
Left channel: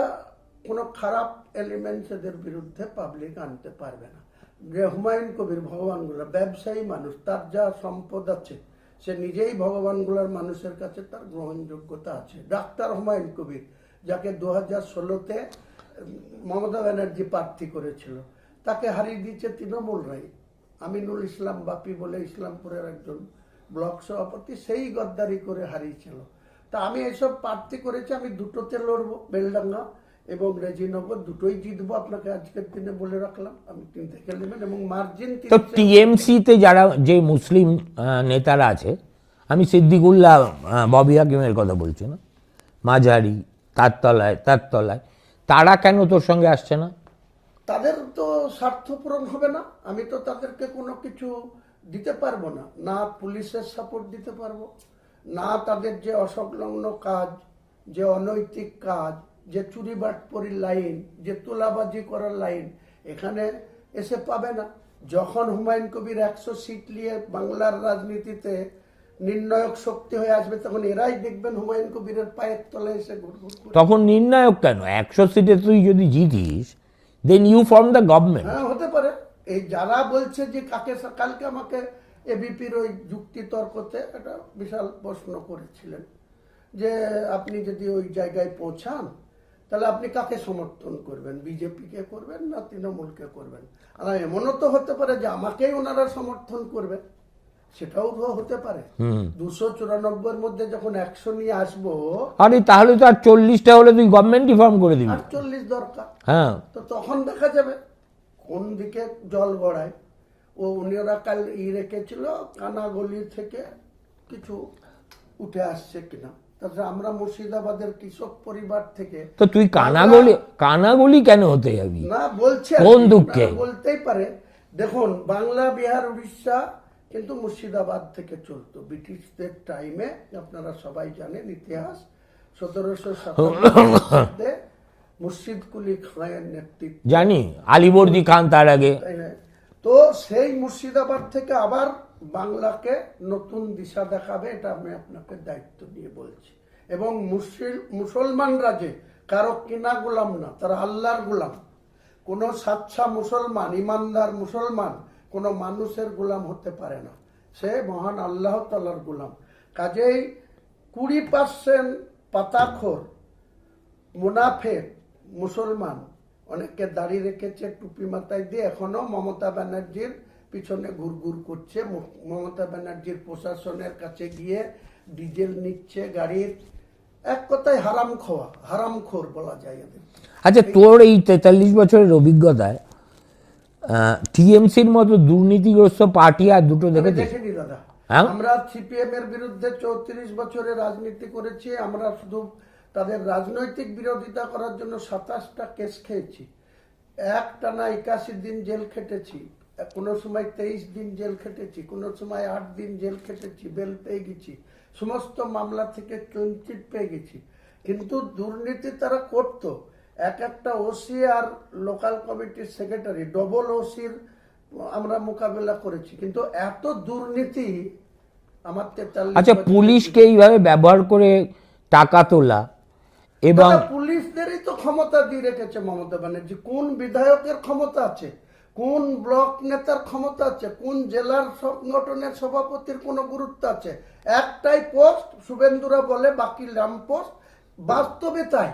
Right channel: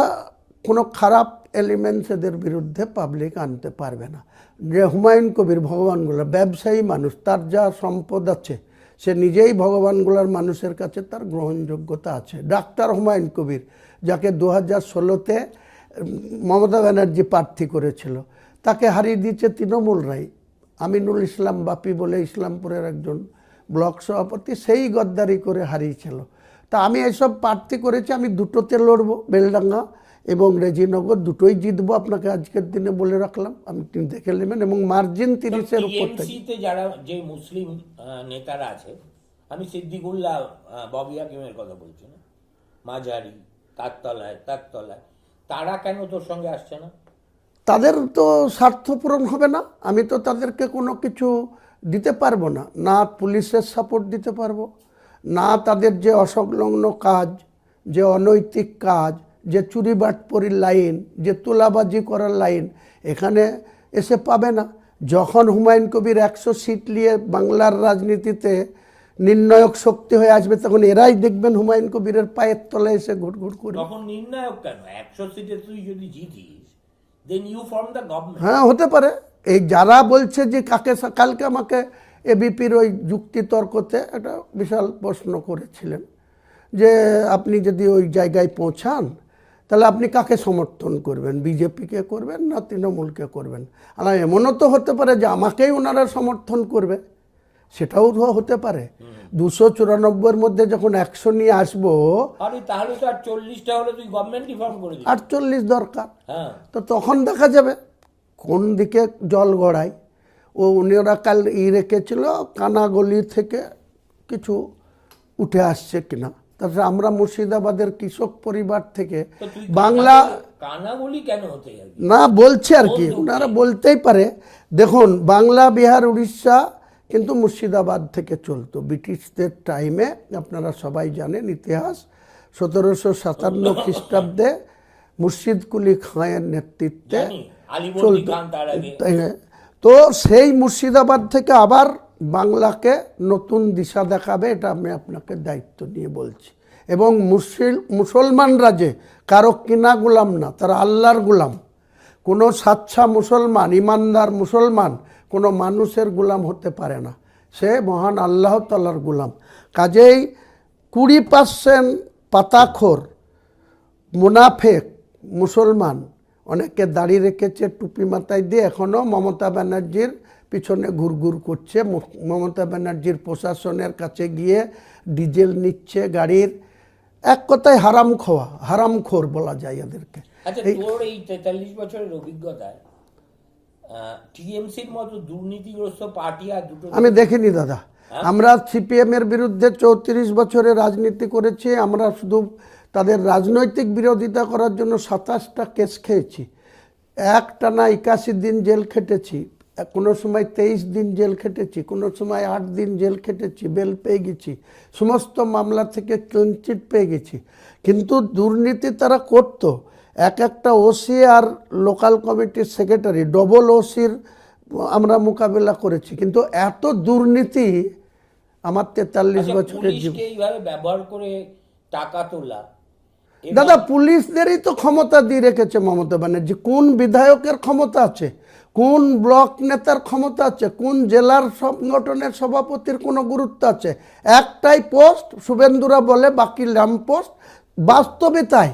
কোনো খারাপ এলিমেন্টস এদের বিরুদ্ধে পাবলিক আনতে পারবে না। যে হুমায়ুন কবির ভগবানগুলোর ব্যবসায়ী মানুষ, তার যা সম্পদ আছে, সে নিজেই ভগবানগুলোর মানুষের কাছে তার গ্রহণযোগ্যতা আছে। ডাক্তার হুমায়ুন কবির, যাকে 2016-তে মমতা ব্যানার্জি প্রার্থী করেছিল, তাকে হারিয়ে দিয়েছে তৃণমূলরাই। আমিনুল ইসলাম বাপি বলে ইসলামপুরের একজন ব্লক সভাপতি, সেই গদ্দারি করে হারিয়েছিল। তা আমি এইসব প্রার্থী করেছি, আমি দুটোতে লড়বো, বেলডাঙ্গা এবং রেজিনগর, দুটোই জিতবো। আপনাকে আজকের দিনে বলে রাখলাম, আমি দেখে নেবেন। এবং মার্জিন টিএমসিতে যারা যে মুসলিম নেতারা আছে, আমি সিদ্দিকুল্লাহ, ববি হাকিমের কথা বলছি না, মাঝারি, তার তলায়, তারা কেন তোর সঙ্গে আসছে না? তাদের তো স্বার্থ পূরণ হবে না, আমি তো তাদেরকে কোনো কিছু দিতে পারবো না, না পুলিশের সাপোর্ট দিতে পারবো, না তাদের যে অসংলগ্ন কাজ, যে অনৈতিক কাজ, যে চুরি বাটপরির লাইন, যে তোলাবাজি করার লাইন এখানে এসে পাবে না। যখন হুমায়ুন কবির 100 সিট নিয়ে বাংলার রাজনীতিতে নির্ণায়ক শক্তি হয়ে আসবে, তখন এরাই দেখবেন হুমায়ুন কবিরের পায়ের তলায় এসে ঘুরঘুর করে। তখন নির্ণায়ক কেন? 100 সিটে তুই যদি জিতিস, then you form the government. হ্যাঁ, হতে পারে। এই যারা বলছে যে কালকে আমাকে এবিপির ওই যুক্তি তর্কতে একটা বিশাল প্রশ্ন করেছিলেন যে আপনি যদি ওই জায়গায় পৌঁছান তাহলে আপনি কাকে সমর্থন করবেন, বিজেপিকে করবেন না তৃণমূলকে করবেন? আর এমনও তো হতে পারে যে আমাকেই ওনারা সমর্থন করবে, সেটাও হতে পারে। 294-এর মধ্যে যখন 100 নিয়ে আসবো, আরে তাহলে তো আর 40টা হলে তুই গভর্নমেন্টই ফর্ম করে দিবি। 48 দরকার। হ্যাঁ, তো তখন দেখা যাবে কোন দিকে জল গড়ায়। উনিরা কাল রেখেছিল কানাগলি থেকে কিছু উঠে আসছে কিনা। তারপরে আমরা মুর্শিদাবাদের কৃষক পরিবার থেকে, তো তুই কানাগলি কেন হতে যাবি? না বলছে আর কোন কি, দুঃখে? ওনারা বলতেই পারে। দেখুন, বাংলা, বিহার, উড়িষ্যা কিন্তু মুর্শিদাবাদ থেকে চলতো ব্রিটিশদের টাইমে। আপনারা সবাই জানেন ইতিহাস। 1757 খ্রিস্টাব্দে মুর্শিদ কুলি খাঁয়ের নেতৃত্বে, জানি, আলিবর্দী খান তার আগে। তো সেই মুর্শিদাবাদ থেকে আবার বাংলাকে নতুন দিশা দেখাবে, এটা আমি আপনাকে দায়িত্ব নিয়ে বলছি। এবং মুসলমানরা যে কারো কিনা গোলাম না, তারা আল্লাহর গোলাম। কোনো সাচ্চা মুসলমান, ইমানদার মুসলমান কোনো মানুষের গোলাম হতে পারে না, সে মহান আল্লাহ তাআলার গোলাম। কাজেই 20% পাতাখোর মুনাফেক মুসলমান, অনেকে দাড়ি রেখেছে, টুপি মাথায় দিয়ে, এখনও মমতা ব্যানার্জির পিছনে ঘুরঘুর করছে। মমতা ব্যানার্জির প্রশাসনের কাছে গিয়ে ডিজেল নিচ্ছে গাড়ির। এক কথায় হারামখোর বলা যায় এদেরকে। আচ্ছা, তোর এই 43 বছরের অভিজ্ঞতায় টিএমসির মতো দুর্নীতিগ্রস্ত পার্টি আর দুটো আমি দেখিনি দাদা। আমরা সিপিএম এর বিরুদ্ধে 34 বছরে রাজনীতি করেছি। আমরা শুধু তাদের রাজনৈতিক বিরোধিতা করার জন্য 27টা কেস খেয়েছি। একটানা 81 দিন জেল খেটেছি, কোনো সময় 23 দিন জেল খেটেছি, কোনো সময় 8 দিন জেল খেটেছি, বেল পেয়ে গেছি, সমস্ত মামলা থেকে ক্লিনচিট পেয়ে গেছি। কিন্তু দুর্নীতি তারা করতো। একটা ওসি আর লোকাল কমিটির সেক্রেটারি, ডবল ওসির আমরা মোকাবেলা করেছি। কিন্তু এত দুর্নীতি আমার 43 আচ্ছা, বছরের পুলিশকে এইভাবে ব্যবহার করে টাকা তোলা, দাদা, পুলিশদেরই তো ক্ষমতা দিয়ে রেখেছে মমতা ব্যানার্জি। কোন বিধায়কের ক্ষমতা আছে, কোন ব্লক নেতার ক্ষমতা আছে, কোন জেলার সংগঠনের সভাপতির কোনো গুরুত্ব আছে? একটাই পোস্ট, শুভেন্দুরা বলে বাকি ল্যাম্প পোস্ট। বাস্তবে তাই।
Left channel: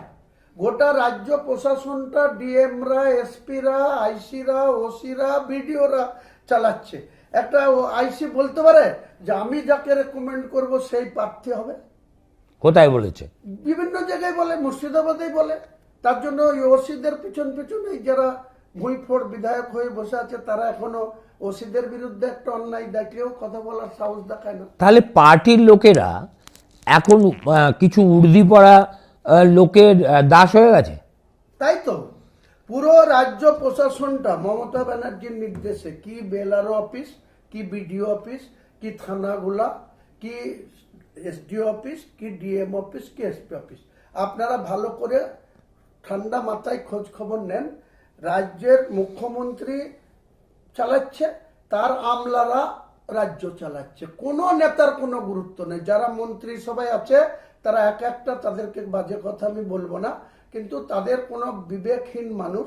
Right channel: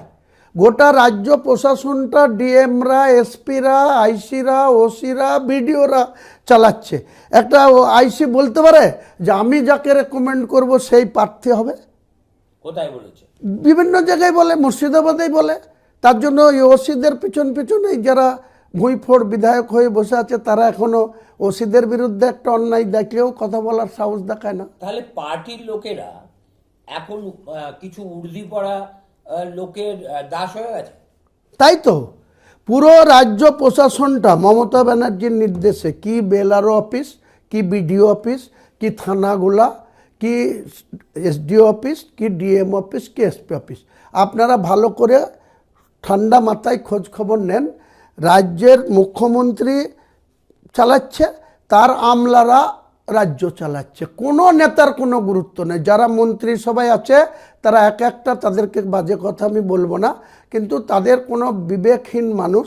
গোটা রাজ্য প্রশাসনটা ডিএমরা, এসপিরা, আইসিরা, ওসিরা, বিডিওরা চালাচ্ছে। একটা আইসি বলতে পারে যে আমি যাকে রেকমেন্ড করব সেই প্রার্থী হবে? কোথায় বলেছে? বিভিন্ন জায়গায় বলে, মুর্শিদাবাদেই বলে। তার জন্য ওই ওসিদের পিছনে যারা ভুঁইফোড় বিধায়ক হয়ে বসে আছে, তারা এখনো ওসিদের বিরুদ্ধে একটা অন্যায় দেখলেও কথা বলার সাহস দেখায় না। তাহলে পার্টির লোকেরা এখন কিছু উর্দি পড়া লোকের দাস হয়ে গেছে। তাই তো পুরো রাজ্য প্রশাসনটা মমতা ব্যানার্জির নির্দেশে, কি বেলারও অফিস, কি বিডিও অফিস, কি থানাগুলা, কি এসডিও অফিস, কি ডিএম অফিস, কি এসপি অফিস, আপনারা ভালো করে ঠান্ডা মাথায় খোঁজ খবর নেন। রাজ্যের মুখ্যমন্ত্রী চালাচ্ছে, তার আমলারা রাজ্য চালাচ্ছে। কোনো নেতার কোনো গুরুত্ব নেই। যারা মন্ত্রী সবাই আছে তারা একটা, তাদেরকে বাজে কথা আমি বলবো না, কিন্তু তাদের কোনো বিবেকহীন মানুষ,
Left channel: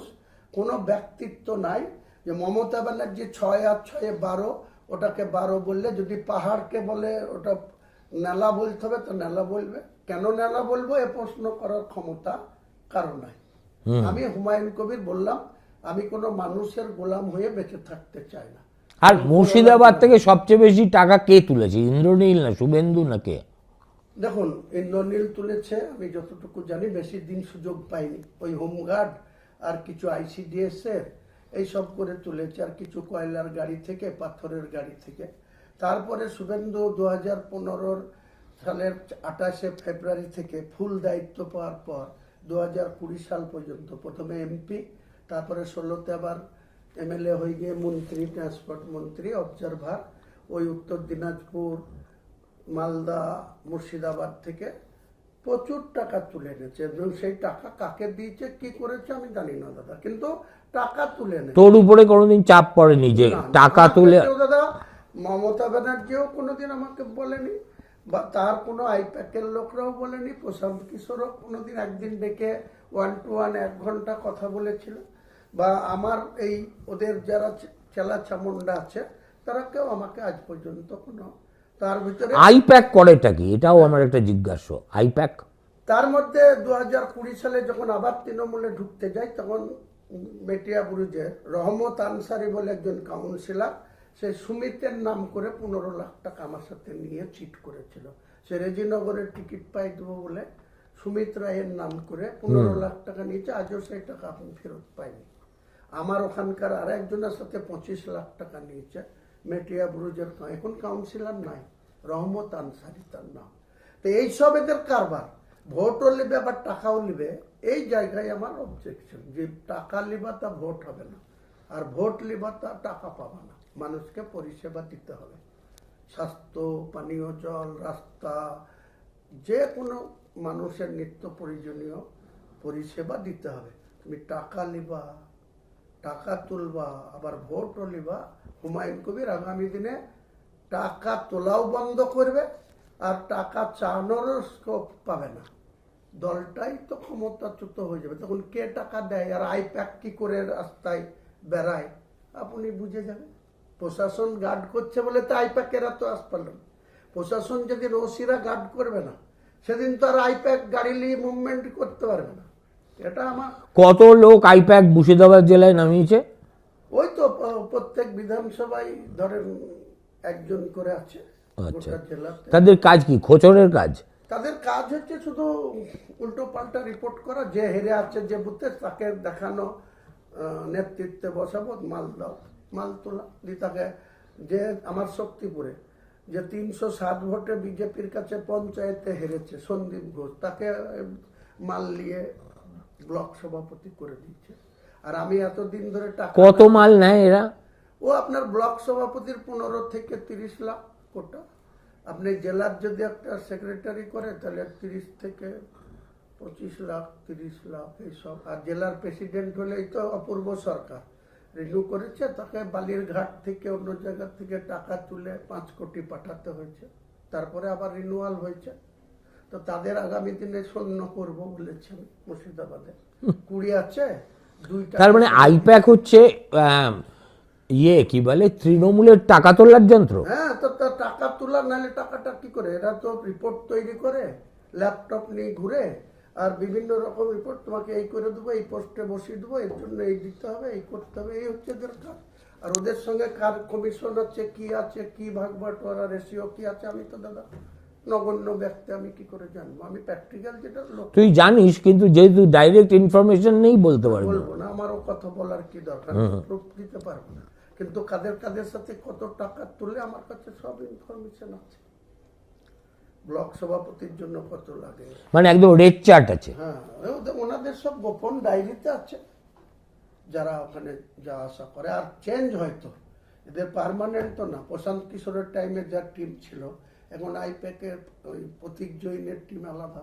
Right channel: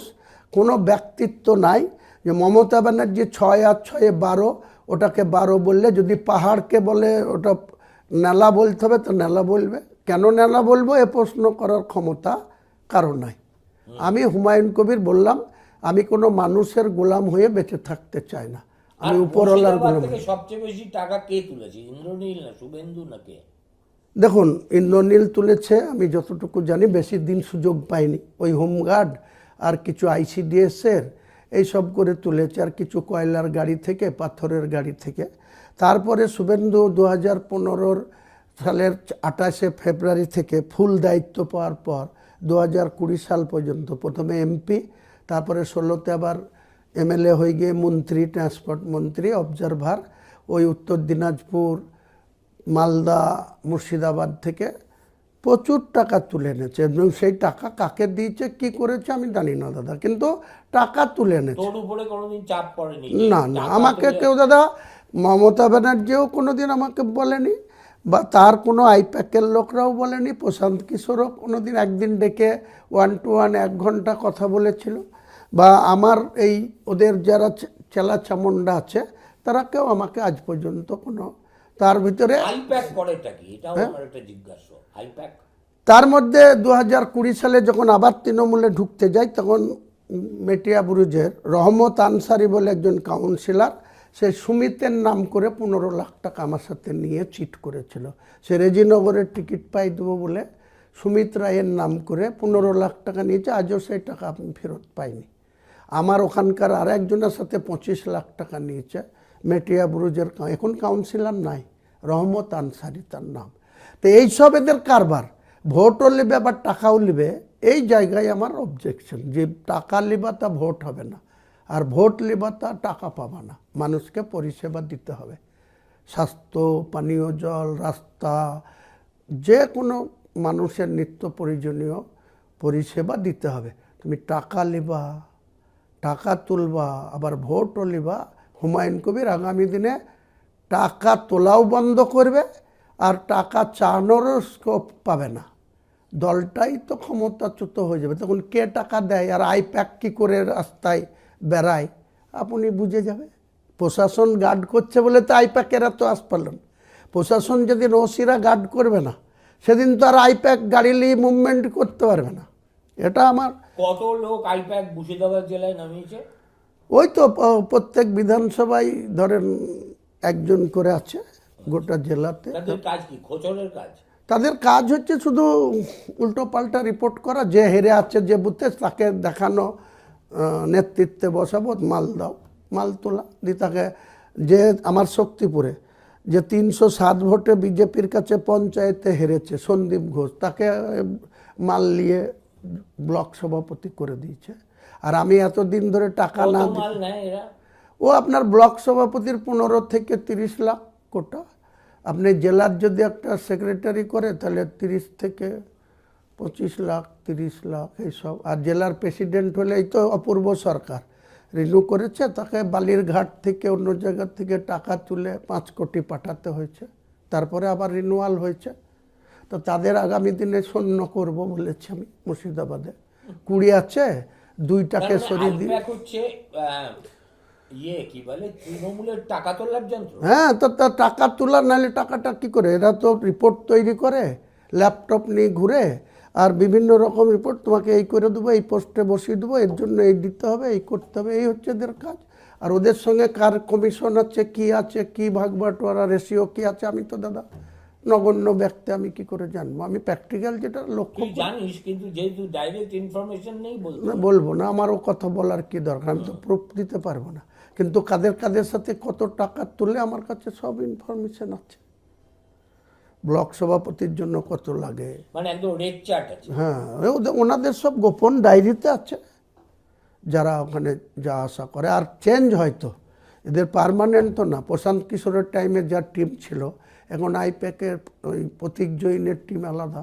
কোনো ব্যক্তিত্ব নাই। যে মমতা ব্যানার্জি 6 আর 6 12, ওটাকে 12 বললে, যদি পাহাড়কে বলে ওটা নালা বলতে হবে তো নালা বলবে। কেন নালা বলবো এ প্রশ্ন করার ক্ষমতা কারো নাই। আমি হুমায়ুন কবির বললাম, আমি কোনো মানুষের গোলাম হয়ে বেঁচে থাকতে চাই না। আর মুর্শিদাবাদ থেকে সবচেয়ে বেশি টাকা কে তুলেছে? ইন্দ্রনীল না শুভেন্দু না কে? দেখুন, ইন্দ্রনীল তুলেছে, আমি যতটুকু জানি। বেশি দিন সুযোগ পাইনি। ওই হোমগার্ড আর কিছু আইসিডিএসের এইসব করে তুলেছে, আর কিছু কয়লার গাড়ি থেকে, পাথরের গাড়ি থেকে। তারপরে শুভেন্দু 2015-র সালের 28শে ফেব্রুয়ারি থেকে ফুল দায়িত্ব পাওয়ার পর 2020 সাল পর্যন্ত প্রথমে এমপি, তারপরে 16তে আবার এমএলএ হয়ে গিয়ে মন্ত্রী, ট্রান্সপোর্ট মন্ত্রী, অবজারভার, ওই উত্তর দিনাজপুর, মালদা, মুর্শিদাবাদ থেকে প্রচুর টাকা তুলে এনেছে এবং সেই টাকা কাকে দিয়েছে কি করেছে আমি জানি না দাদা, কিন্তু টাকা তুলে এনেছে। তোর উপরে কোনোদিন চাপ পড়েনি যে না, টাকা আমাকে তুলে? কেউ দাদা, মমতা ব্যানার্জিও কোনোদিন আমাকে বলেনি, বা তার কোনো আইপ্যাকের লোকরাও বলেনি, প্রশান্ত কিশোরও কোনোদিন একদিন ডেকে 1 to 1 1 ঘন্টা কথা বলেছিল, বা আমার এই ওদের যারা চেলা চামুন্ডা আছে তারা কেউ আমাকে আজ পর্যন্ত কোনো তার ভিতরে। আইপ্যাক করেটা কি, এটাও আমার একটা জিজ্ঞাসা। আইপ্যাক তার মধ্যে 2020 সালে যখন আবার তৃণমূলে ঢুকতে যাই, তখন মেটিয়া বুরুজের রহমত আনসারি বলে একজন কাউন্সিলর, সে সুমিতের নাম করে 15 লাখ টাকা আমার সাথে নিয়ে চিট করেছিল। সে রেজিনগরের টিকিট পাই দেবো বলে সুমিত রায়ের নাম করে 15 লাখ টাকা নিয়েছে, আজও সেই টাকা আমি ফেরত পাইনি। আমার ওখানকার আর একজনের সাথে 25 লাখ টাকা নিয়েছে, মেটিয়া বুরুজের, এখন কাউন্সিলর নাই, রহমত আনসারি তার নাম। তো এইসব এদের কারবার, ভোটও নেবে আবার টাকাও নেবে, এই জায়গায় আমার অবজেকশন, যে টাকা নেবা তা ভোট হবে না, আর ভোট নেবা তা টাকা পাবা না। মানুষকে পরিষেবা দিতে হবে, স্বাস্থ্য, পানীয় জল, রাস্তা, যে কোনো মানুষের নিত্য প্রয়োজনীয় পরিষেবা দিতে হবে। তুমি টাকা নেবা, টাকা তুলবা, আবার ভোটও নেবা। হুমায়ুন কবির আগামী দিনে টাকা তোলাও বন্ধ করবে, আর টাকা চানোরও স্কোপ পাবে না। দলটাই তো ক্ষমতাচ্যুত হয়ে যাবে, তখন কে টাকা দেয় আর আইপ্যাক কী করে রাস্তায় বেড়ায় আপনি বুঝে যাবে। প্রশাসন গার্ড করছে বলে তো আইপ্যাকেরা তো আস পারলেন। প্রশাসন যেদিন ওসিরা গার্ড করবে না, সেদিন তো আর আইপ্যাক গাড়ি নিয়ে মুভমেন্ট করতে পারবে না। এটা আমার। কত লোক আইপ্যাক মুর্শিদাবাদ জেলায় নামিয়েছে? ওই তো প্রত্যেক বিধানসভায় ধরেন একজন করে আছে গোটা জেলাতে। তাদের কাজ কি, খোঁচরের কাজ? তাদের কাজ হচ্ছে শুধু উল্টো পাল্টা রিপোর্ট করা, যে হেরে আছে যে বুথে তাকে দেখানো, নেতৃত্বে বসাবো, মাল দাও, মাল তোলা দিয়ে তাকে। যে আমার শক্তিপুরে যে 307 ভোটে বিজেপির কাছে পঞ্চায়েতে হেরেছে সন্দীপ ঘোষ, তাকে মাল নিয়ে ব্লক সভাপতি করে দিয়েছে। আর আমি এতদিন ধরে টাকা কত মাল নেয় এরা? ও আপনার ব্লক সভাপতির 15 থেকে 30 লাখ কোটা। আপনি জেলার যদি একটা সেক্রেটারি করে তাহলে 30 থেকে 25 লাখ, 30 লাখ এইসব। আর জেলার প্রেসিডেন্ট হলে এই তো অপূর্ব সরকার রিনিউ করেছে, তাকে বালিরঘাট থেকে অন্য জায়গা থেকে টাকা তুলে 5 কোটি পাঠাতে হয়েছে, তারপরে আবার রিনিউয়াল হয়েছে। তো তাদের আগামী দিনে শূন্য করব বলেছি আমি মুর্শিদাবাদে। 20 আছে, 2টা। তার মানে আইপ্যাক হচ্ছে ইয়ে কি বলে, তৃণমূলের টাকা তোলার যন্ত্র? হ্যাঁ, তো তার টাকা তোলা, নাহলে টাকাটা কি করে? এরা তো রিপোর্ট তৈরি করে, ল্যাপটপ নিয়ে ঘুরে, আর বিভিন্ন রকম রিপোর্ট, তোমাকে এই করে দেবো, এই পোস্টে বসিয়ে দেবো, এর জন্য এই দিতে হবে, এই করতে হবে, এই হচ্ছে এদের কাজ। আর ওদের সঙ্গে কার কমিশন আছে, কি ভাগ বাটোয়ারা, রেশিও কি আছে, আমি তো দাদা নগণ্য ব্যক্তি, আমি কি করে জানবো? আমি প্র্যাকটিক্যাল যেটা লক্ষ্য। তুই জানিস, কিন্তু যেহেতু ডাইরেক্ট ইনফরমেশন নেই বলতে পারবি। বলবো না, আমারও কথা বলার কি দরকার, আমি তো প্রুফ দিতে পারবো না। কিন্তু কাদের সাথে কত টাকা তুলে আমার কাছে সব ইনফরমেশন আছে। ব্লক সভাপতির জন্য কত লাগে, মানে একদম রেড চার্ট আছে। হ্যাঁ, ওনাদের সব গোপন ডায়েরিতে আছে, যারা ওখানে যা আশা করে। আর চেঞ্জ হয়তো, এদের পার্মানেন্ট তো না। প্রশান্ত কিশোরের টাইমে যা টিম ছিল, এখন আইপ্যাকের ওই প্রতীক জৈনের টিম আলাদা,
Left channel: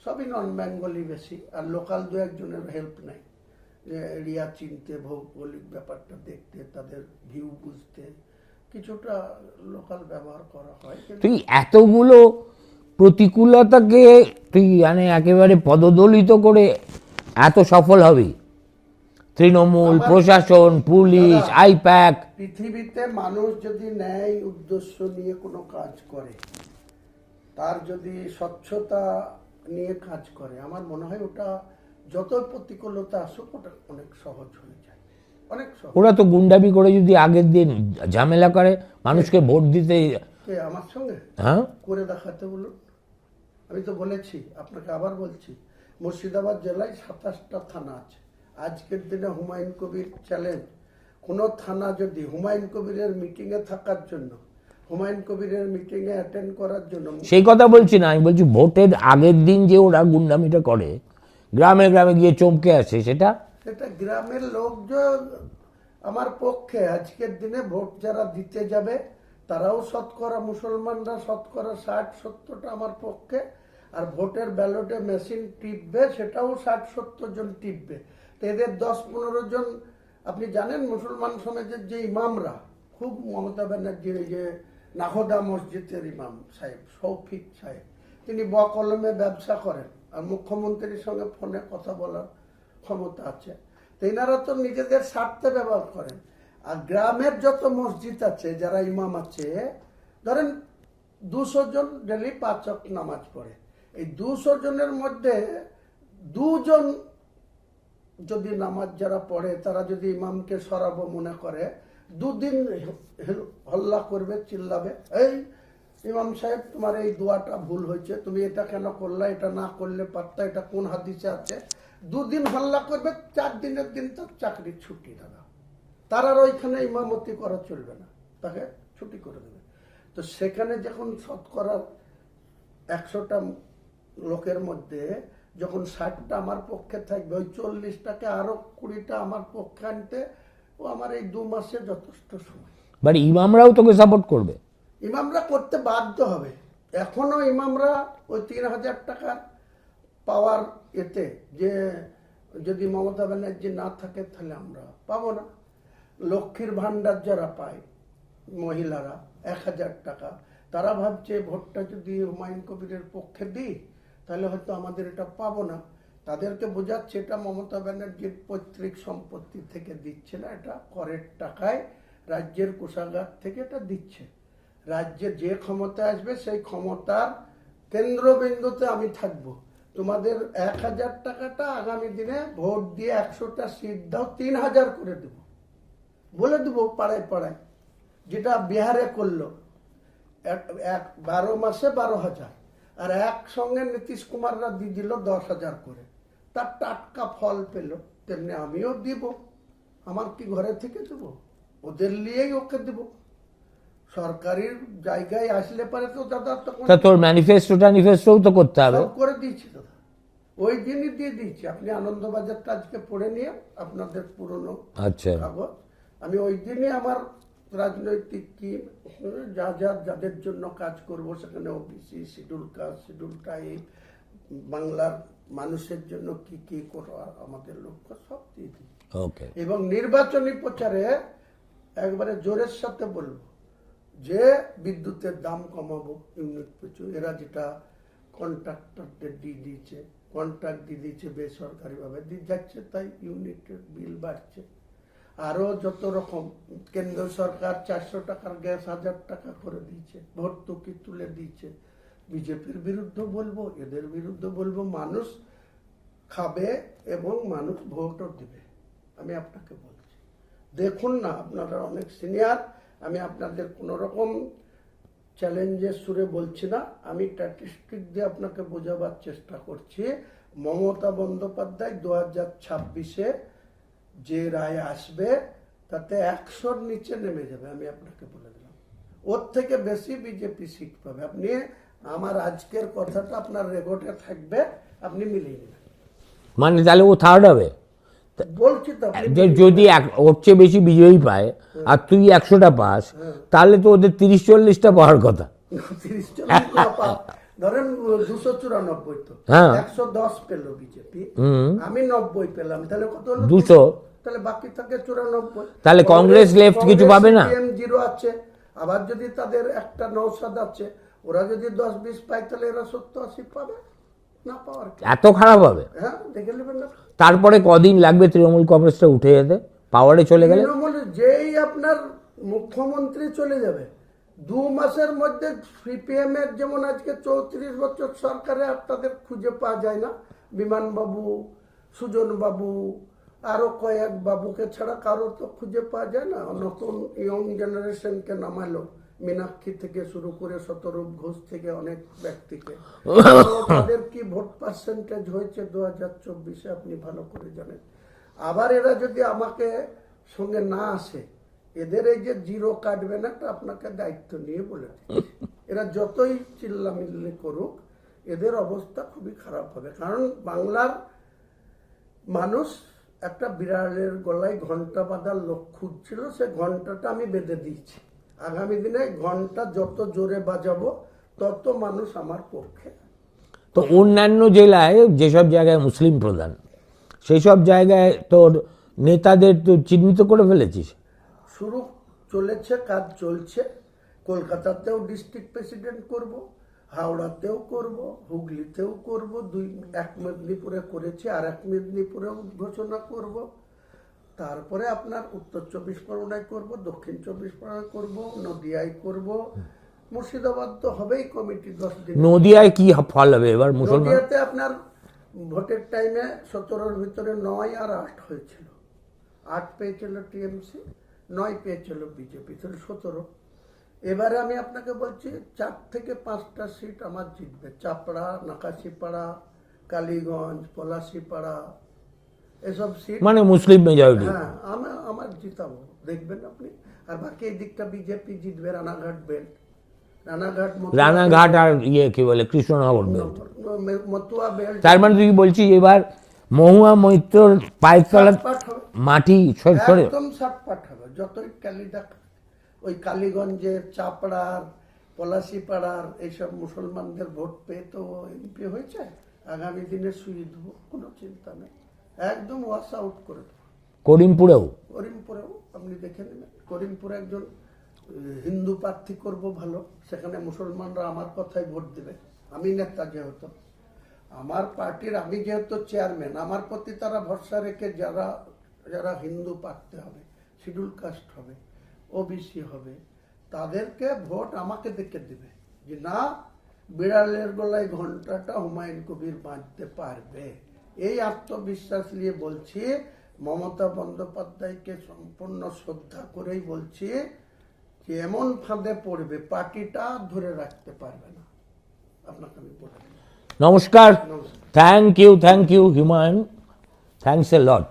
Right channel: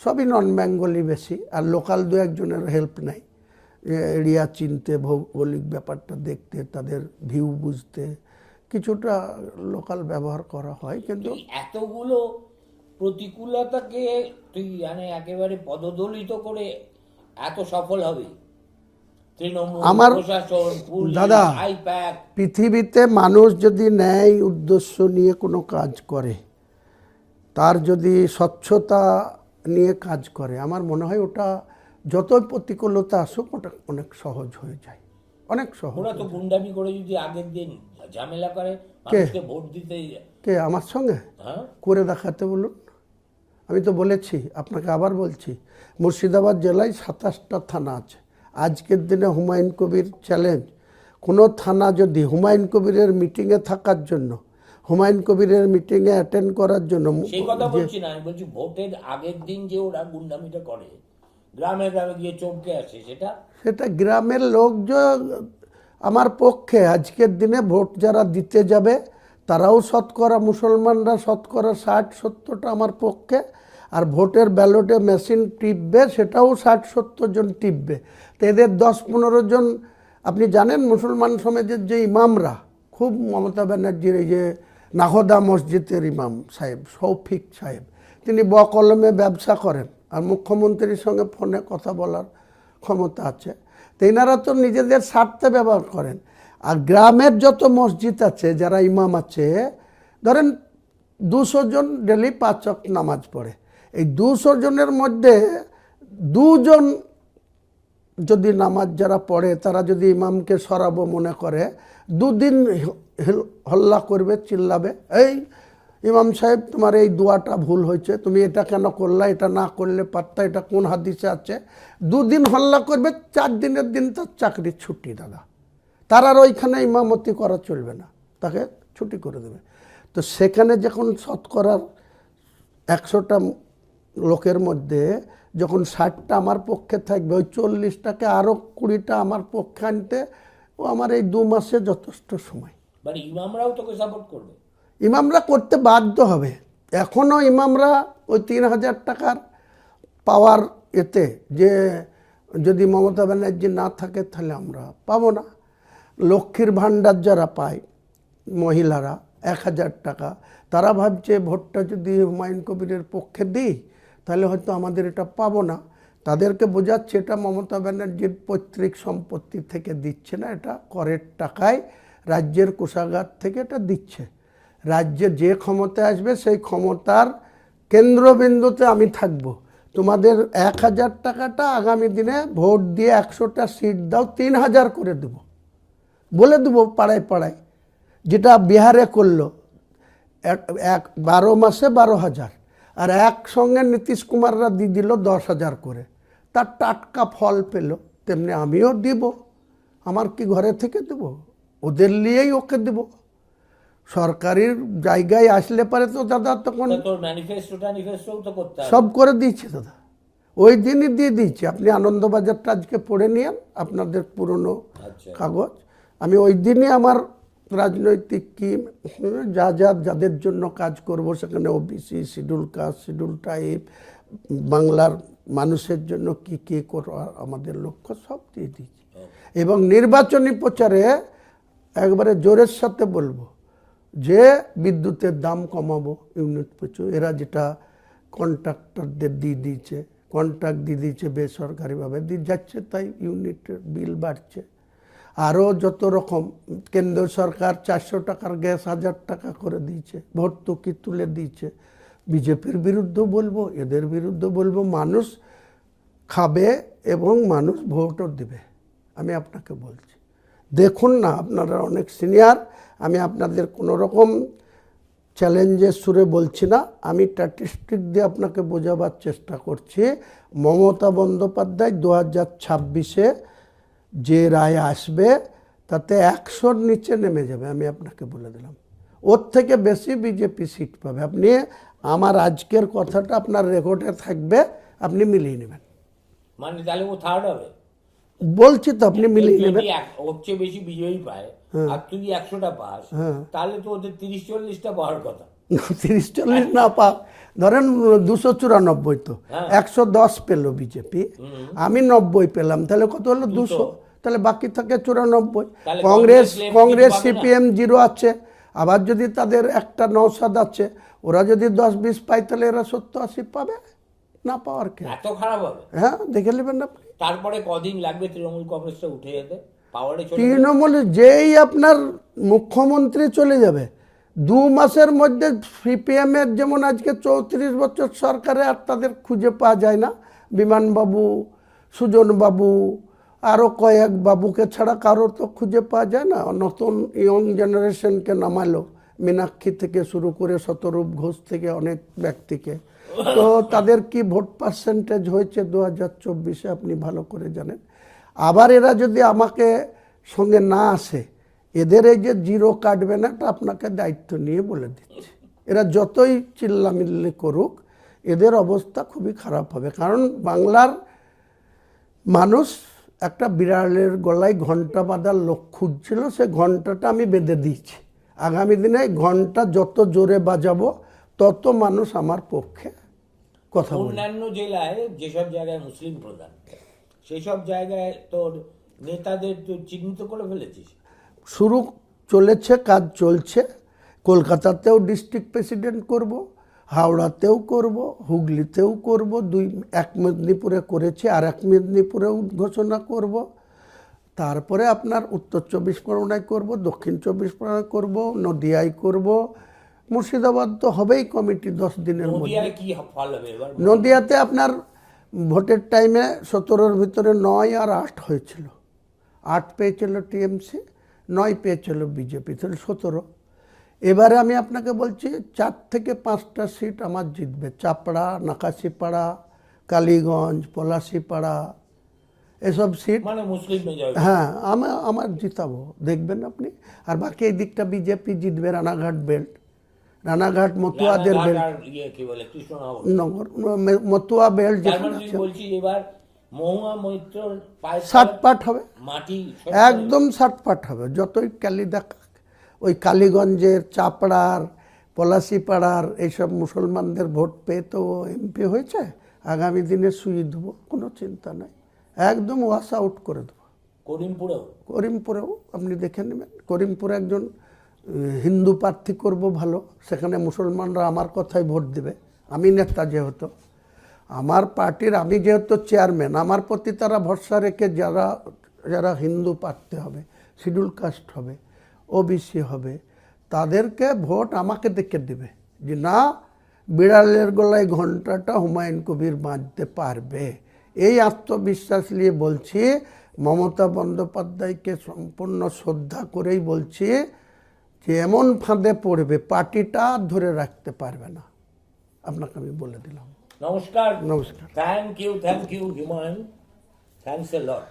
সবই নন বেঙ্গলি বেশি, আর লোকাল 2-1 হেল্প নেই, এরিয়া চিনতে, ভৌগোলিক ব্যাপারটা দেখতে, তাদের ভিউ বুঝতে কিছুটা লোকাল ব্যবহার করা হয়। কিন্তু তুই এতগুলো প্রতিকূলতাকে তুই মানে একেবারে পদদলিত করে এত সফল হবি? তৃণমূল, প্রশাসন, পুলিশ, আইপ্যাক। পৃথিবীতে মানুষ যদি ন্যায় উদ্দেশ্য নিয়ে কোনো কাজ করে, তার যদি স্বচ্ছতা নিয়ে কাজ করে, আমার মনে হয় ওটা যতই প্রতিকূলতা আসুক ওটা অনেক সহজ হয়ে যায়, অনেক সহজ। ওরা তো গুন্ডামি করে যদি আগের দিন ঝামেলা করে মানুষকে ভোট দিতে। কে আমার সঙ্গে? হ্যাঁ, করে দেখাতে বলুন। আমি তো বলেছি, আপনাকে আবার বলছি, মুর্শিদাবাদ জেলায় 27টা থানা আছে। আজকের দিনে হুমায়ুন কবির চ্যালেঞ্জ, কোনো থানা যদি হুমায়ুন কবিরের মিটিংয়ে থাকার জন্য হুমায়ুন কবিরের মিটিংয়ে অ্যাটেন্ড করার জন্য। সেই কথা বলছি না, আমি বলছি ভোটের আগের দিন যে ওরা গুন্ডামিটা করে, গ্রামে গ্রামে গিয়ে চমকে আসে, সেটা সেটা গ্রামের লোক যে আমার পক্ষে আজকের দিনে ভোট যারা দিতে যাবে তারাও শতকরা, মুসলমানরা শতকরা 60-70টা আমার পক্ষে, আর ভোটের ব্যালটে মেশিন টিপবে সেটাও 60-70 জন টিপবে। তো এদের 10-15 জন, আপনি জানেন মুসলমান সমাজের যে ইমামরা, খুব মমতা ব্যানার্জির এই যে নাহদা মসজিদের ইমাম সাহেব শৌফিক সাহেব, তিনি বকলমে ব্যবসা করেন আর মুখ্যমন্ত্রীর সঙ্গে ফোনে কথা বলার ক্ষমতা আছে। তো এনারা তো নিজেদের স্বার্থে ব্যবহার করেন। আর গ্রামের যত মসজিদ আছে, যারা ইমাম আছে, ধরেন 200 জন ডেলি 5 ওয়াক্ত নামাজ পড়ে, এই 200 জনের মধ্যে 2 জন যদি নামাজ যারা পড়ে তারা যদি ইমামকে সরাবো মনে করে, 2 দিন হল্লা করবে, চিল্লাবে, এই ইমাম সাহেব তোমার এই দোয়াটা ভুল হয়েছে, তুমি এটা কেন করলা, এটা না করলে পারতা, এটা কোন হাদিসে আছে। 2 দিন হল্লা করবে, 4 দিনের দিন তার চাকরি ছুটি দাদা। তার আর ওইখানে ইমামতি করা চলবে না, তাকে ছুটি করে দেবে। তো সেখানে যখন শতকরার 100টা লোকের মধ্যে যখন 60টা আমার পক্ষে থাকবে, ওই 40টাকে আরও 20টা আমার পক্ষে আনতে ও আমার এই 2 মাসে যথেষ্ট সময়। মানে ইমামরাও তোকে সাপোর্ট করবে? ইমামরা করতে বাধ্য হবে। এখনও ইমামরা ওই 3000 টাকার পাওয়ার এতে, যে যদি মমতা ব্যানার্জি না থাকে তাহলে আমরা পাবো না। লক্ষ্মীর ভাণ্ডার যারা পায় মহিলারা 1000 টাকা, তারা ভাবছে ভোটটা যদি হুমায়ুন কবিরের পক্ষে দিই তাহলে হয়তো আমাদের এটা পাবো না। তাদেরকে বোঝাচ্ছে এটা মমতা ব্যানার্জির পৈতৃক সম্পত্তি থেকে দিচ্ছে না, এটা করের টাকায় রাজ্যের কোষাগার থেকে এটা দিচ্ছে। রাজ্যে যে ক্ষমতায় আসবে সেই ক্ষমতার কেন্দ্রবিন্দুতে আমি থাকব। তোমাদের 1000 টাকাটা আগামী দিনে ভোট দিয়ে 100টা সিট দাও, 3000 করে দেব, বলে দেবো পাড়ায় পাড়ায়, যেটা বিহারে করলো 12 মাসে 12,000, আর একসঙ্গে নীতিশ কুমাররা দিয়ে দিল 10,000 করে, তার টাটকা ফল পেল। তেমনি আমিও দিব, আমার কি ঘরে থেকে দেব, ওদের নিয়েই ওকে দেব। সরকারের জায়গায় আসলে পারে তো দাদা, তখন তোর ম্যানিফেস্টোও তো করতে হবে। সব করে দিয়েছে দাদা, ওই দিনই দিয়ে দিয়েছি। আপনি আনন্দবাজারটা আজকে পড়ে নিন, আপনাদের পুরনো কাগজ। আমি ওই দিনই আমার রাজনৈতিক কি যাদের জন্য কাজ করব, সেখানে OBC, schedule caste, schedule tribe, বাংলার মানুষের জন্য কি কি করা আমাদের লক্ষ্য, সব দিয়ে দিয়েছি। এবং নির্বাচনী প্রচারে একবারে জোরের সাথে বলবো যে বিদ্যুতের দাম কমাবো ইউনিট পিছু। এরা যেটা কন্ট্রাক্টরদের দিয়ে দিয়েছে, কন্ট্রাক্ট দিয়ে দিয়েছে বেসরকারিভাবে দিয়ে যাচ্ছে, তাই ইউনিটের বিল বাড়ছে। আরও যত রকম, কেন্দ্র সরকার 400 টাকার গ্যাস 1000 টাকা করে দিয়েছে, ভর্তুকি তুলে দিয়েছে। বিজেপির বিরুদ্ধে বলবো, এদের বিরুদ্ধে বলবো, মানুষ খাবে এবং মানুষ ভোটও দেবে। আমি আপনাকে বলছি, দেখুন না, আপনারা অনেক সিনিয়র, আমি আপনাদের কোনো রকম চ্যালেঞ্জের সুরে বলছি না, আমি স্ট্যাটিস্টিক দিয়ে আপনাকে বোঝাবার চেষ্টা করছি। মমতা বন্দ্যোপাধ্যায় 2026-এ যে রায় আসবে তাতে 100-র নিচে নেমে যাবে, আমি আপনাকে বলে দিলাম। ওর থেকে বেশি বিজেপি সিট পাবে। আপনি আমার আজকের কথাটা আপনার রেকর্ডে থাকবে, আপনি মিলিয়ে নেবেন। মানে তাহলে ও থার্ড হবে বলছি তো, আপনি যদি ওর চেয়ে বেশি বিজয়ী পায় আর তুই 100টা পাস, তাহলে তো ওদের 30-40টা পাওয়ার কথা। 30-40 না পা, ধরেন 294, তো 110 পেল বিজেপি, আমি 90 পেলাম, তাহলে কত হলো? 200। তাহলে বাকি থাকে 94। তাহলে কংগ্রেস সিপিএম 0 আছে, আবার যদি তাদের একটা নওশাদ আছে, ওরা যদি 10-20 পায় তাহলে এরা 70-80 পাবে। না পাওয়ার এত খারাপ হবে? হ্যাঁ, দেখে নেবেন না। তারপরে কদিন লাগবে তৃণমূল কংগ্রেসটা উঠে যেতে, পাওয়ারে চলে গেলে? তৃণমূলে যেই আপনার মুখ্যমন্ত্রী চলে যাবে 2 মাসের মধ্যে, সিপিএম এর যেমন আজকে 34 বছর সরকারে আর তাদের খুঁজে পাওয়া যায় না, বিমানবাবু, সুজনবাবু, আরও কয়েক বাবুকে ছাড়া কারো তো খুঁজে পাওয়া যায় না। নতুন ইয়ং জেনারেশনকে নামালো, মীনাক্ষী থেকে শুরু করে শতরূপ ঘোষ থেকে অনেক ব্যক্তিকে। তো তাদের কি ভোট পার্সেন্টেজ হয়েছে 2024-এ আপনি ভালো করে জানেন। আবার এরা যদি আমাকে সঙ্গে না আসে, এদের এই যে জিরো কাটবে না, এটা আপনাকে দায়িত্ব নিয়ে বলে দিচ্ছি। এরা যতই চিল্লামিল্লি করুক, এদের অবস্থা খুবই খারাপ হবে। কারণ বাংলার মানুষ একটা বিড়ালের গলায় ঘন্টা বাঁধার লোক খুঁজছিল, সে ঘন্টাটা আমি বেঁধে দিয়েছি। আগামী দিনে ঘন্টা যত জোরে বাজাবো, তত মানুষ আমার পক্ষে। তো অন্যান্য জেলায় যেসব জায়গায় মুসলিম প্রধান, সেই সব জায়গায় তোর নেতাদের তো চিহ্নিত করে ফেলেছিস? শুরু চলেছে, কাজ চলছে। কলকাতাতেও ডিস্ট্রিক্ট প্রেসিডেন্ট করব, হাওড়াতেও করব, হুগলিতেও করব, এক মেদিনীপুরে করেছি, আর এক মেদিনীপুরেও ঘোষণা করব। তারপরে আপনার উত্তর 24 পরগনায় করব, দক্ষিণ 24 পরগনায় করব, নদিয়ায় করব, মুর্শিদাবাদ তো হবেই কমিটি 10 দিন। নদিয়ায় কি ফল হবে এবার? নদিয়াতে আপনার ভোটের টাইমে 17-র ভিতরে 9 আর 8 হয়েছিল। 8 পেয়েছিল টিএমসি, 9 পেয়েছিল বিজেপি, তাহলে 17। এবারে আমি আপনাকে বলছি 4 থেকে 5টা সিট আমার জিতবে। চাপড়া, নাকাশিপাড়া, কালীগঞ্জ, পলাশিপাড়া, এসব সিট মানে মুসলিম মেজরিটি। হ্যাঁ, আমার জিতাবো, দেখবেন আপনি। আর বাকি এই দিকটা বিজেপি জিতবে। রানাঘাট বেল্ট, রানাঘাট, রানাঘাট আর কি বলে কৃষ্ণনগর, মতুয়া বেল্ট। তার মানে তুই বলছিস এবার মহুয়া মৈত্রর পায়ের তলা পাট হবে, মাটি একদম 60 হবে। যতই কালি দেখা, ওই কালীগঞ্জের, চাপড়ার, পলাশিপাড়ার এইসব মুসলমানদের ভোট পেয়ে তো এমপি হয়েছে। আগামী দিনে সুই দেবো, কোনো চিন্তা নাই, একদম ওয়াশ আউট করে দেবো। করিমপুরেও? করিমপুরেও আপনি দেখে নেবেন। করিমপুরে একজন হিন্দু প্রার্থী করব ভালো, সেখানে মুসলমানরা আমার কথাই ভোট দিবে। আমি নেতা যেহেতু, আমার পার্টির, আমি যেহেতু চেয়ারম্যান, আমার প্রতি তারা ভরসা রেখে যারা যারা হিন্দু প্রার্থী হবে, শিডিউল কাস্ট হবে, ওবিসি হবে, তাদেরকে ভোট আমাকে দেখে দেবে যে না, বিড়ালের গলায় ঘন্টাটা হুমায়ুন কবির বাঁধতে পারবে। এই আত্মবিশ্বাস নিয়ে বলছি। মমতা বন্দ্যোপাধ্যায়কে সম্পূর্ণ শ্রদ্ধা করেই বলছি যে এমন ফাঁদে পড়বে, পার্টিটা ধরে রাখতে পারবে না, আপনাকে আমি বলে দিলাম। নমস্কার। নমস্কার। Thank you Humayun, thanks a lot.